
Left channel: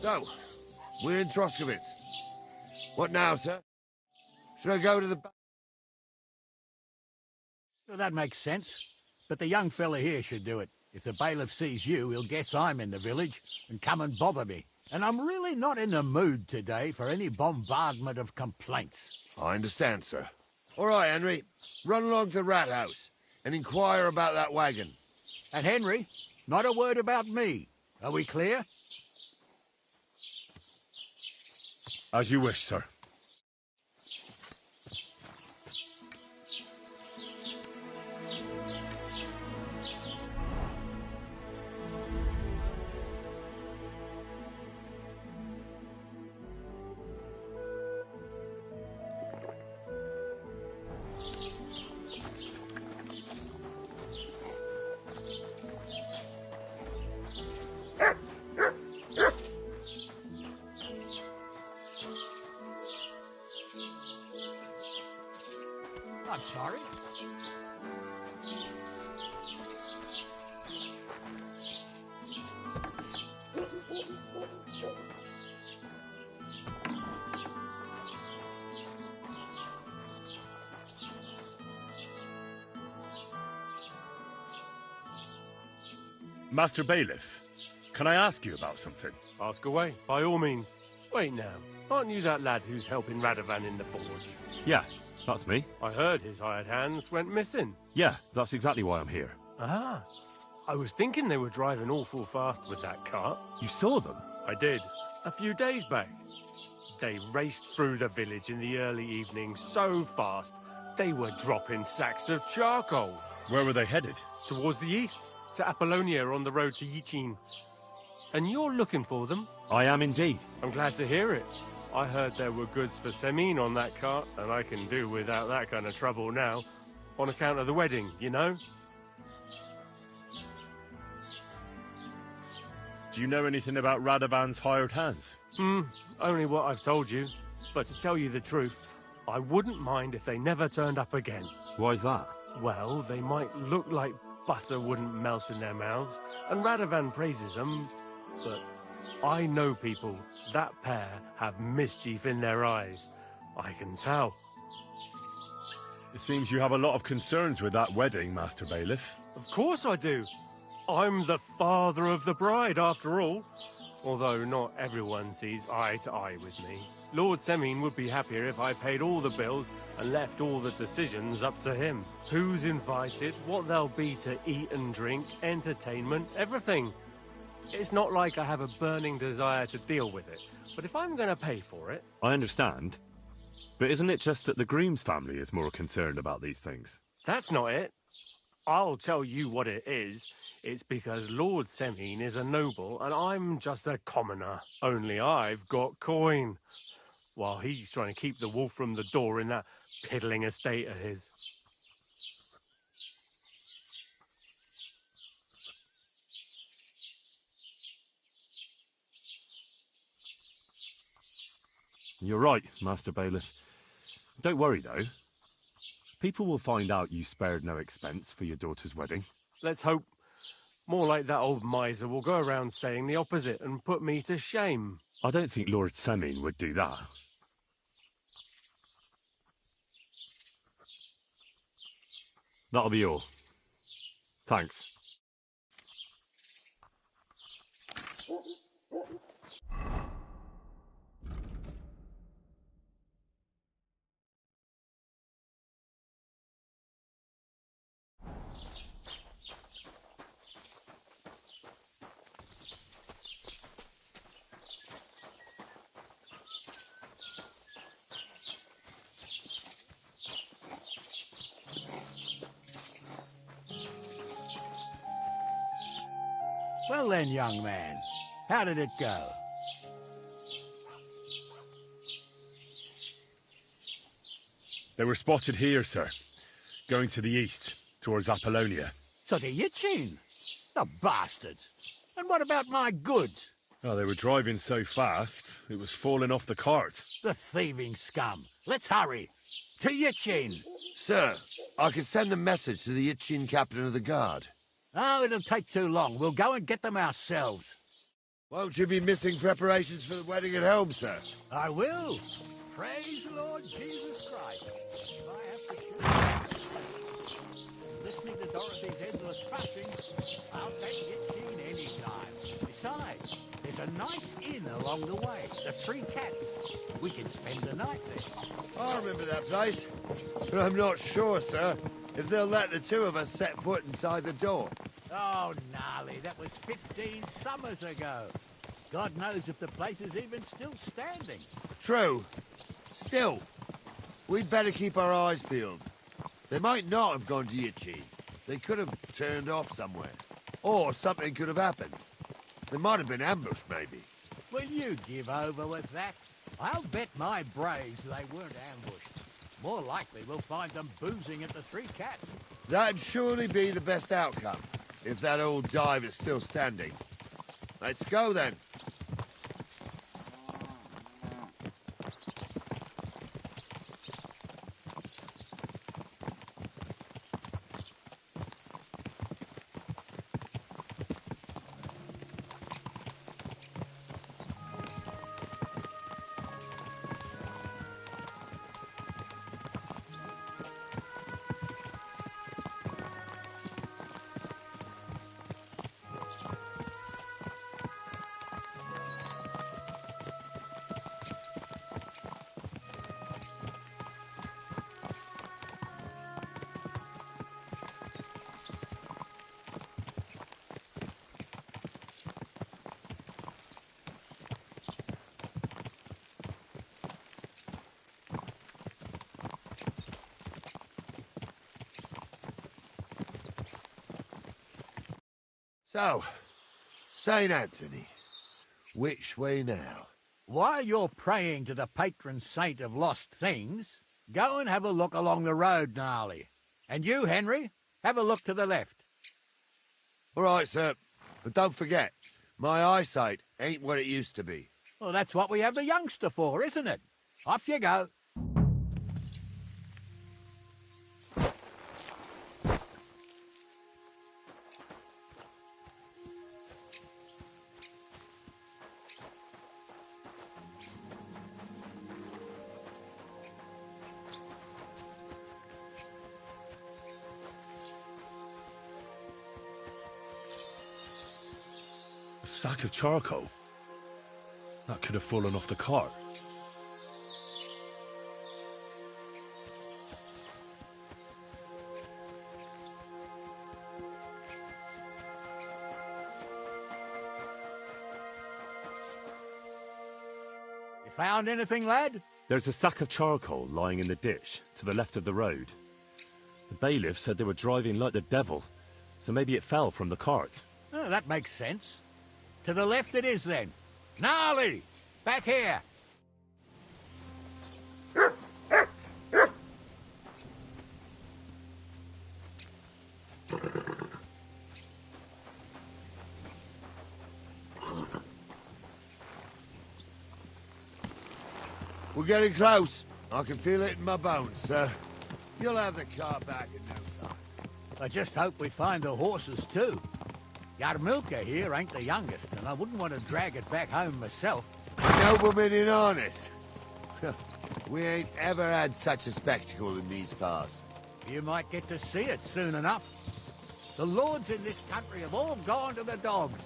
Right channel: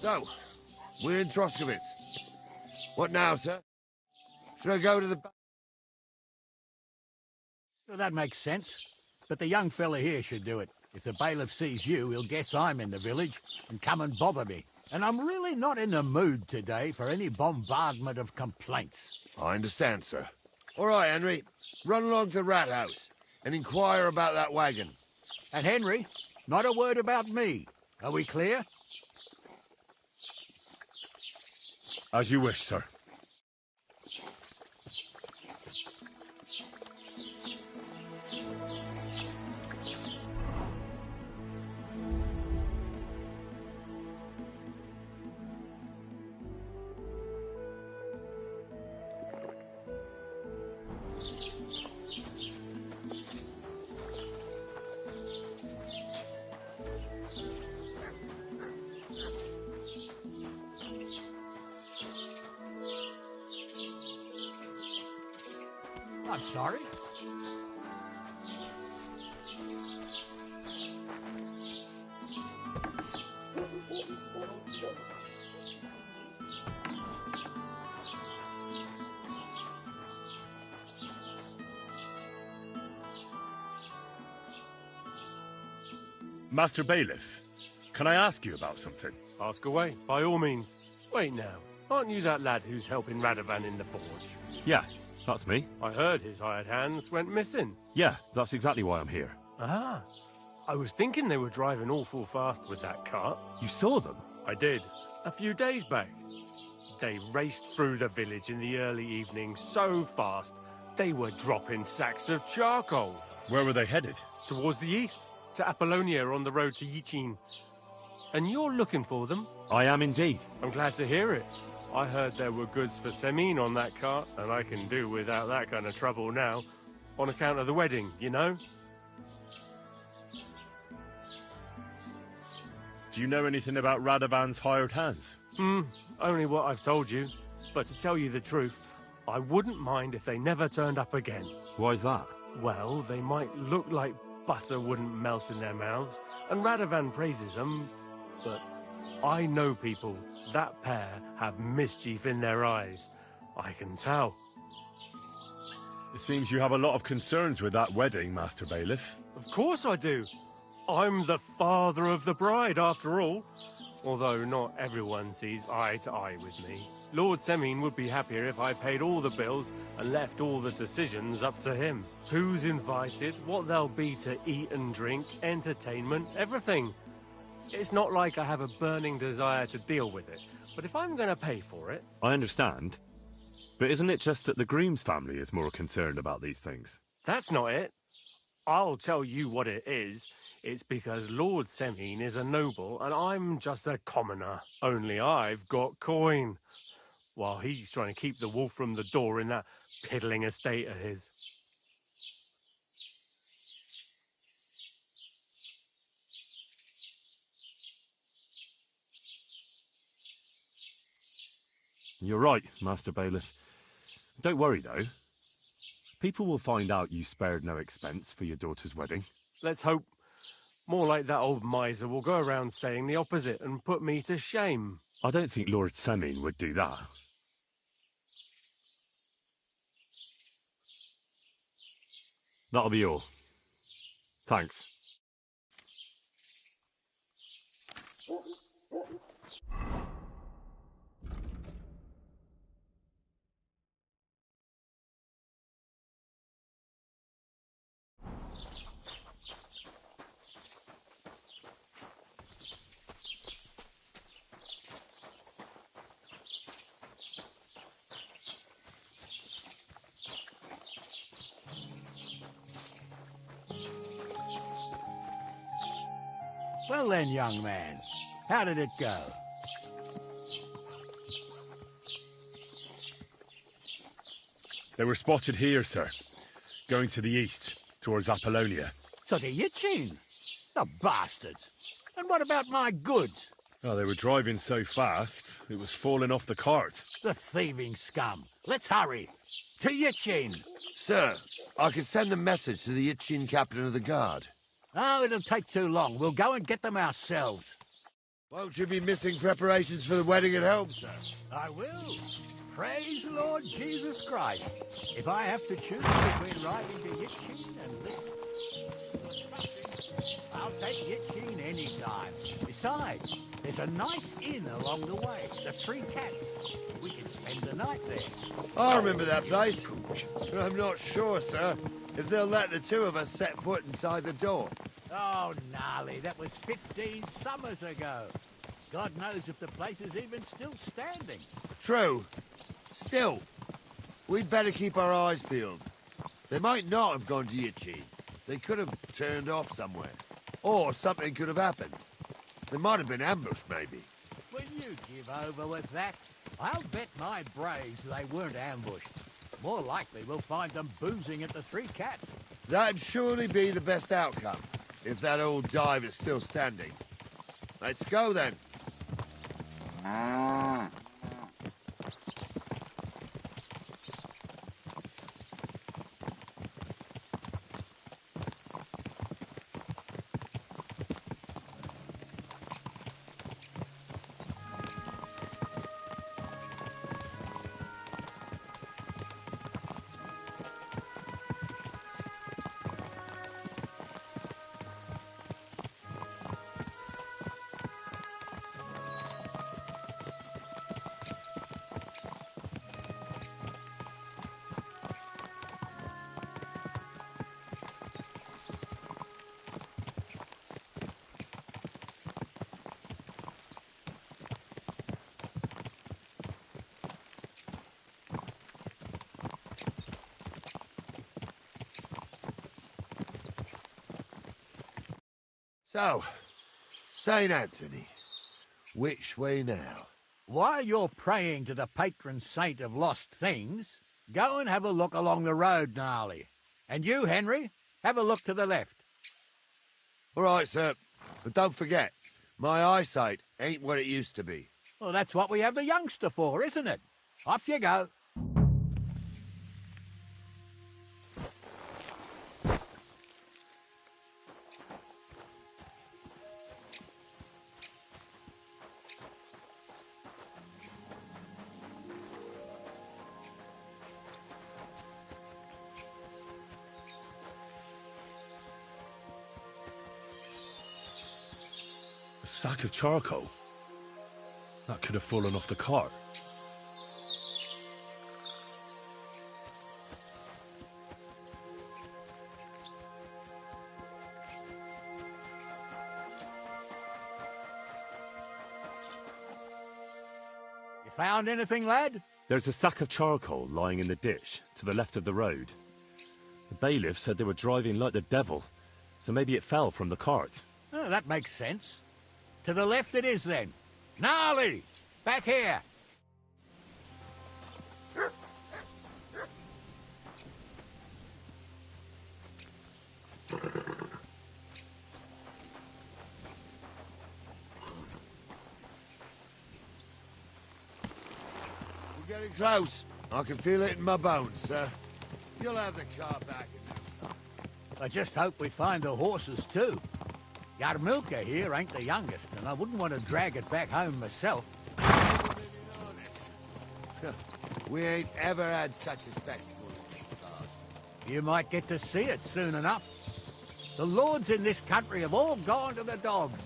So, we're in Troskowitz. What now, sir? Should I go to the back? Well, that makes sense. But the young fella here should do it. If the bailiff sees you, he'll guess I'm in the village and come and bother me. And I'm really not in the mood today for any bombardment of complaints. I understand, sir. All right, Henry. Run along to the rat house and inquire about that wagon. And Henry, not a word about me. Are we clear? As you wish, sir. I'm sorry. Master Bailiff, can I ask you about something? Ask away, by all means. Wait now, aren't you that lad who's helping Radovan in the forge? Yeah, that's me. I heard his hired hands went missing. Yeah, that's exactly why I'm here. Ah, I was thinking they were driving awful fast with that cart. You saw them? I did, a few days back. They raced through the village in the early evening so fast, they were dropping sacks of charcoal. Where were they headed? Towards the east, to Apollonia on the road to Yichin. And you're looking for them? I am indeed. I'm glad to hear it. I heard there were goods for Semin on that cart, and I can do without that kind of trouble now, on account of the wedding, you know? Do you know anything about Radovan's hired hands? Only what I've told you. But to tell you the truth, I wouldn't mind if they never turned up again. Why's that? Well, they might look like butter wouldn't melt in their mouths, and Radovan praises them, but I know people. That pair have mischief in their eyes. I can tell. It seems you have a lot of concerns with that wedding, Master Bailiff. Of course I do. I'm the father of the bride, after all. Although not everyone sees eye to eye with me. Lord Semin would be happier if I paid all the bills and left all the decisions up to him. Who's invited, what there'll be to eat and drink, entertainment, everything. It's not like I have a burning desire to deal with it, but if I'm going to pay for it... I understand. But isn't it just that the groom's family is more concerned about these things? That's not it. I'll tell you what it is. It's because Lord Semin is a noble and I'm just a commoner. Only I've got coin. While he's trying to keep the wolf from the door in that piddling estate of his. You're right, Master Bailiff. Don't worry, though. People will find out you spared no expense for your daughter's wedding. Let's hope. More like that old miser will go around saying the opposite and put me to shame. I don't think Lord Semin would do that. That'll be all. Thanks. Well then, young man, how did it go? They were spotted here, sir. Going to the east, towards Apollonia. So to Yichin? The bastards! And what about my goods? Oh, they were driving so fast, it was falling off the cart. The thieving scum! Let's hurry! To Yichin! Sir, I can send a message to the Yichin captain of the guard. Oh, it'll take too long. We'll go and get them ourselves. Won't you be missing preparations for the wedding at home, sir? I will. Praise the Lord Jesus Christ. If I have to choose between riding to Yitchin and listening to Dorothy's endless fussing, I'll take Yitchin any time. Besides, there's a nice inn along the way, the Three Cats. We can spend the night there. I remember that place, but I'm not sure, sir, if they'll let the two of us set foot inside the door. Oh, gnarly, that was 15 summers ago. God knows if the place is even still standing. True. Still, we'd better keep our eyes peeled. They might not have gone to Yitchin. They could have turned off somewhere. Or something could have happened. They might have been ambushed, maybe. Will you give over with that? I'll bet my braves they weren't ambushed. More likely we'll find them boozing at the Three Cats. That'd surely be the best outcome, if that old dive is still standing. Let's go, then. So, St. Anthony, which way now? While you're praying to the patron saint of lost things, go and have a look along the road, Gnarly. And you, Henry, have a look to the left. All right, sir. But don't forget, my eyesight ain't what it used to be. Well, that's what we have the youngster for, isn't it? Off you go. A sack of charcoal? That could have fallen off the cart. You found anything, lad? There's a sack of charcoal lying in the ditch to the left of the road. The bailiff said they were driving like the devil, so maybe it fell from the cart. Oh, that makes sense. To the left it is, then. Gnarly! Back here! We're getting close. I can feel it in my bones, sir. You'll have the car back in no time. I just hope we find the horses, too. Yarmilka here ain't the youngest, and I wouldn't want to drag it back home myself. Nobleman in harness. We ain't ever had such a spectacle in these parts. You might get to see it soon enough. The lords in this country have all gone to the dogs.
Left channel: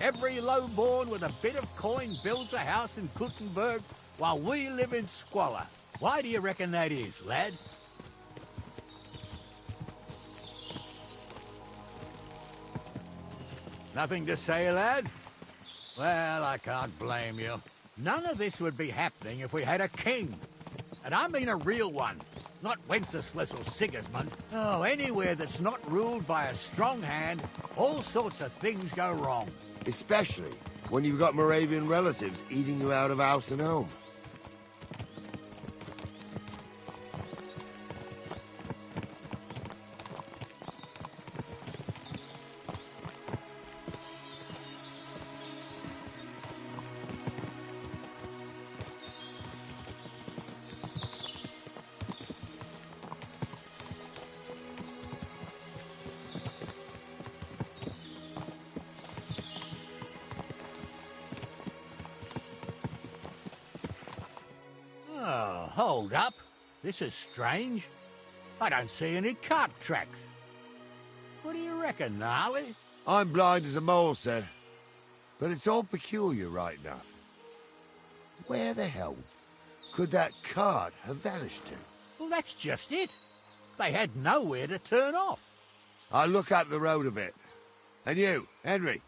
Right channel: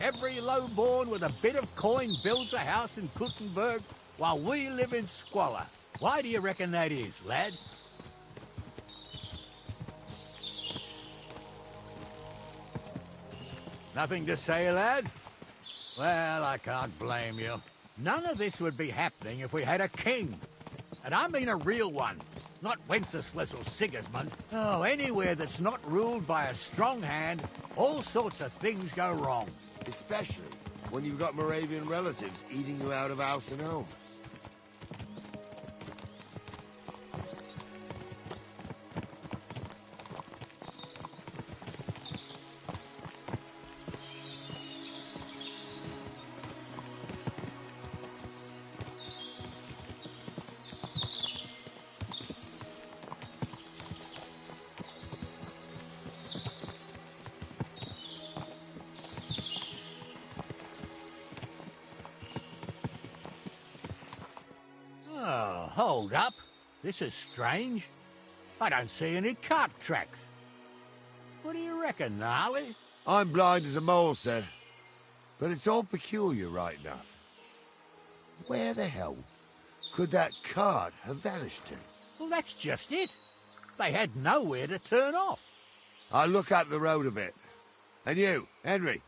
Every lowborn with a bit of coin builds a house in Kuttenberg, while we live in squalor. Why do you reckon that is, lad? Nothing to say, lad? Well, I can't blame you. None of this would be happening if we had a king. And I mean a real one, not Wenceslas or Sigismund. Oh, anywhere that's not ruled by a strong hand, all sorts of things go wrong. Especially when you've got Moravian relatives eating you out of house and home. hold up. This is strange. I don't see any cart tracks. What do you reckon, Gnarly? I'm blind as a mole, sir. But it's all peculiar, right enough. Where the hell could that cart have vanished to? Well, that's just it. They had nowhere to turn off. I'll look up the road a bit. And you, Henry,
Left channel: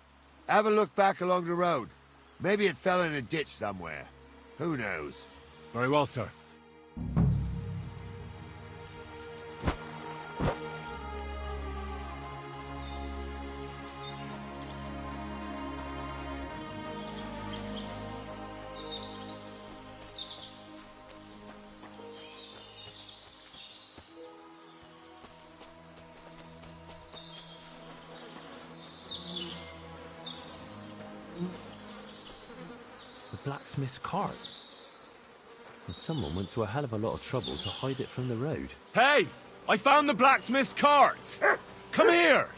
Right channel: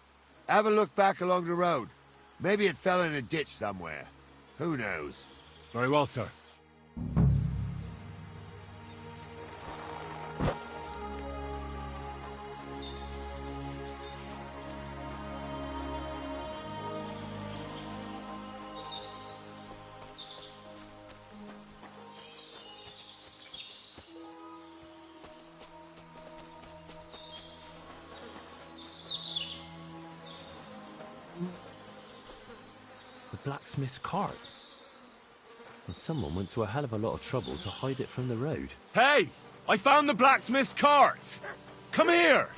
have a look back along the road. Maybe it fell in a ditch somewhere. Who knows? Very well, sir. The blacksmith's cart. And someone went to a hell of a lot of trouble to hide it from the road. Hey! I found the blacksmith's cart! Come here!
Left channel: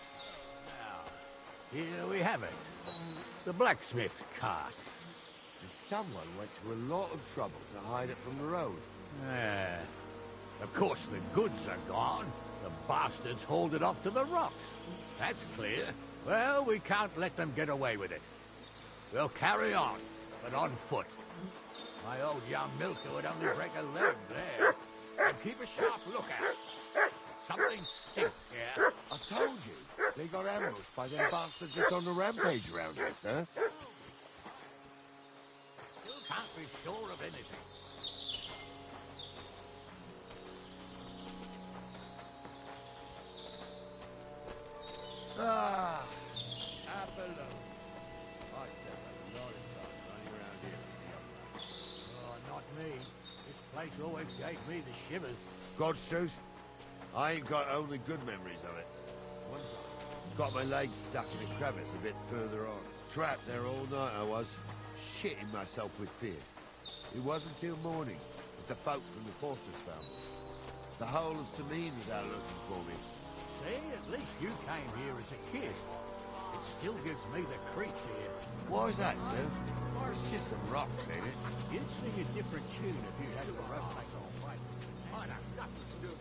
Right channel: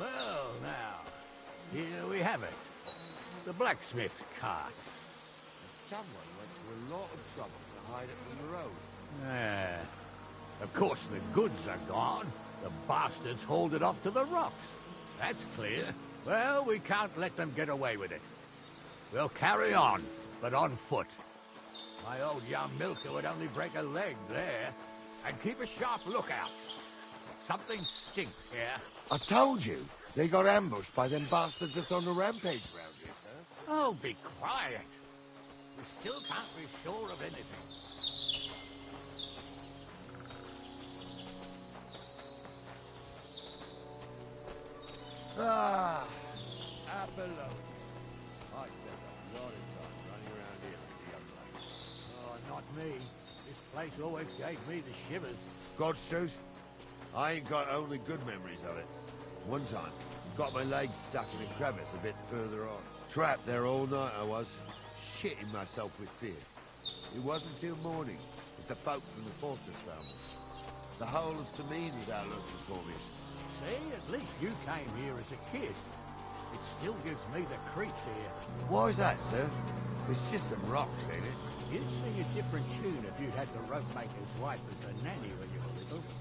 Well, now, here we have it. The blacksmith's cart. And someone went to a lot of trouble to hide it from the road. Ah. Of course, the goods are gone. The bastards hauled it off to the rocks. That's clear. Well, we can't let them get away with it. We'll carry on, but on foot. My old young milker would only break a leg there. And keep a sharp lookout. Something stinks here. I told you, they got ambushed by them bastards that's on the rampage around here, sir. Oh, be quiet. We still can't be sure of anything. Ah, Apollon. I spent a lot of time running around here with the young lad. Oh, not me. This place always gave me the shivers. God's truth, I ain't got only good memories of it. One time, got my leg stuck in a crevice a bit further on. Trapped there all night I was, shitting myself with fear. It wasn't till morning that the folk from the fortress found us. The whole of Sameen was out looking for me. See, at least you came here as a kid. It still gives me the creeps here. Why is that, sir? It's just some rocks, ain't it? You'd sing a different tune if you'd had the rope maker's wife as a nanny when you were little.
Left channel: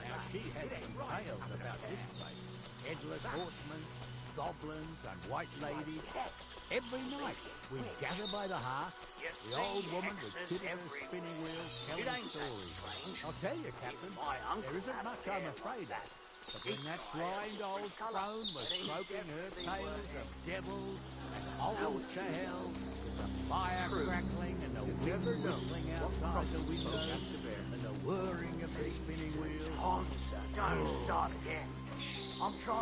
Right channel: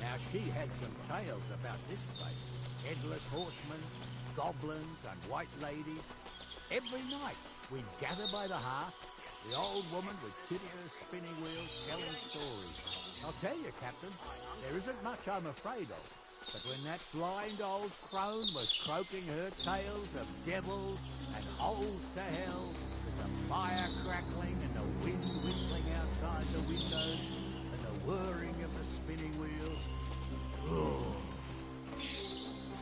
Now, she had some tales about this place. Headless horsemen, goblins, and white ladies. Every night, we'd gather by the hearth. The old woman would sit at her spinning wheel telling stories. I'll tell you, Captain, there isn't much I'm afraid of. But when that blind old crone was croaking her tales of devils and holes to hell, with the fire crackling and the wind whistling outside the windows and the whirring of the spinning wheel. Oh.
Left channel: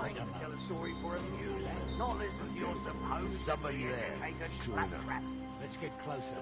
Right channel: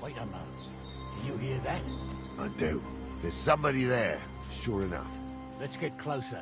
Wait a moment. You hear that? I do. There's somebody there, sure enough. Let's get closer.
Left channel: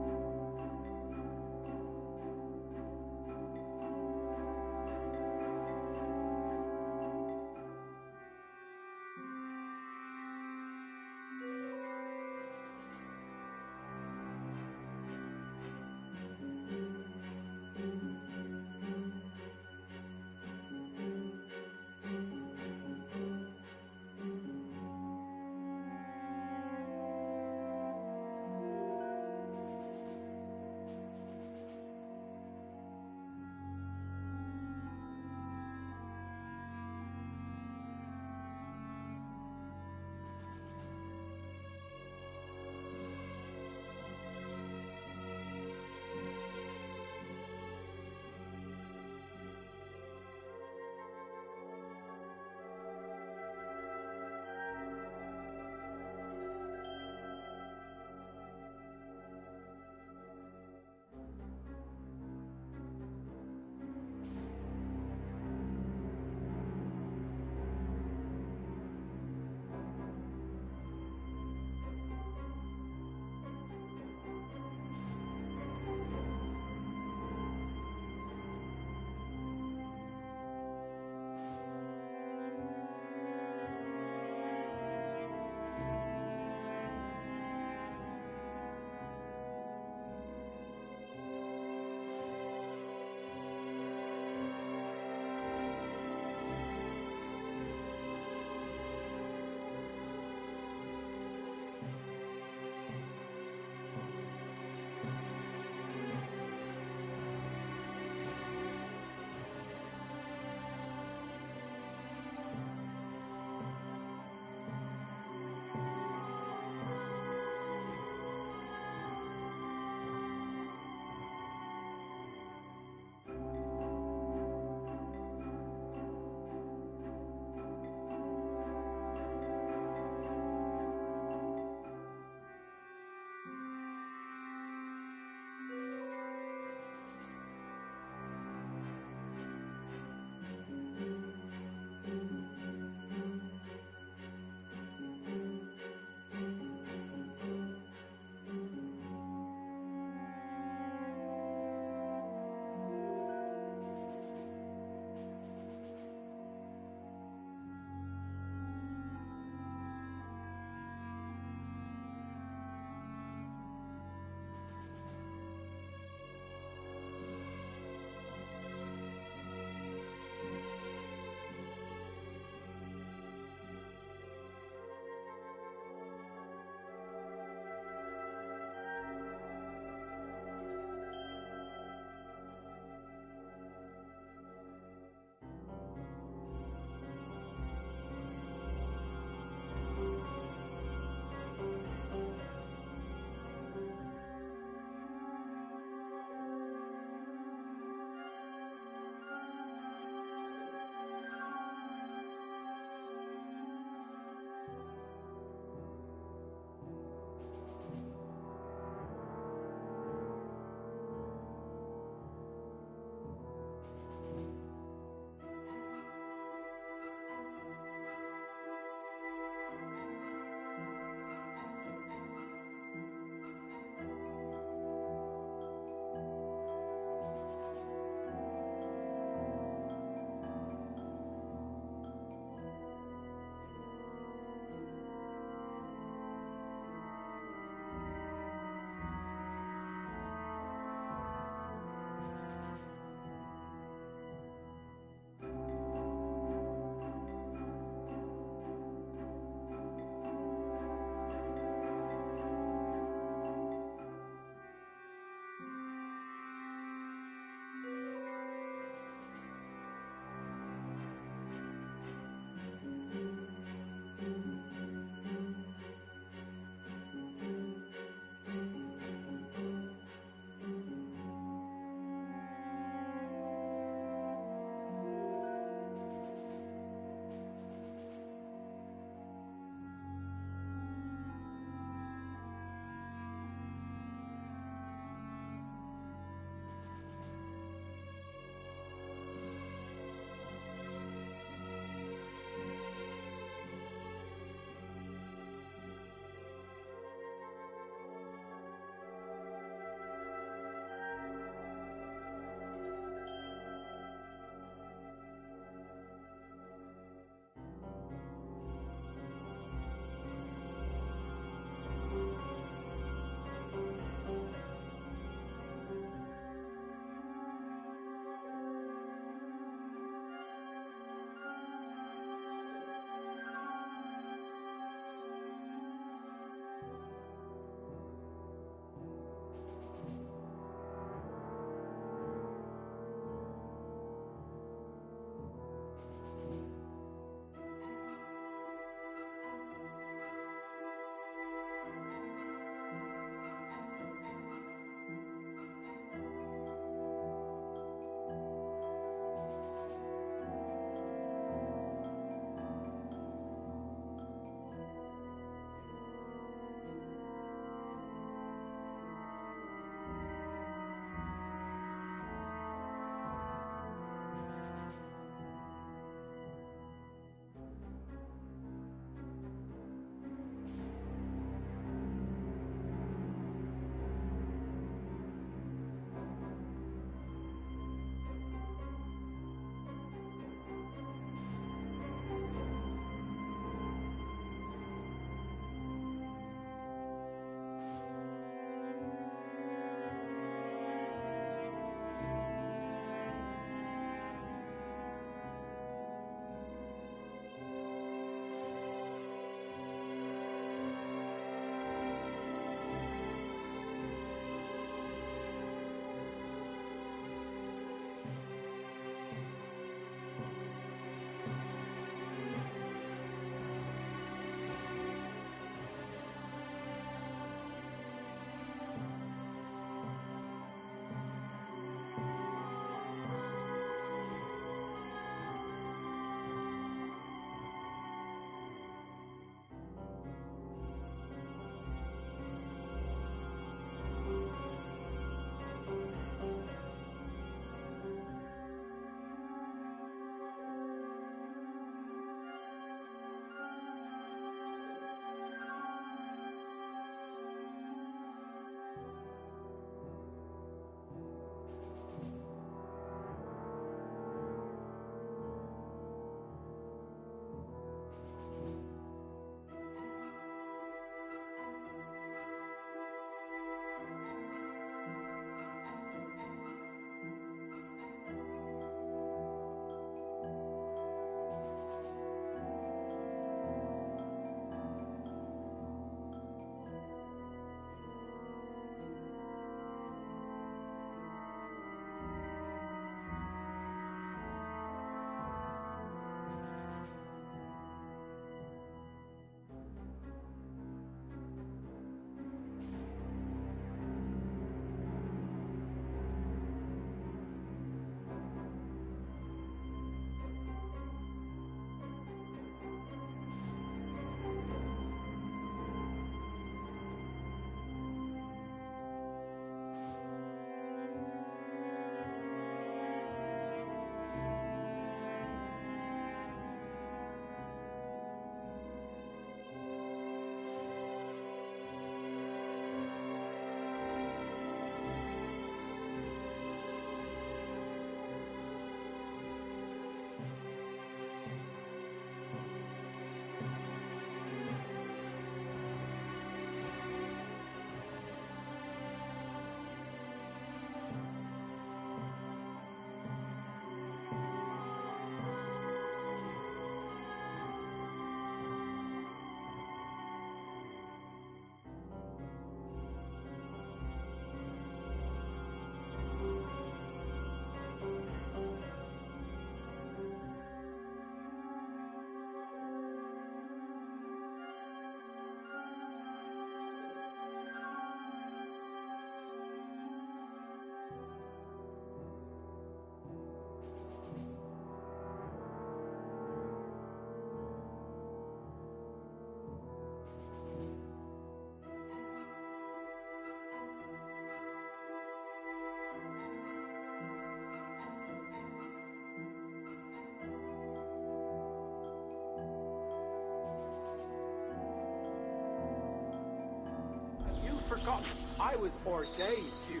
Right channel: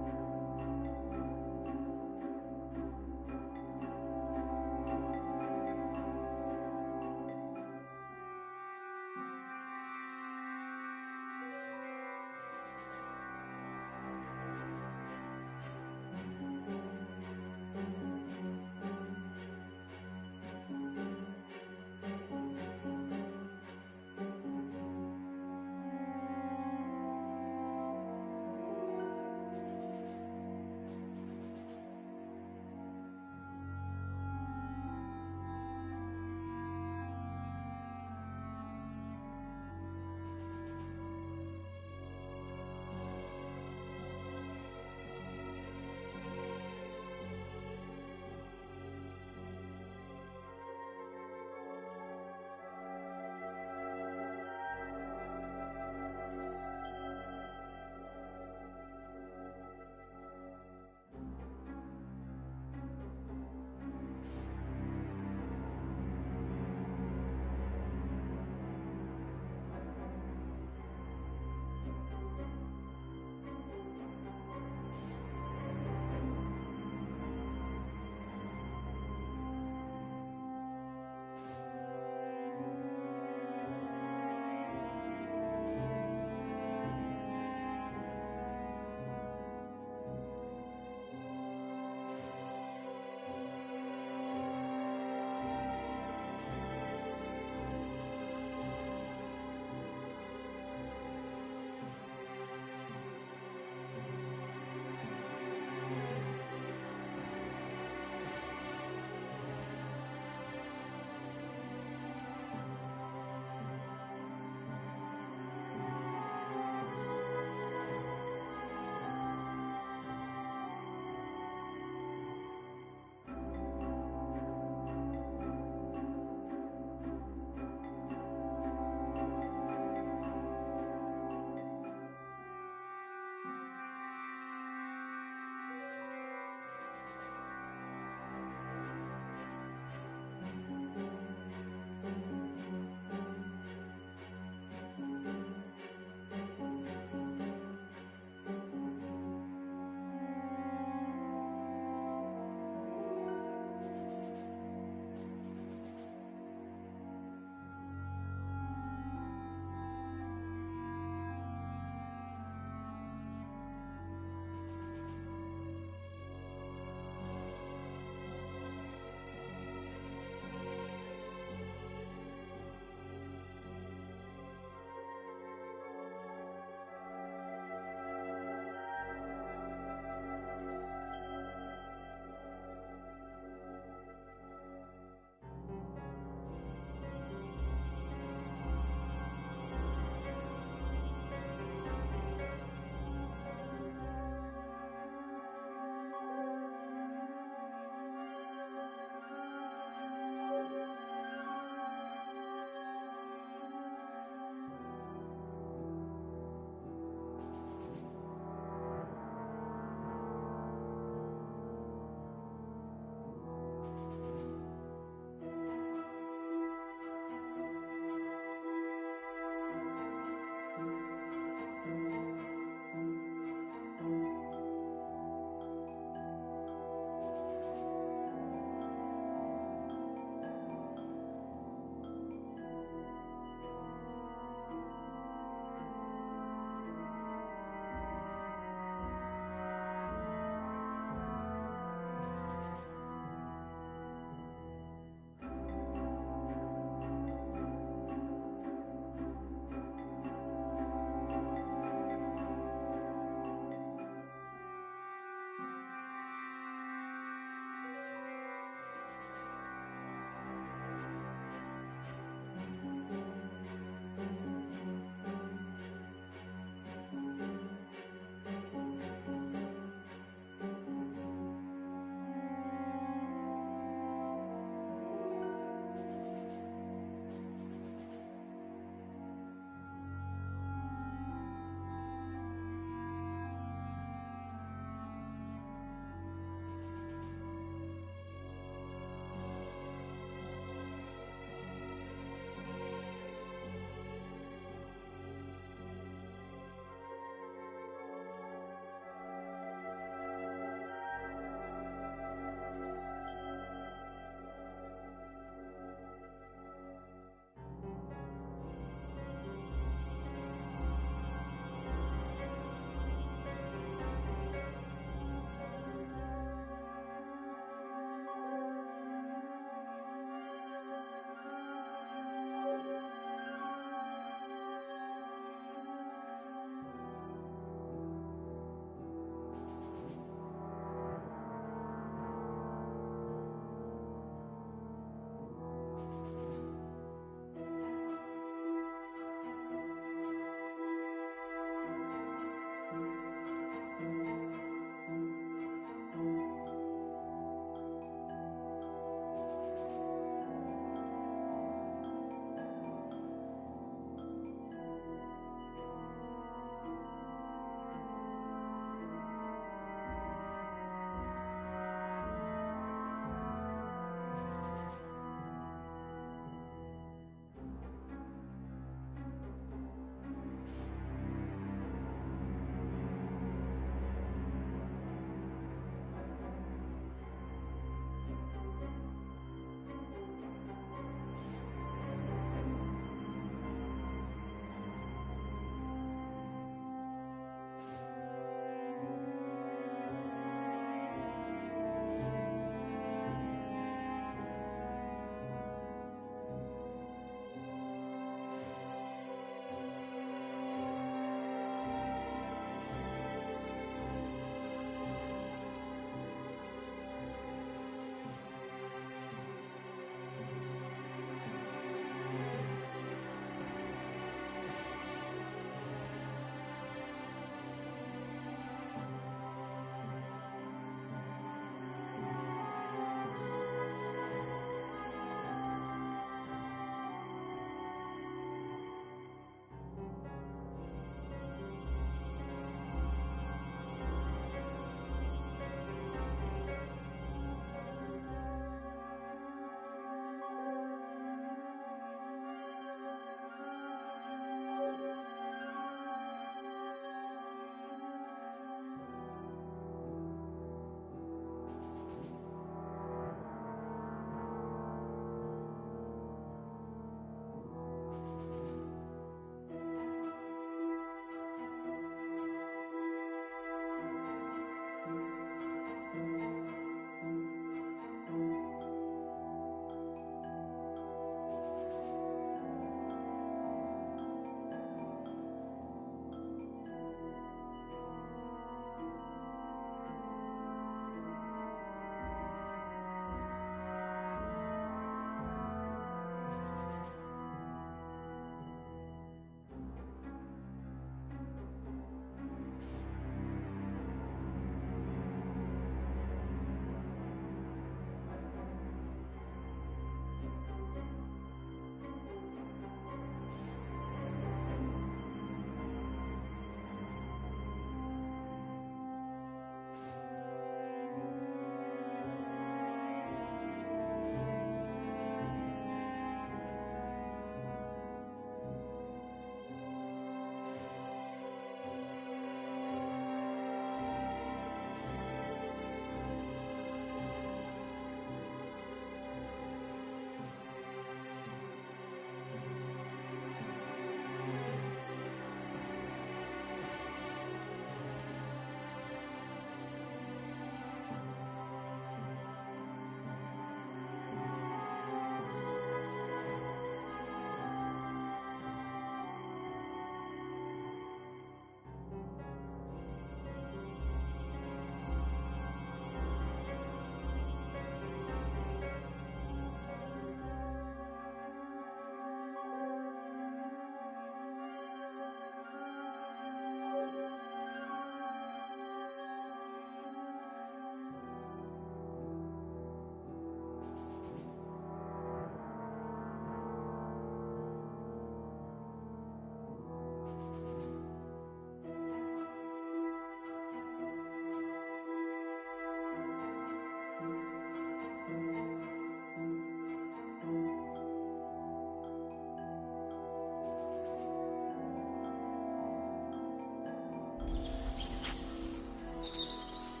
I was ordained, you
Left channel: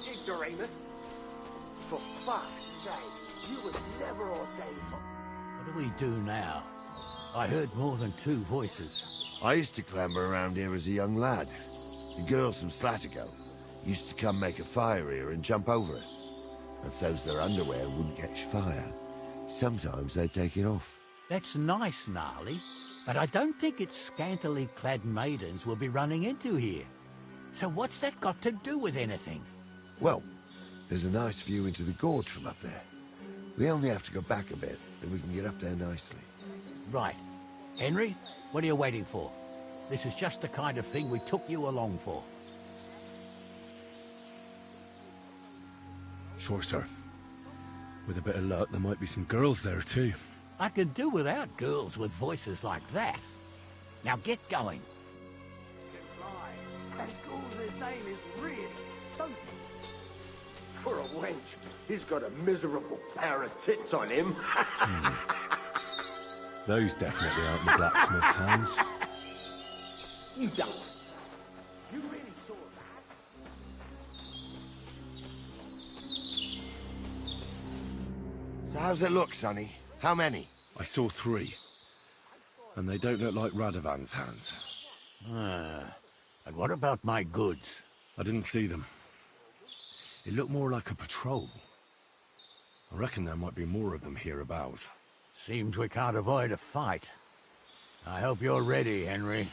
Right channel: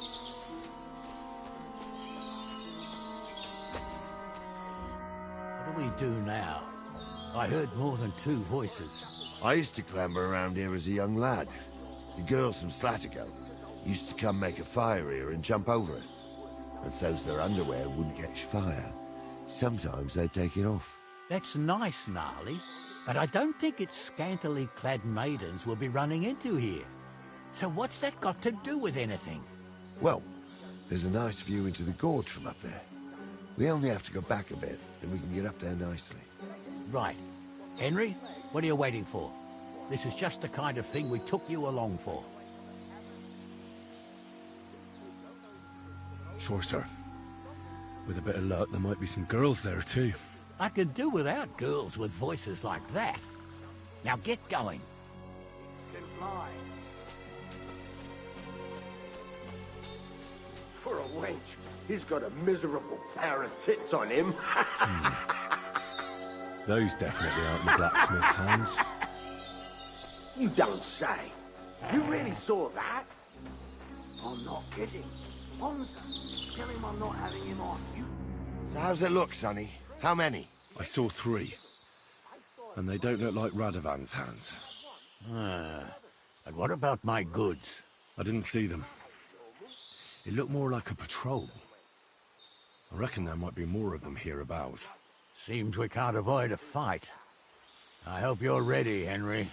ignoramus. For fuck's sake, you were never ordained for... What do we do now? I heard more than 2 voices. I used to clamber around here as a young lad. The girls from Slatigo used to come make a fire here and jump over it. And so's their underwear wouldn't catch fire, sometimes they'd take it off. That's nice, Gnarly, but I don't think it's scantily clad maidens we'll be running into here. So what's that got to do with anything? Well, there's a nice view into the gorge from up there. We only have to go back a bit, and we can get up there nicely. Right. Henry, what are you waiting for? This is just the kind of thing we took you along for. Sure, sir. With a bit of luck, there might be some girls there, too. I could do without girls with voices like that. Now get going. Can fly. That's cool. His name is really funky. For a wench, he's got a miserable pair of tits on him. Those definitely aren't the blacksmith's hands. You don't say. You really saw that? I'm not kidding. Tell him I'm not having him on you. So how's it look, Sonny? How many? I saw 3. And they don't look like Radovan's hands. And what about my goods? I didn't see them. It looked more like a patrol. I reckon there might be more of them hereabouts. Seems we can't avoid a fight. I hope you're ready, Henry.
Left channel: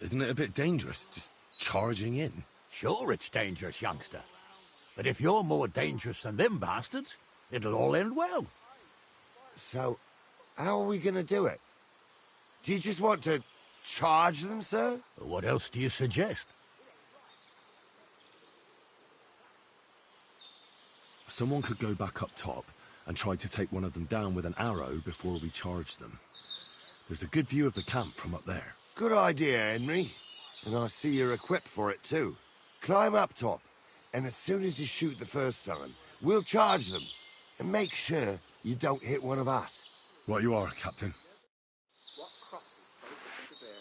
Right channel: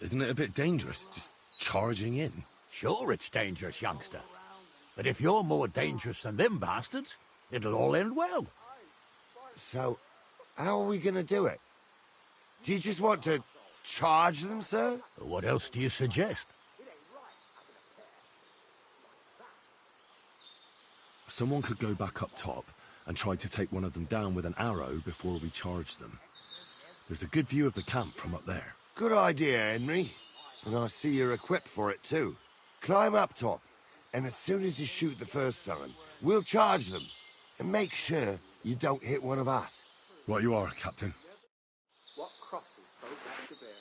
Isn't it a bit dangerous, just charging in? Sure it's dangerous, youngster. But if you're more dangerous than them bastards, it'll all end well. So, how are we gonna do it? Do you just want to charge them, sir? What else do you suggest? Someone could go back up top and try to take one of them down with an arrow before we charge them. There's a good view of the camp from up there. Good idea, Henry. And I see you're equipped for it, too. Climb up top, and as soon as you shoot the first time, we'll charge them. And make sure you don't hit one of us. Right you are, Captain. What crosses both to bear?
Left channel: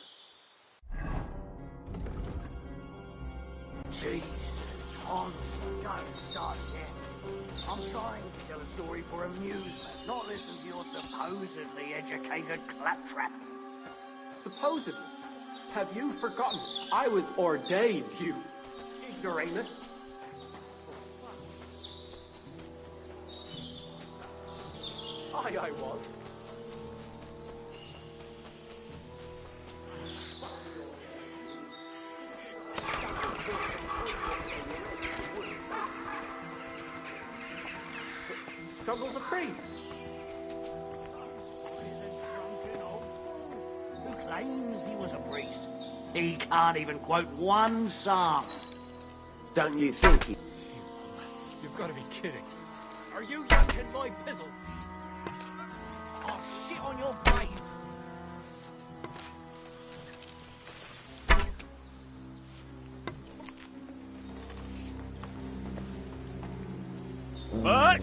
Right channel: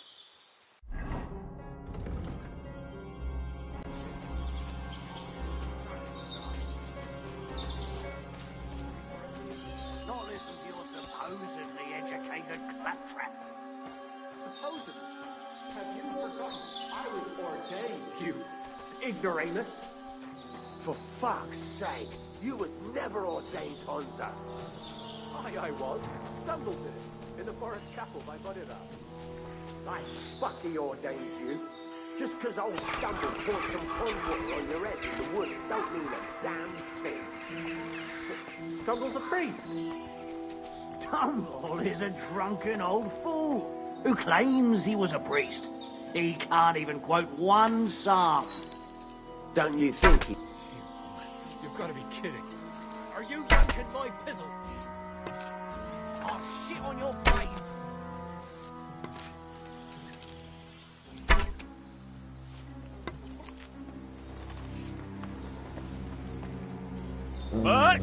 Gee, don't start yet. I'm trying to tell a story for amusement, not listen to your supposedly educated claptrap. Supposedly? Have you forgotten? I was ordained, you ignoramus. For fuck's sake, you was never ordained, Bonza. I was. Stumbled in the forest chapel by Bodida. I fucking ordained you. Just because old Stumble poured some cold water on your head in the woods don't mean a damn thing. Stumble's a priest. Stumble is a drunken old fool who claims he was a priest. He can't even quote one psalm. Don't you think he... You've got to be kidding. Are you yanking my pizzle? I'll shit on your grave. What?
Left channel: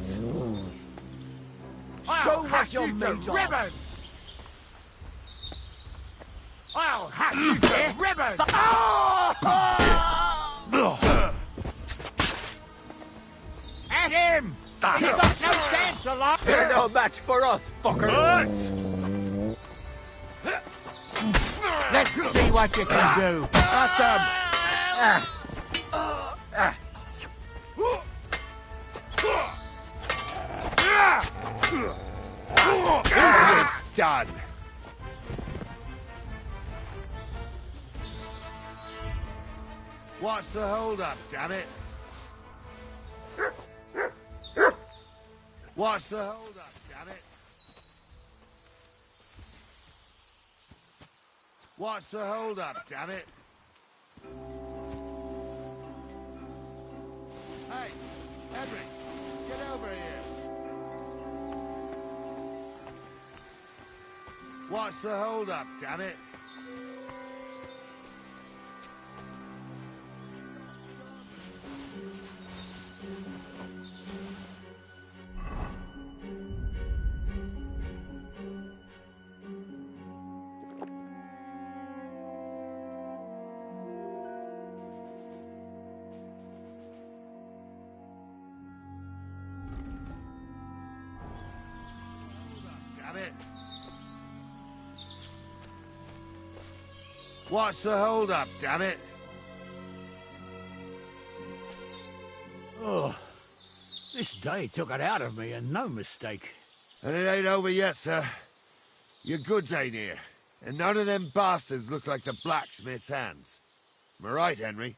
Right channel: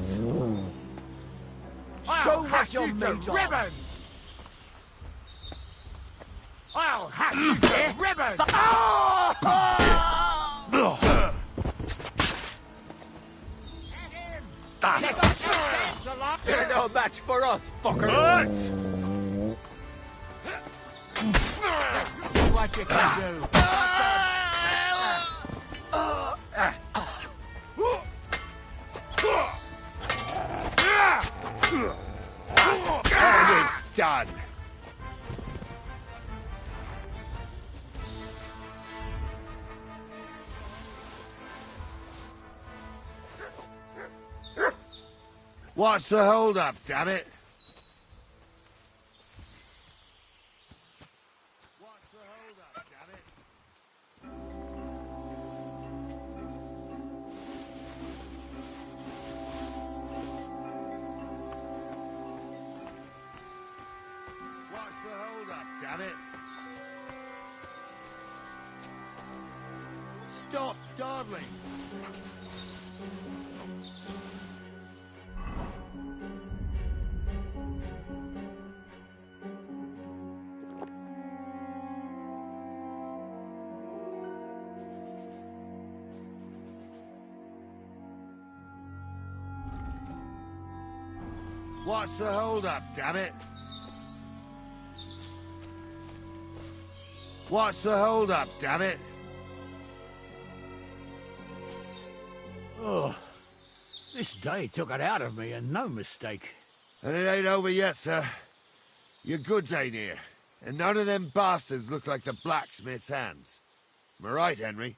Show what you're made of. I'll hack you to ribbons! At him! He's got no chance alive! You're no match for us, fucker! Let's see what you can do. It's done. What's the hold-up, damn it? What's the hold-up, damn it? What's the hold-up, damn it? Hey, Henry, get over here. What's the hold-up, damn it? Stop dawdling. What's the hold-up, damn it? What's the hold-up, damn it? Oh, this day took it out of me, and no mistake. And it ain't over yet, sir. Your goods ain't here, and none of them bastards look like the blacksmith's hands. Am I right, Henry?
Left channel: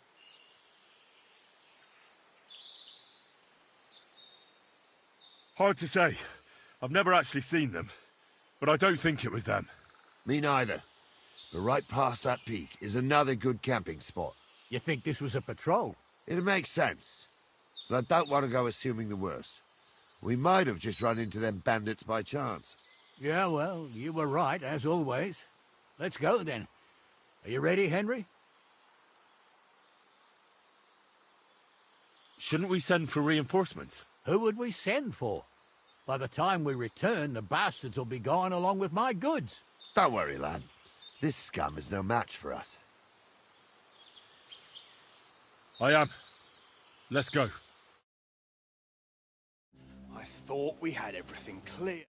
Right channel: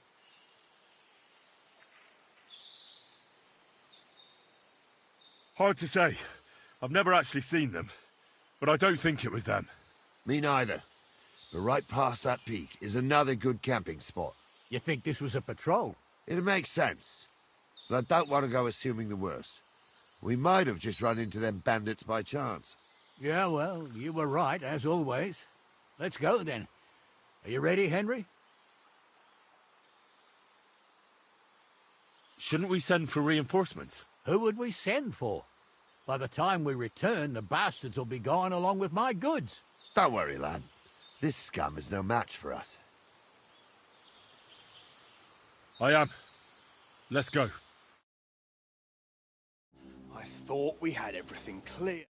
Hard to say. I've never actually seen them, but I don't think it was them. Me neither. But right past that peak is another good camping spot. You think this was a patrol? It makes sense. But I don't want to go assuming the worst. We might have just run into them bandits by chance. Yeah, well, you were right, as always. Let's go, then. Are you ready, Henry? Shouldn't we send for reinforcements? Who would we send for? By the time we return, the bastards will be gone along with my goods. Don't worry, lad. This scum is no match for us. I am. Let's go. I thought we had everything clear.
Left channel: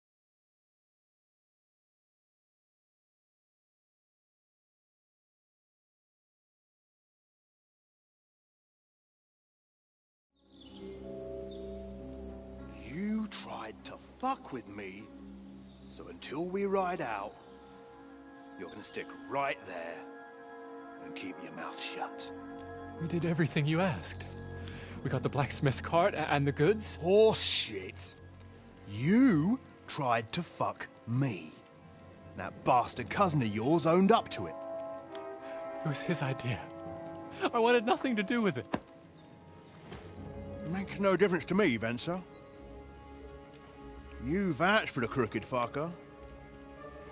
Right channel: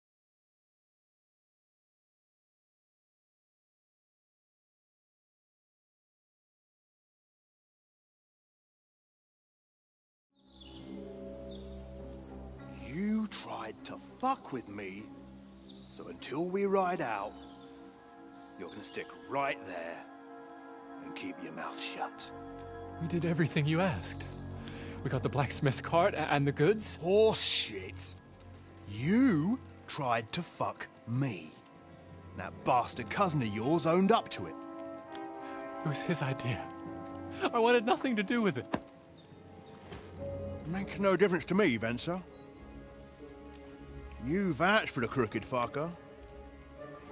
You tried to fuck with me, so until we ride out, you're gonna stick right there and keep your mouth shut. We did everything you asked. We got the blacksmith cart and the goods. Horse shit. You tried to fuck me. That bastard cousin of yours owned up to it. It was his idea. I wanted nothing to do with it. Make no difference to me, Venser. You vouched for the crooked fucker.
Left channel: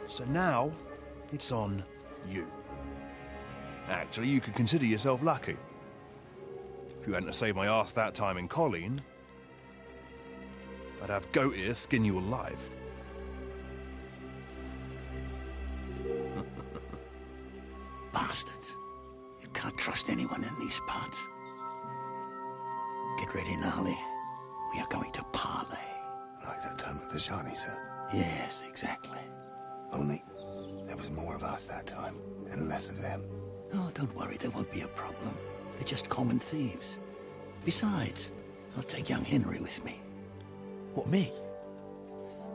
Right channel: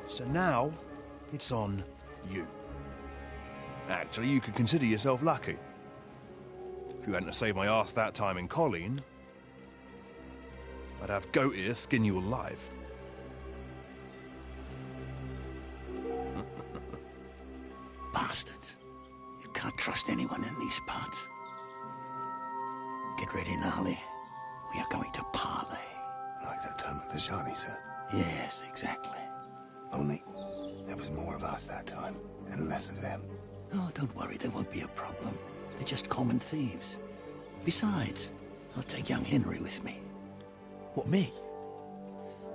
So now, it's on you. Actually, you could consider yourself lucky. If you hadn't have saved my ass that time in Colleen, I'd have goat ear skin you alive. Bastards. You can't trust anyone in these parts. Get ready, Gnarly. We are going to parley. Like that time at the Shani, sir? Yes, exactly. Only there was more of us that time, and less of them. Oh, don't worry, there won't be a problem. They're just common thieves. Besides, I'll take young Henry with me. What, me?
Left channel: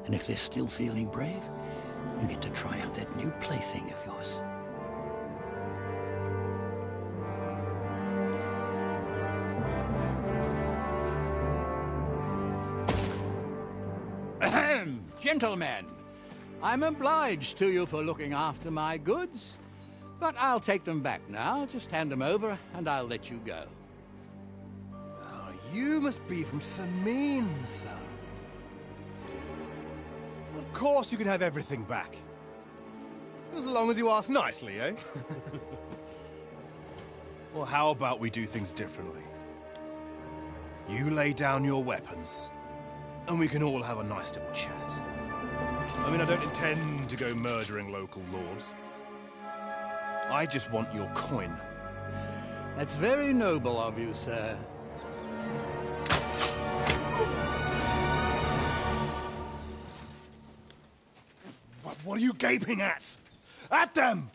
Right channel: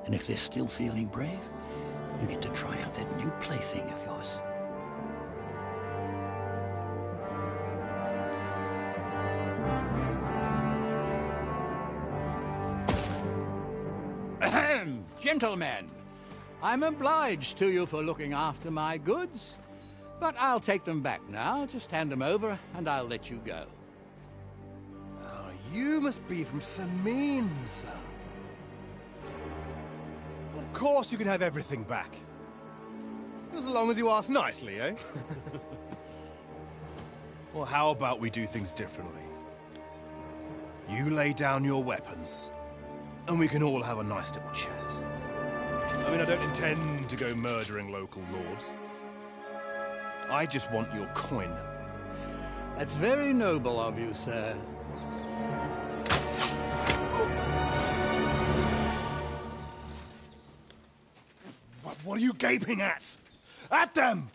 And if they're still feeling brave, you get to try out that new plaything of yours. Ahem, gentlemen. I'm obliged to you for looking after my goods, but I'll take them back now. Just hand them over, and I'll let you go. Oh, you must be from Samin, sir. Well, of course you can have everything back. As long as you ask nicely, eh? Well, how about we do things differently? You lay down your weapons, and we can all have a nice little chat. I mean, I don't intend to go murdering local lords. I just want your coin. That's very noble of you, sir. What are you gaping at? At them!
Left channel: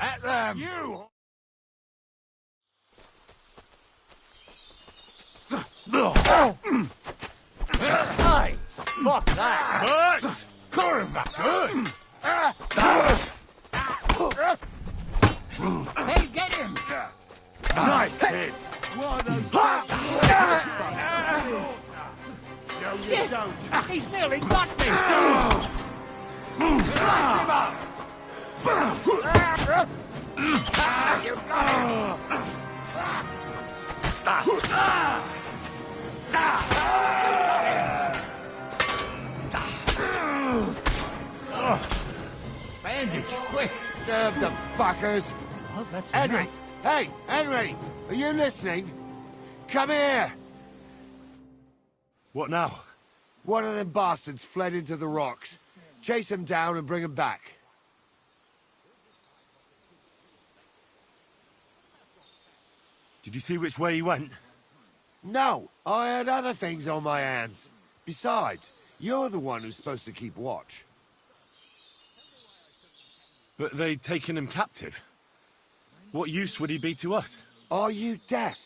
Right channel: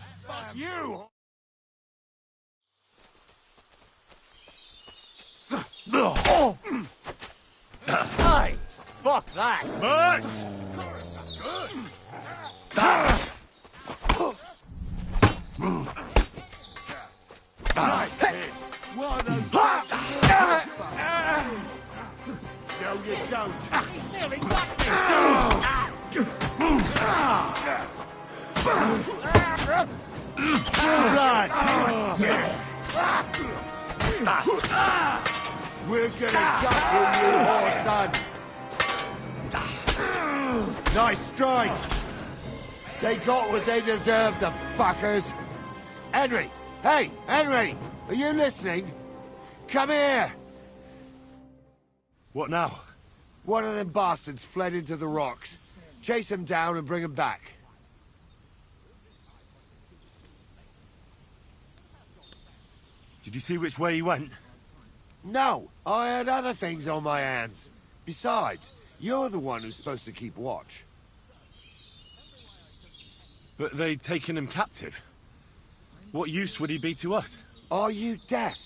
At them! You! Hey! Fuck that! Good! Hey, get him! Nice hit! No, you Shit. don't! He's nearly got me! We're gonna Nice strike! They got what they deserved, the fuckers! Henry! Hey, Henry! Are you listening? Come here! What now? One of them bastards fled into the rocks. Chase him down and bring him back. Did you see which way he went? No, I had other things on my hands. Besides, you're the one who's supposed to keep watch. But they'd taken him captive. What use would he be to us? Are you deaf?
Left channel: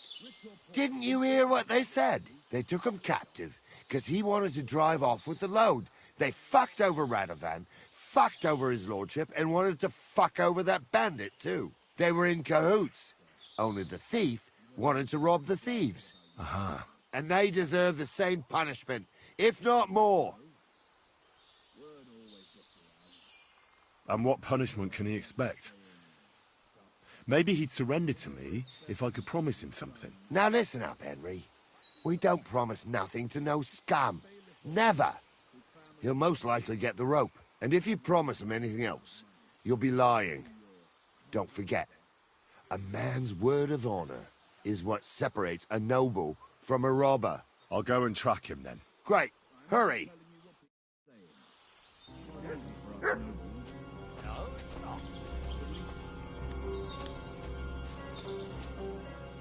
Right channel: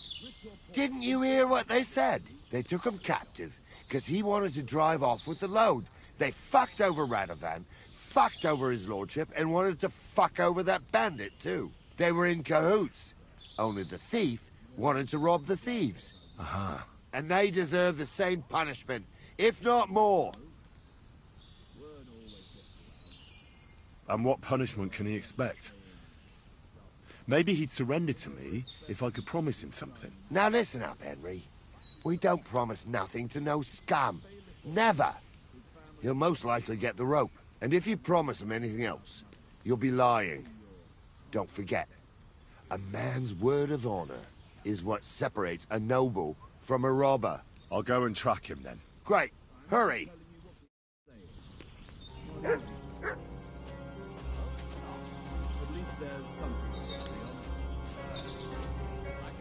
Didn't you hear what they said? They took him captive because he wanted to drive off with the load. They fucked over Radovan, fucked over his lordship, and wanted to fuck over that bandit too. They were in cahoots. Only the thief wanted to rob the thieves. Aha. And they deserve the same punishment, if not more. And what punishment can he expect? Maybe he'd surrender to me if I could promise him something. Now listen up, Henry. We don't promise nothing to no scum. Never. He'll most likely get the rope. And if you promise him anything else, you'll be lying. Don't forget, a man's word of honor is what separates a noble from a robber. I'll go and track him then. Great. Hurry.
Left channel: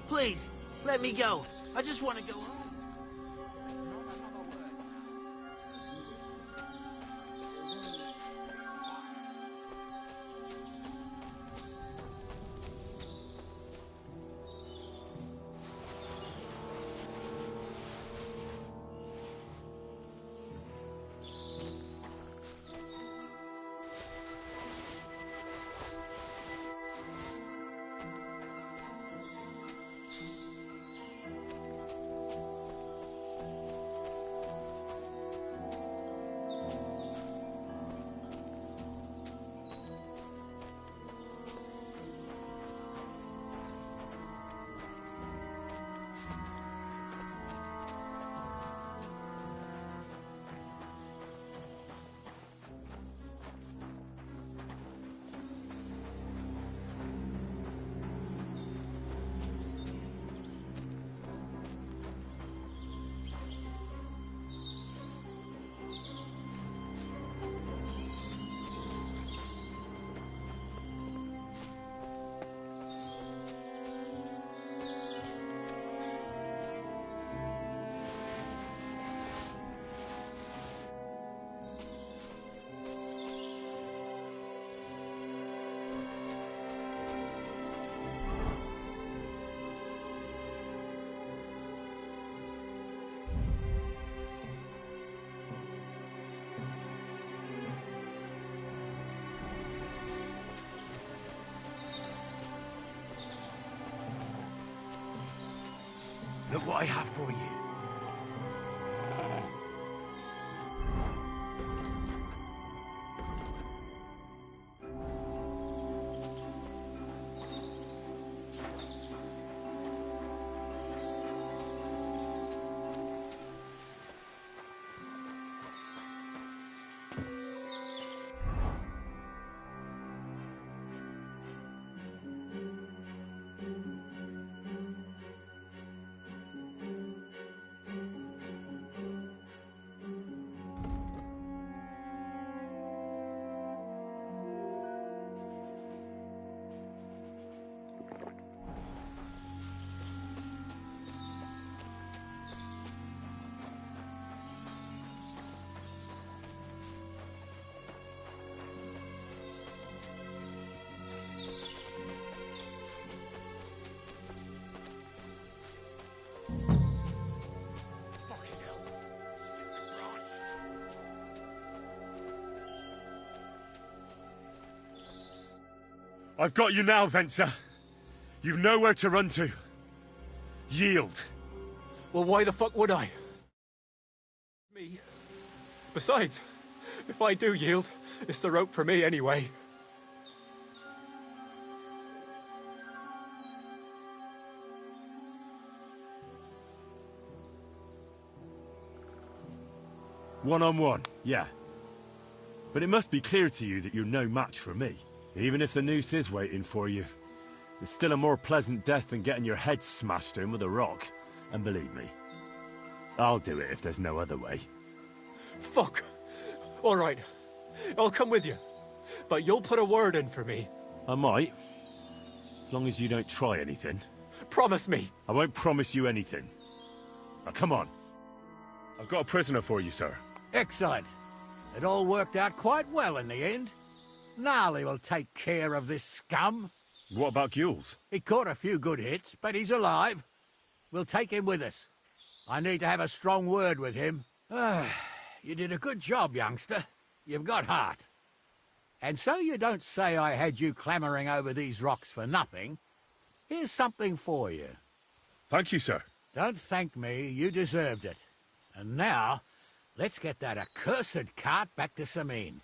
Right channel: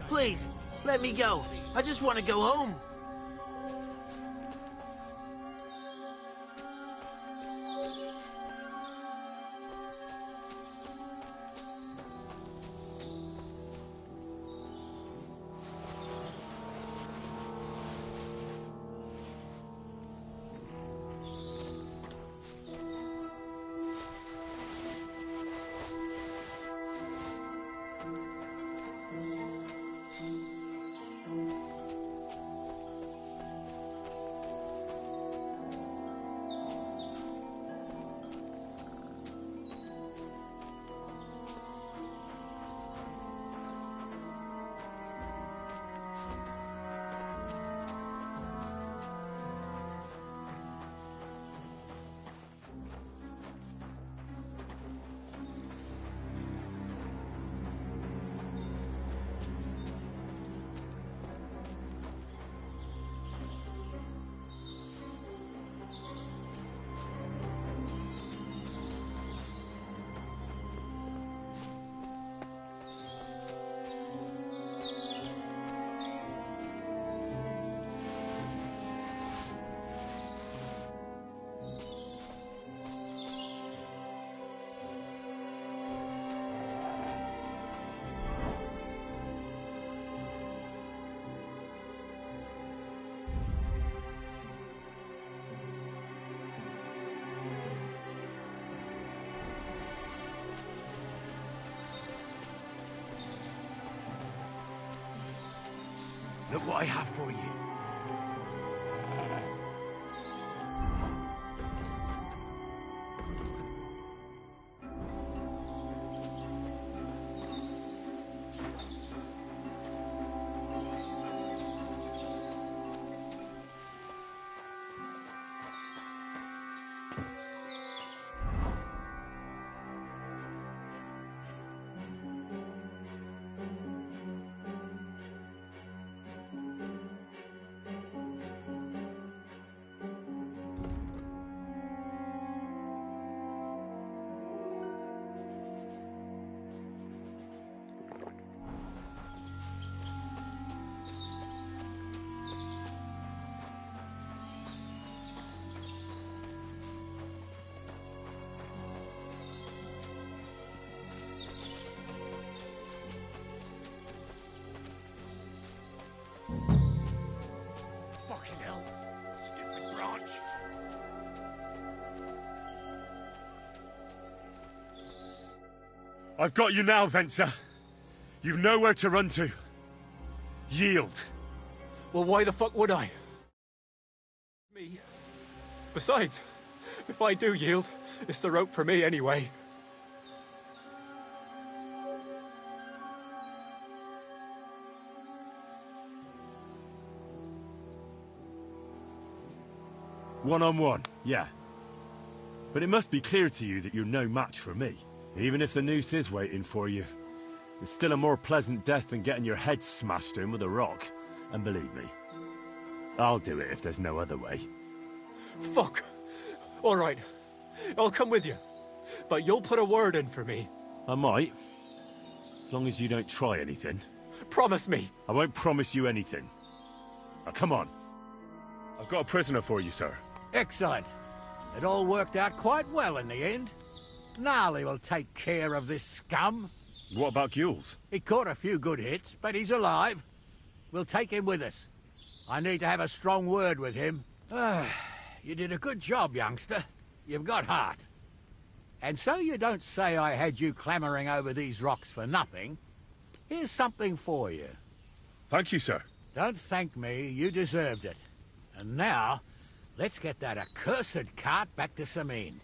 Please, let me go. I just want to go home. Look what I have for you. I've got you now, Venser. You've nowhere to run to. Yield. Well, why the fuck would I? Me? Besides, if I do yield, it's the rope for me anyway. One-on-one, yeah. But it must be clear to you that you're no match for me. Even if the noose is waiting for you, it's still a more pleasant death than getting your head smashed in with a rock. And believe me, I'll do it if there's no other way. Fuck! All right, I'll come with you. But you'll put a word in for me. I might. As long as you don't try anything. Promise me. I won't promise you anything. Now, come on. I've got a prisoner for you, sir. Excellent. It all worked out quite well in the end. Gnarly will take care of this scum. What about Gules? He caught a few good hits, but he's alive. We'll take him with us. I need to have a strong word with him. You did a good job, youngster. You've got heart. And so you don't say I had you clambering over these rocks for nothing. Here's something for you. Thank you, sir. Don't thank me. You deserved it. And now, let's get that accursed cart back to Samin.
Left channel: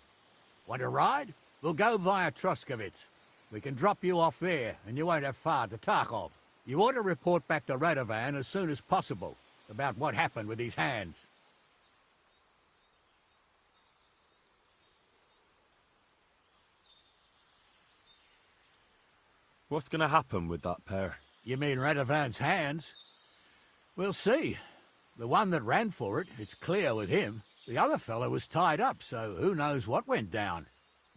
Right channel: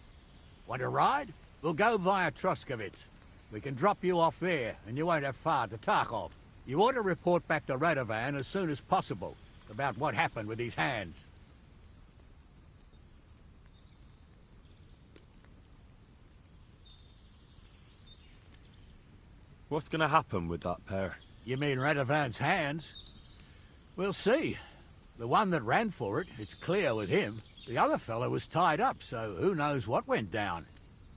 Want to ride? We'll go via Troskovitz. We can drop you off there, and you won't have far to Tarkov. You ought to report back to Radovan as soon as possible about what happened with these hands. What's going to happen with that pair? You mean Radovan's hands? We'll see. The one that ran for it, it's clear with him. The other fellow was tied up, so who knows what went down.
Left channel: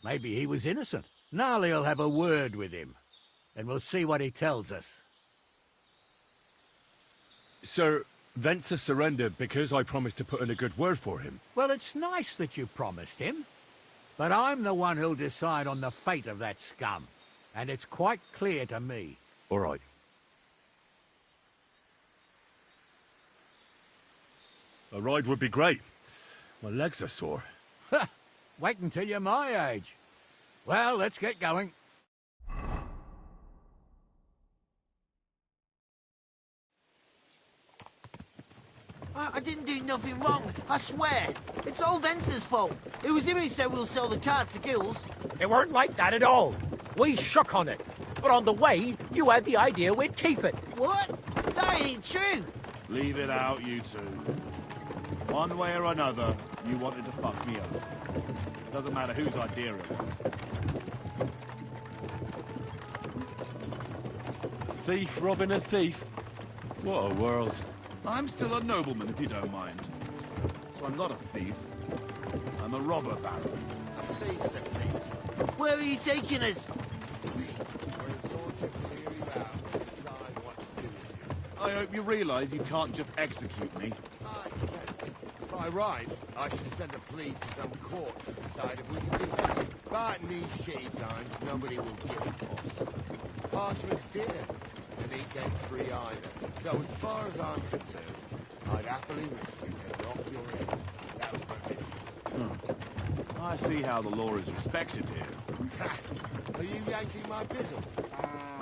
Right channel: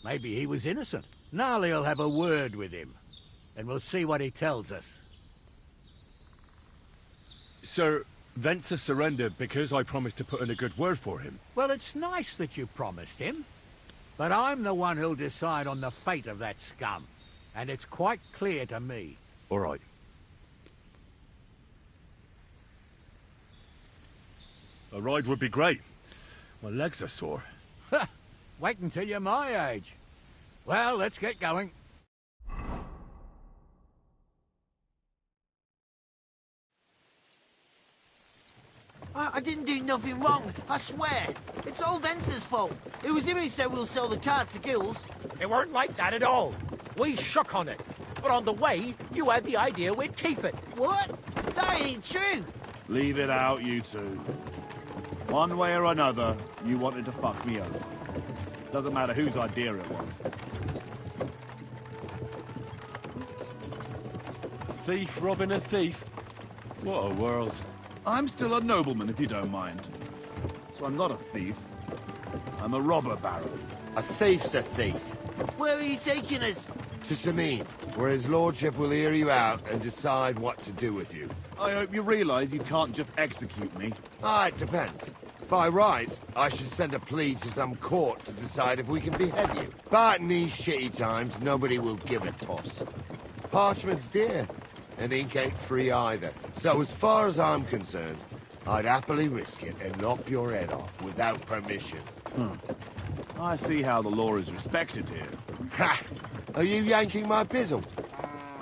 Maybe he was innocent. Gnarly'll have a word with him, and we'll see what he tells us. Sir, Venza surrendered because I promised to put in a good word for him. Well, it's nice that you promised him, but I'm the one who'll decide on the fate of that scum, and it's quite clear to me. All right. A ride would be great. My legs are sore. Wait until you're my age. Well, let's get going. I didn't do nothing wrong, I swear. It's all Vence's fault. It was him who said we'll sell the car to Gills. It weren't like that at all. We shook on it. But on the way, you had the idea we'd keep it. What? That ain't true. Leave it out, you two. One way or another, you wanted to fuck me over. Doesn't matter whose idea it was. Thief robbing a thief? What a world. I'm still a nobleman, if you don't mind. So I'm not a thief. I'm a robber baron. A thief's a thief. Where are you taking us? To Samin, where his lordship will hear you out and decide what to do with you. I hope you realise you can't just execute me. It depends. By rights, I should send a plea to some court to decide if we can behead you. But in these shitty times, nobody will give a toss. Parchment's dear, and ink ain't free either. So as far as I'm concerned, I'd happily risk it and knock your head off without permission. I see how the law is respected here. Ha! Are you yanking my pizzle?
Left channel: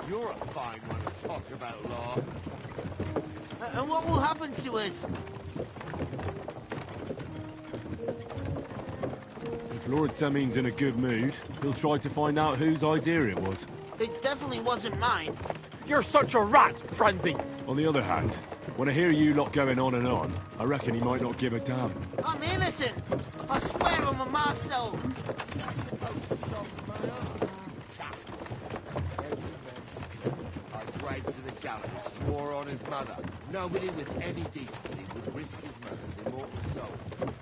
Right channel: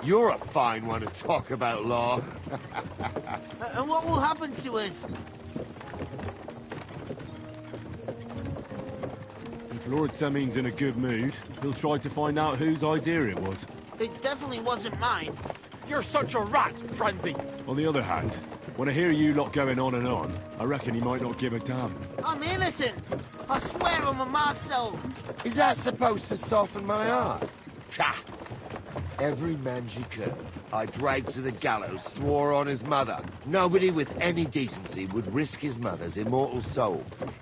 You're a fine one to talk about law. And what will happen to us? If Lord Samin's in a good mood, he'll try to find out whose idea it was. It definitely wasn't mine. You're such a rat, Frenzy. On the other hand, when I hear you lot going on and on, I reckon he might not give a damn. I'm innocent. I swear on my ma's soul. Is that supposed to soften my heart? Ha! Every man she could, I dragged to the gallows, swore on his mother. Nobody with any decency would risk his mother's immortal soul,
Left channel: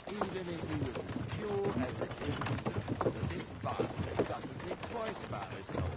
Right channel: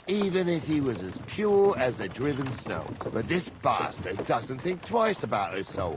even if he was as pure as a driven snow. But this bastard doesn't think twice about his soul.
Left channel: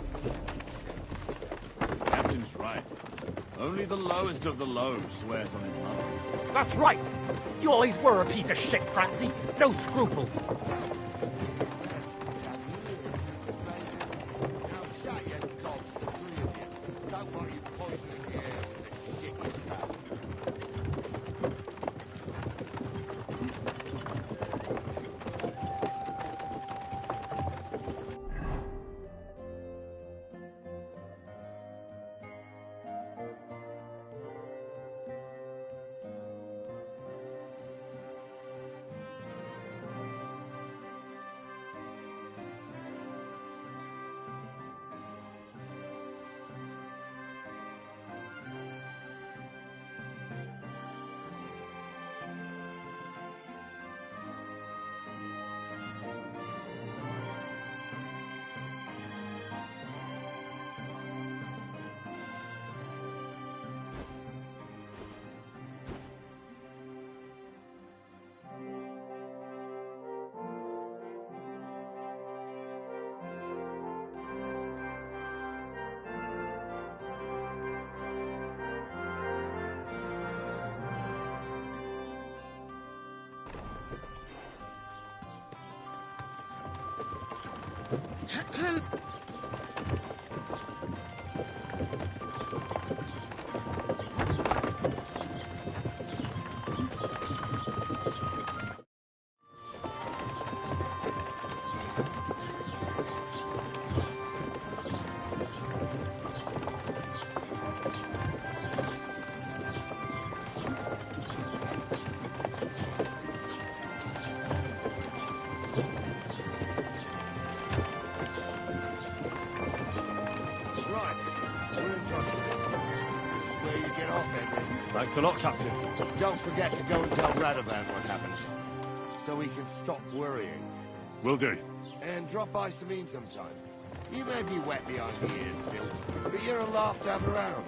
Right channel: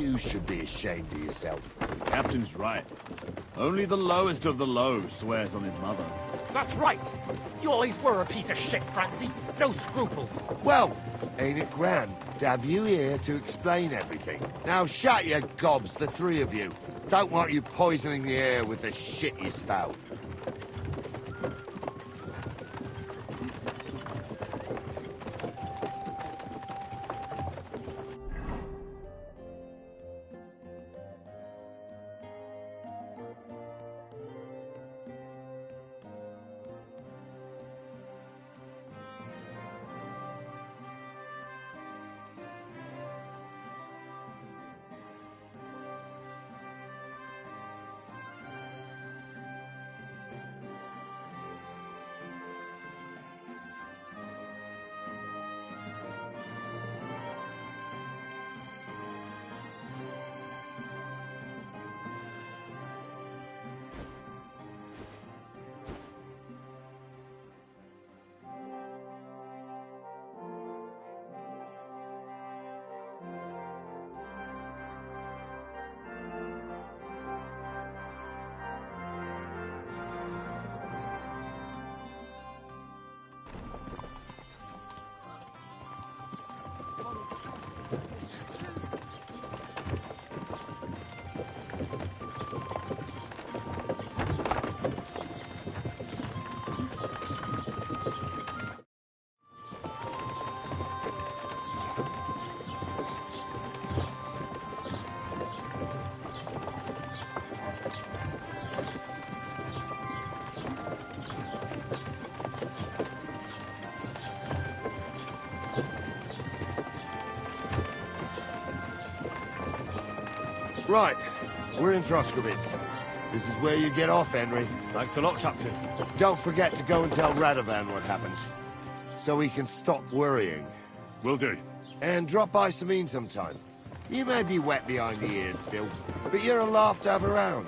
You should be ashamed of yourself. The captain's right. Only the lowest of the low swears on his mother. That's right! You always were a piece of shit, Francie. No scruples. Well, ain't it grand to have you here to explain everything? Now shut your gobs, the three of you. Don't want you poisoning the air with the shit you spout. Right, we're in Troskowitz. This is where you get off, Henry. Thanks a lot, Captain. Don't forget to go and tell Radovan what happened, so he can stop worrying. Will do. And drop by Sameen sometime. You may be wet behind the ears still, but you're a laugh to have around.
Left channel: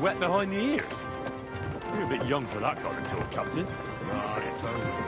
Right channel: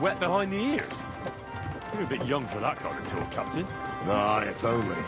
Wet behind the ears? You're a bit young for that kind of talk, Captain. Ah, if only.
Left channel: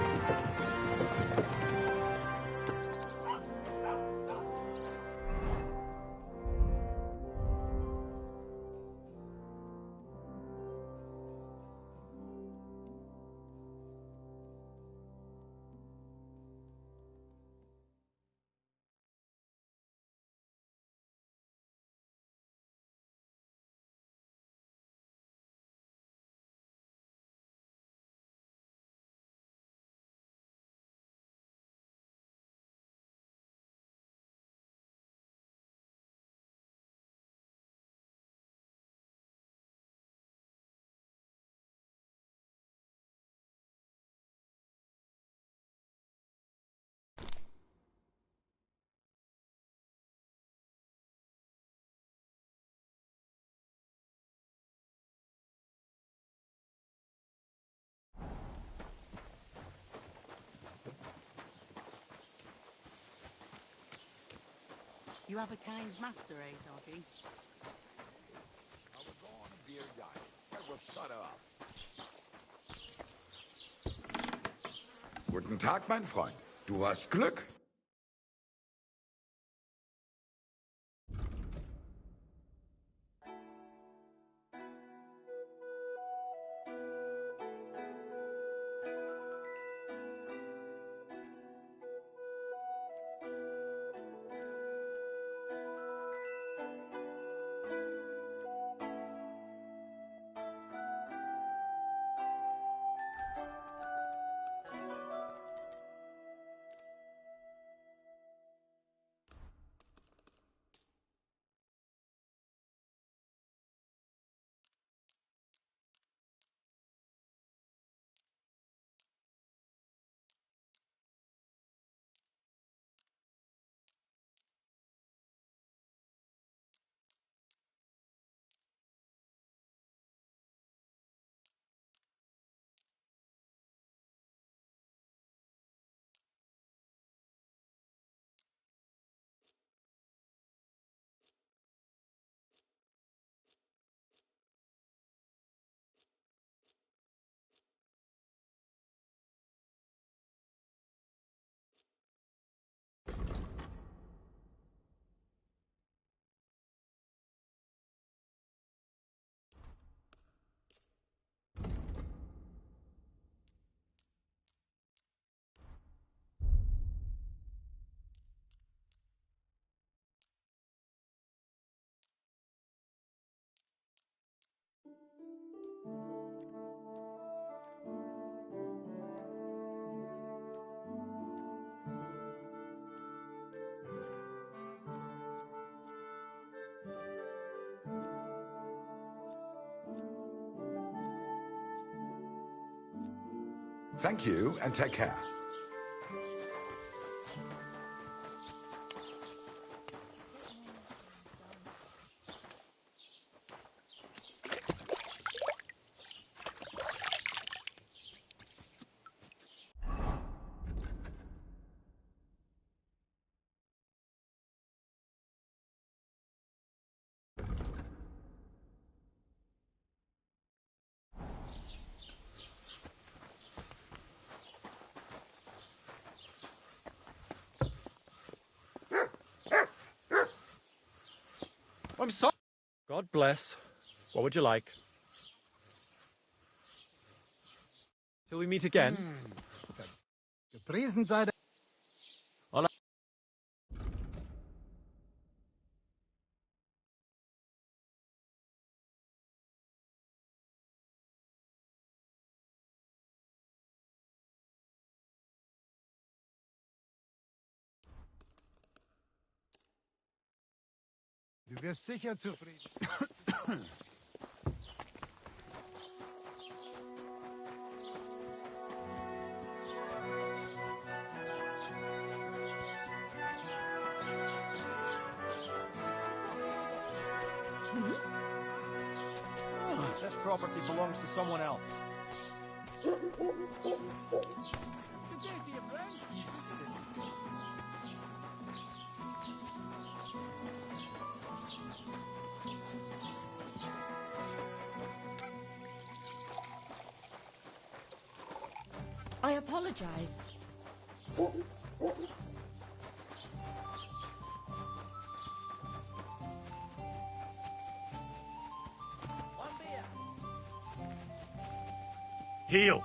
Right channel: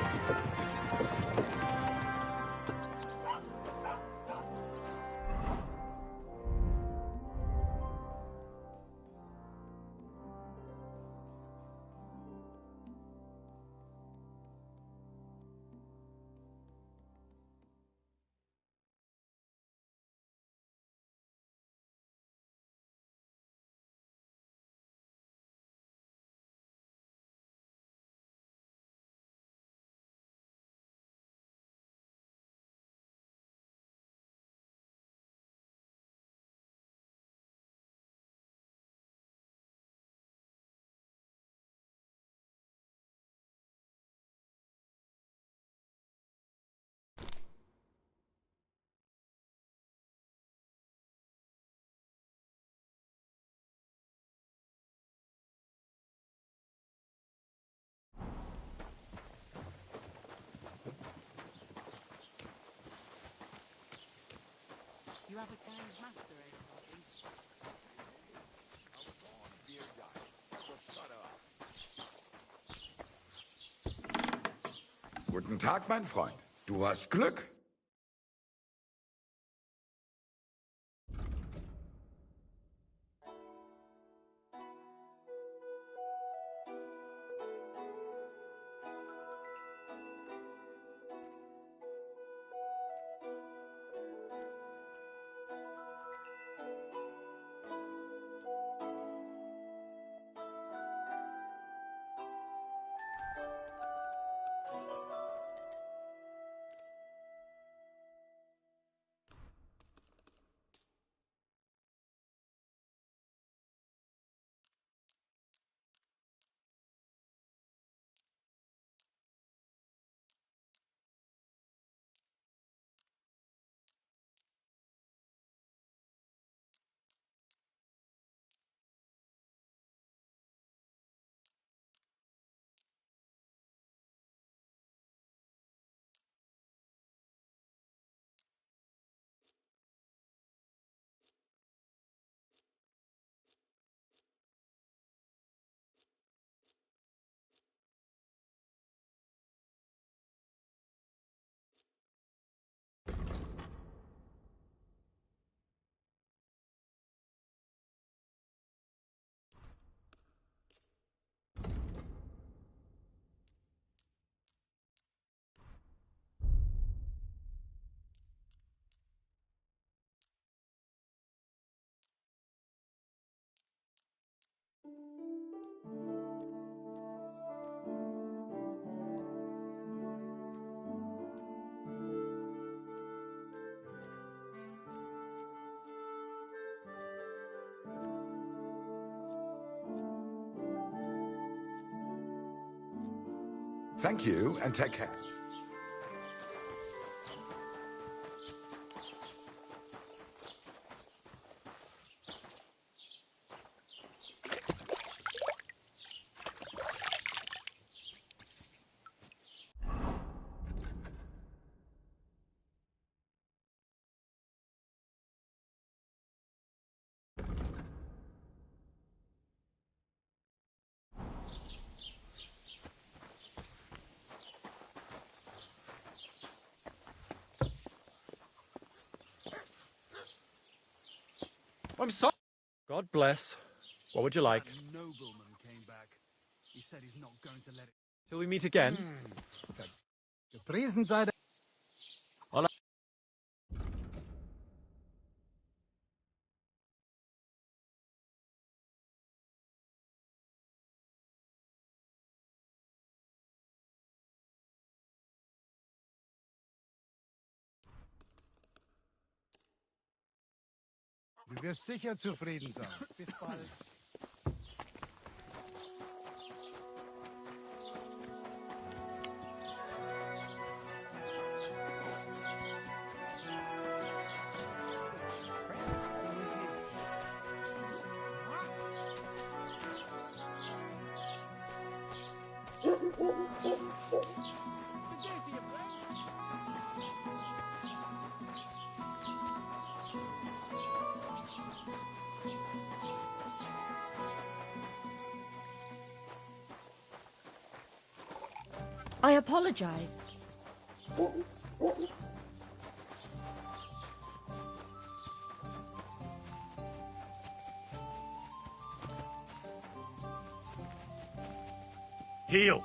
You have a kind master, eh, doggy? Guten Tag, mein Freund. Du hast Glück. Thank you, and take care. I'm sorry. God bless. What would you like? Till we meet again. Gepriesen sei der... Du wirst sicher zufrieden sein. Bis bald. This property belongs to someone else. I apologize. Heel!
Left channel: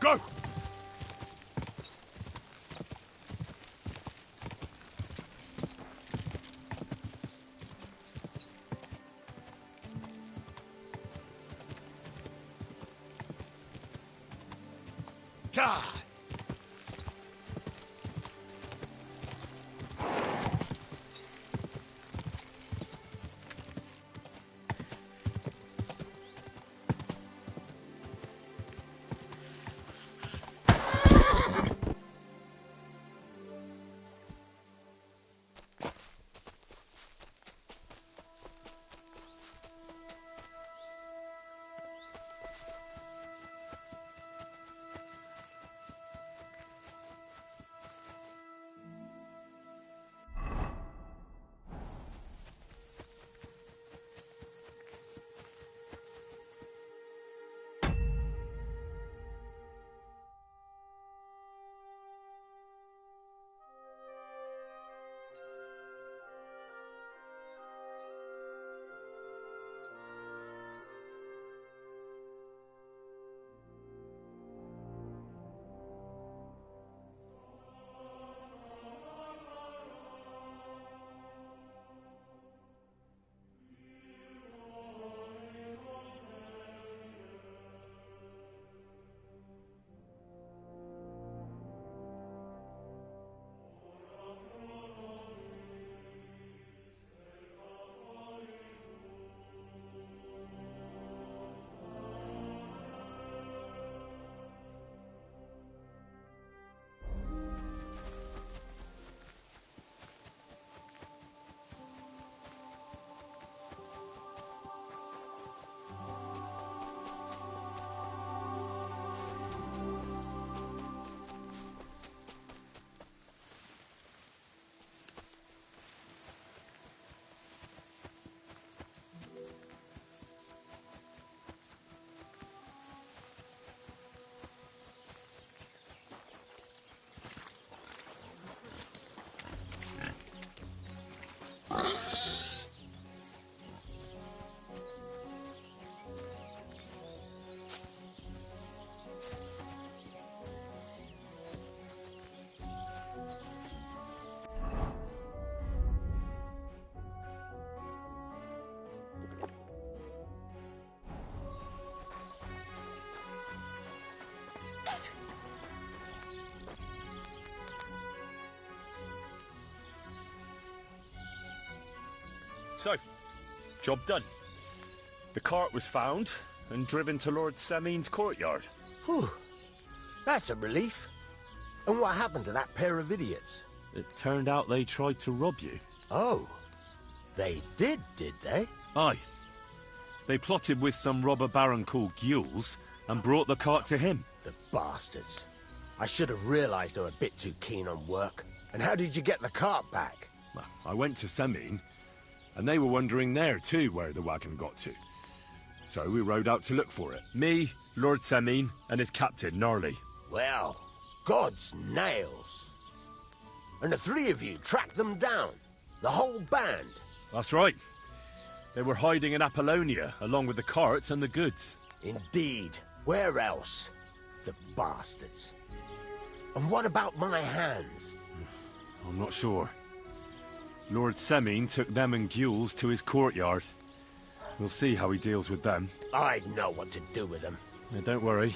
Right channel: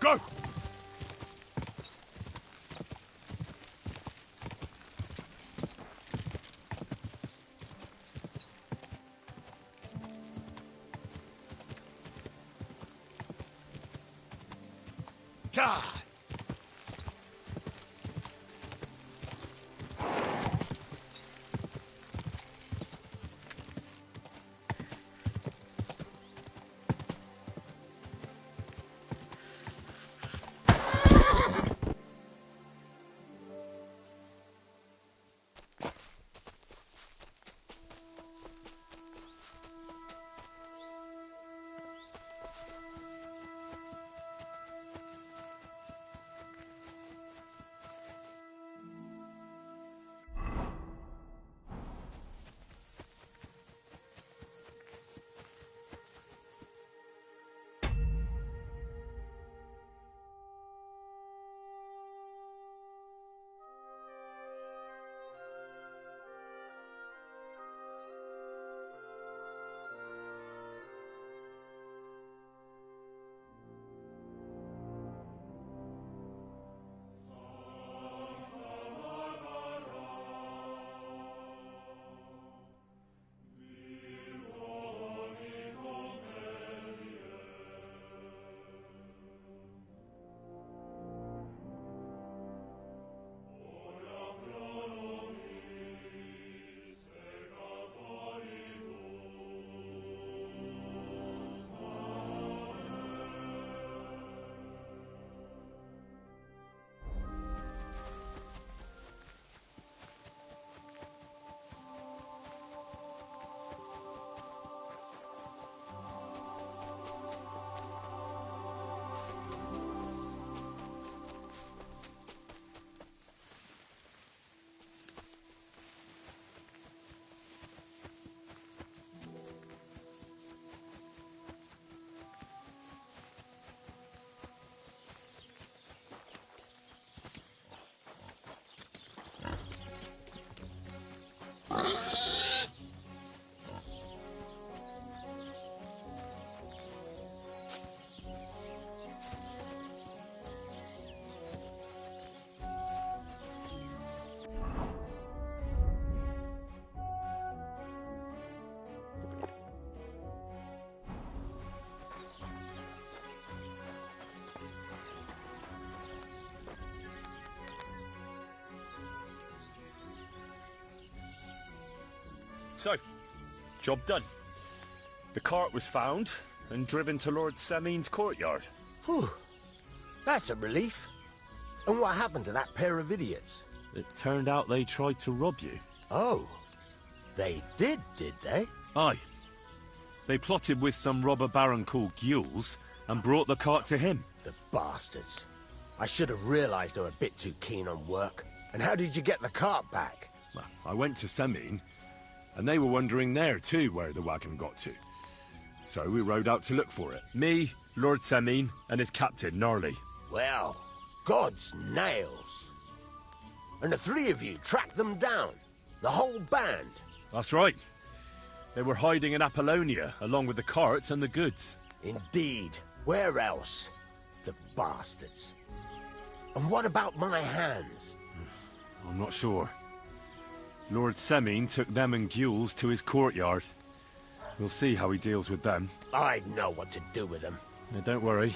Go! God! So, job done. The cart was found and driven to Lord Semin's courtyard. Whew. That's a relief. And what happened to that pair of idiots? It turned out they tried to rob you. Oh. They did they? Aye. They plotted with some robber baron called Gules and brought the cart to him. The bastards. I should have realised they were a bit too keen on work. And how did you get the cart back? Well, I went to Semin, and they were wondering there too where the wagon got to. So we rode out to look for it. Me, Lord Semin, and his captain, Gnarly. Well, God's nails. And the three of you tracked them down? The whole band? That's right. They were hiding in Apollonia, along with the carts and the goods. Indeed. Where else? The bastards. And what about my hands? I'm not sure. Lord Semine took them and Gules to his courtyard. We'll see how he deals with them. I know what to do with them. Now, don't worry.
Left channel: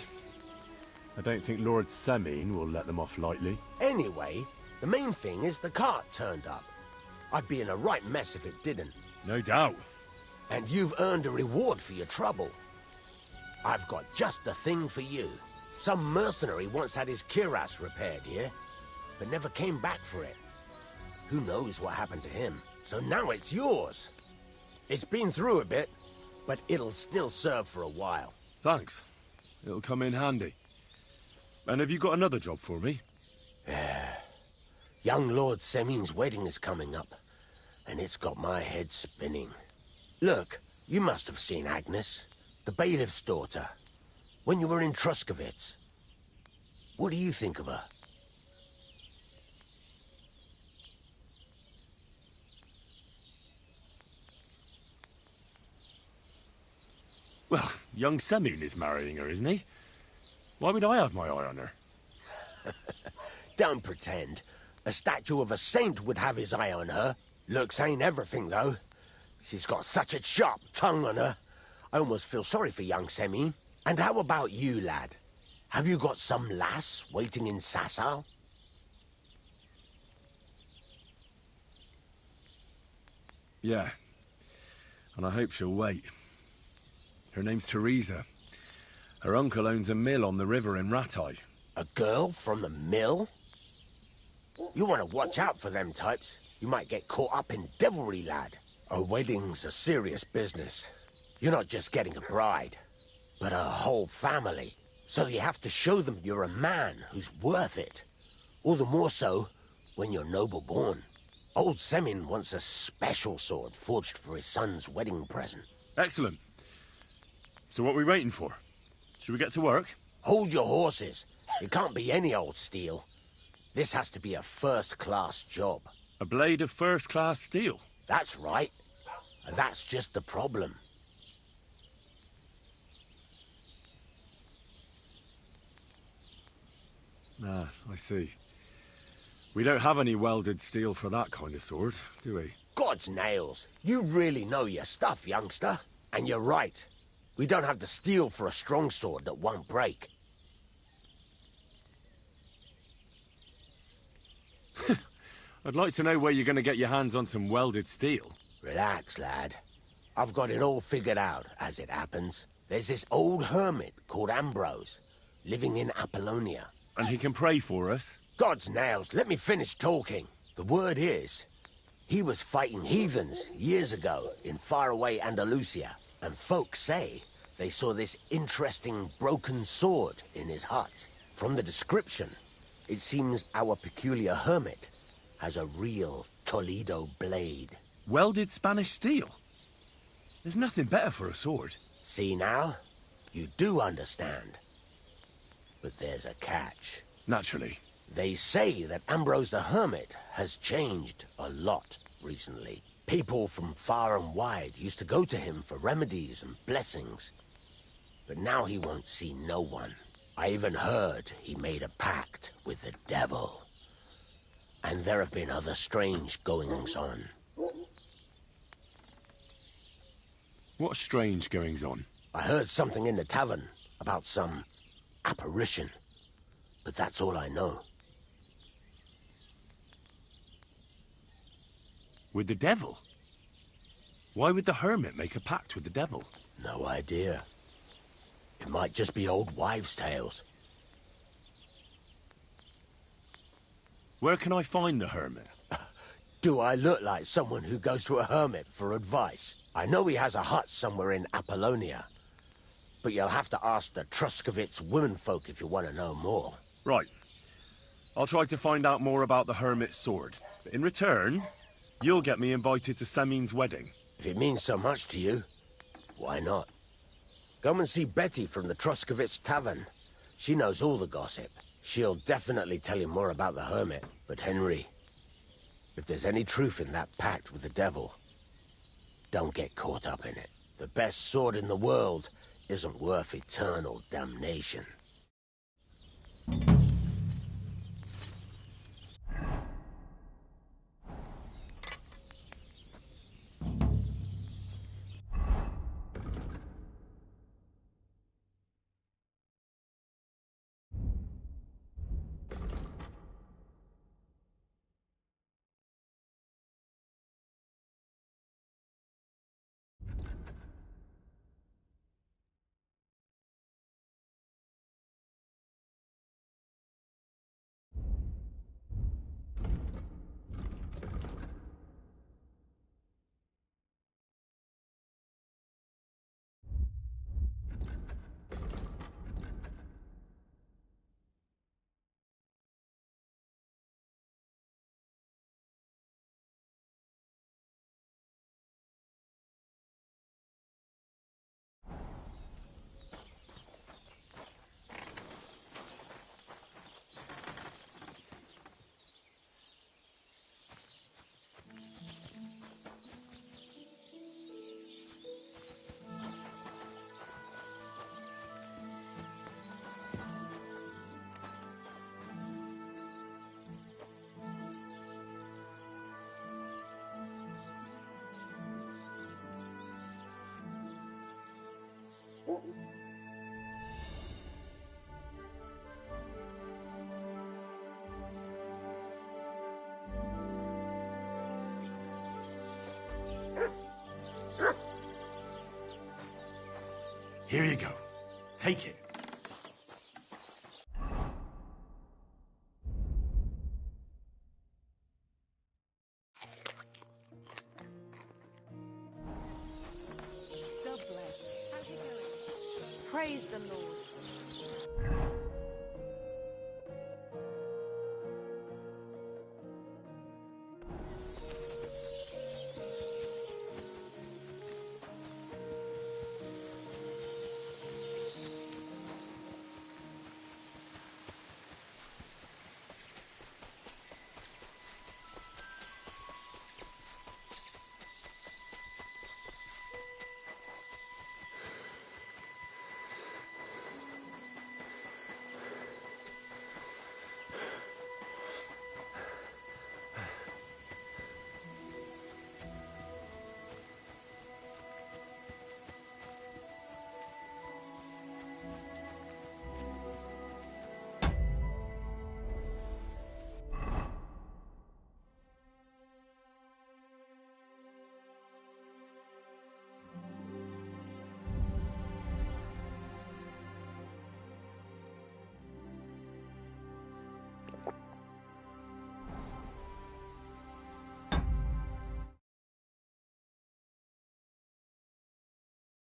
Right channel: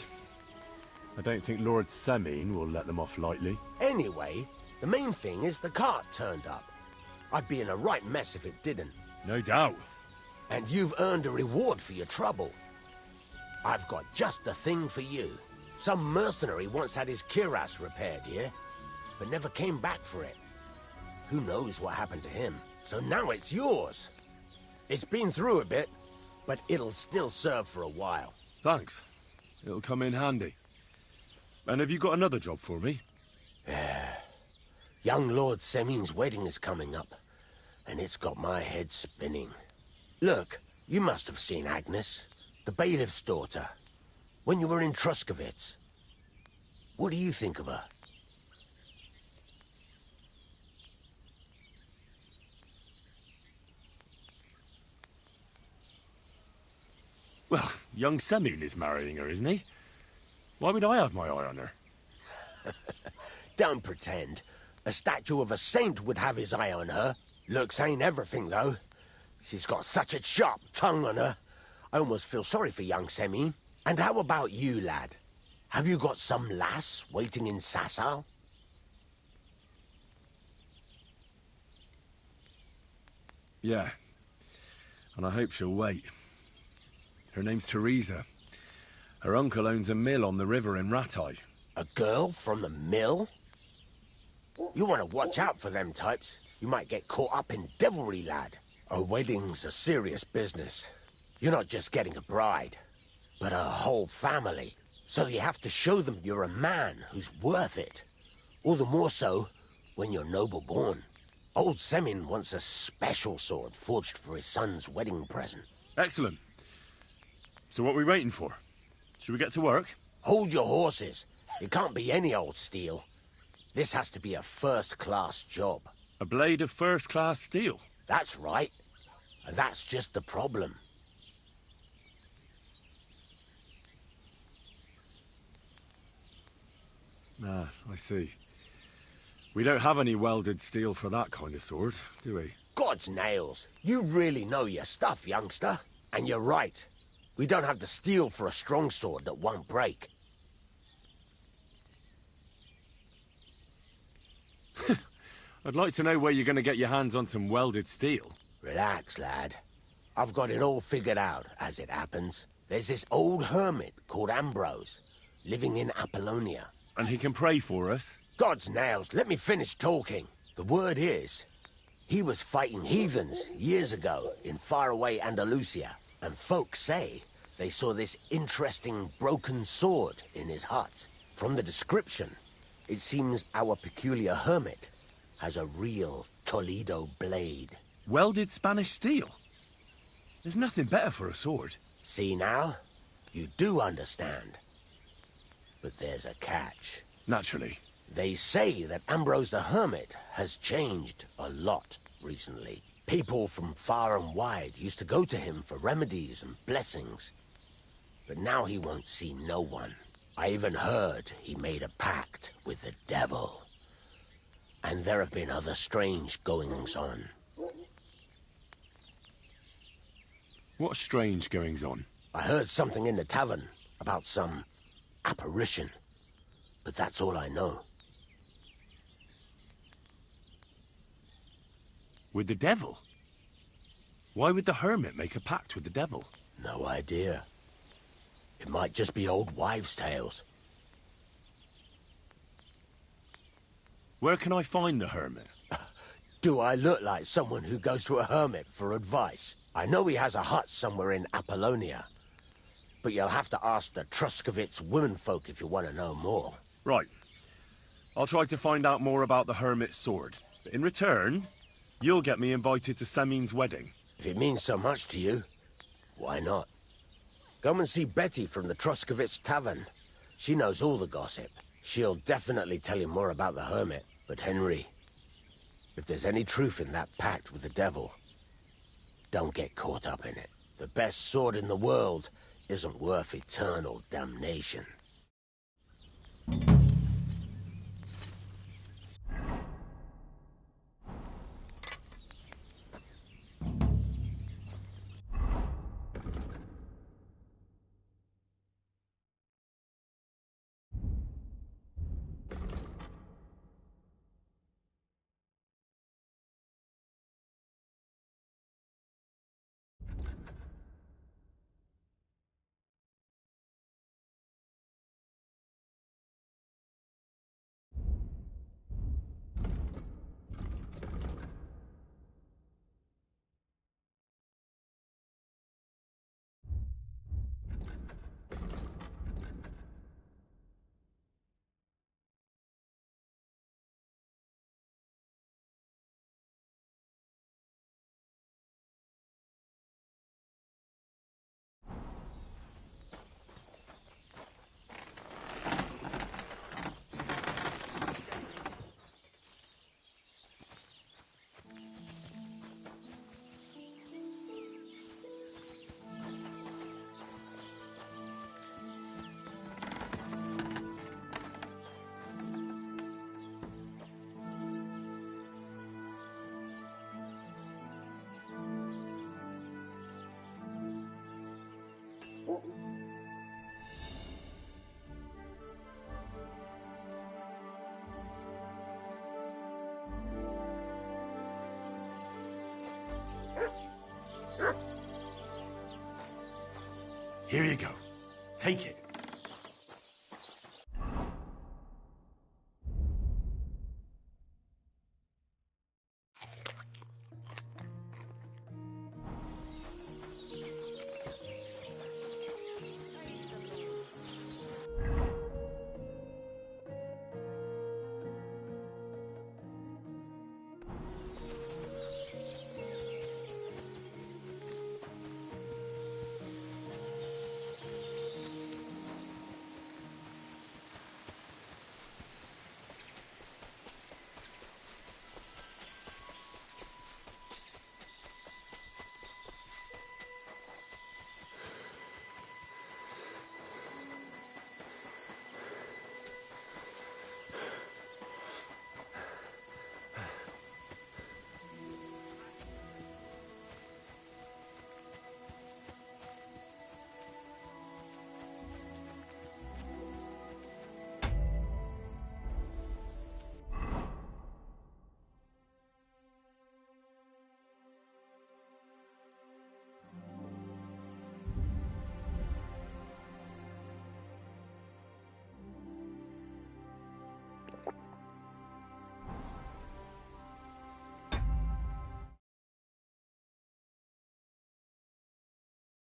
I don't think Lord Semine will let them off lightly. Anyway, the main thing is the cart turned up. I'd be in a right mess if it didn't. No doubt. And you've earned a reward for your trouble. I've got just the thing for you. Some mercenary once had his cuirass repaired here, but never came back for it. Who knows what happened to him? So now it's yours. It's been through a bit, but it'll still serve for a while. Thanks. It'll come in handy. And have you got another job for me? Young Lord Semine's wedding is coming up, and it's got my head spinning. Look, you must have seen Agnes, the bailiff's daughter, when you were in Truskovitz. What do you think of her? Well, young Semine is marrying her, isn't he? Why would I have my eye on her? Don't pretend. A statue of a saint would have his eye on her. Looks ain't everything, though. She's got such a sharp tongue on her. I almost feel sorry for young Semine. And how about you, lad? Have you got some lass waiting in Sasau? Yeah. And I hope she'll wait. Her name's Teresa. Her uncle owns a mill on the river in Ratai. A girl from the mill? You want to watch out for them types. You might get caught up in devilry, lad. A wedding's a serious business. You're not just getting a bride, but a whole family. So you have to show them you're a man who's worth it. All the more so when you're noble-born. Old Semine wants a special sword forged for his son's wedding present. Excellent. So what are we waiting for? Should we get to work? Hold your horses. It can't be any old steel. This has to be a first-class job. A blade of first-class steel? That's right. And that's just the problem. Ah, I see. We don't have any welded steel for that kind of sword, do we? God's nails. You really know your stuff, youngster. And you're right. We don't have the steel for a strong sword that won't break. I'd like to know where you're going to get your hands on some welded steel. Relax, lad. I've got it all figured out, as it happens. There's this old hermit called Ambrose, living in Apollonia. And he can pray for us? God's nails, let me finish talking. The word is, he was fighting heathens years ago in faraway Andalusia. And folks say they saw this interesting broken sword in his hut. From the description, it seems our peculiar hermit has a real Toledo blade. Welded Spanish steel? There's nothing better for a sword. See now? You do understand. But there's a catch. Naturally. They say that Ambrose the Hermit has changed a lot recently. People from far and wide used to go to him for remedies and blessings. But now he won't see no one. I even heard he made a pact with the devil. And there have been other strange goings-on. What strange goings-on? I heard something in the tavern about some apparition. But that's all I know. With the devil? Why would the hermit make a pact with the devil? No idea. It might just be old wives' tales. Where can I find the hermit? Do I look like someone who goes to a hermit for advice? I know he has a hut somewhere in Apollonia. But you'll have to ask the Truskovitz womenfolk if you want to know more. Right. I'll try to find out more about the hermit's sword. But in return, you'll get me invited to Semine's wedding. If it means so much to you, why not? Come and see Betty from the Truskovitz Tavern. She knows all the gossip. She'll definitely tell you more about the hermit. But Henry, if there's any truth in that pact with the devil, don't get caught up in it. The best sword in the world isn't worth eternal damnation. Here you go. Take it.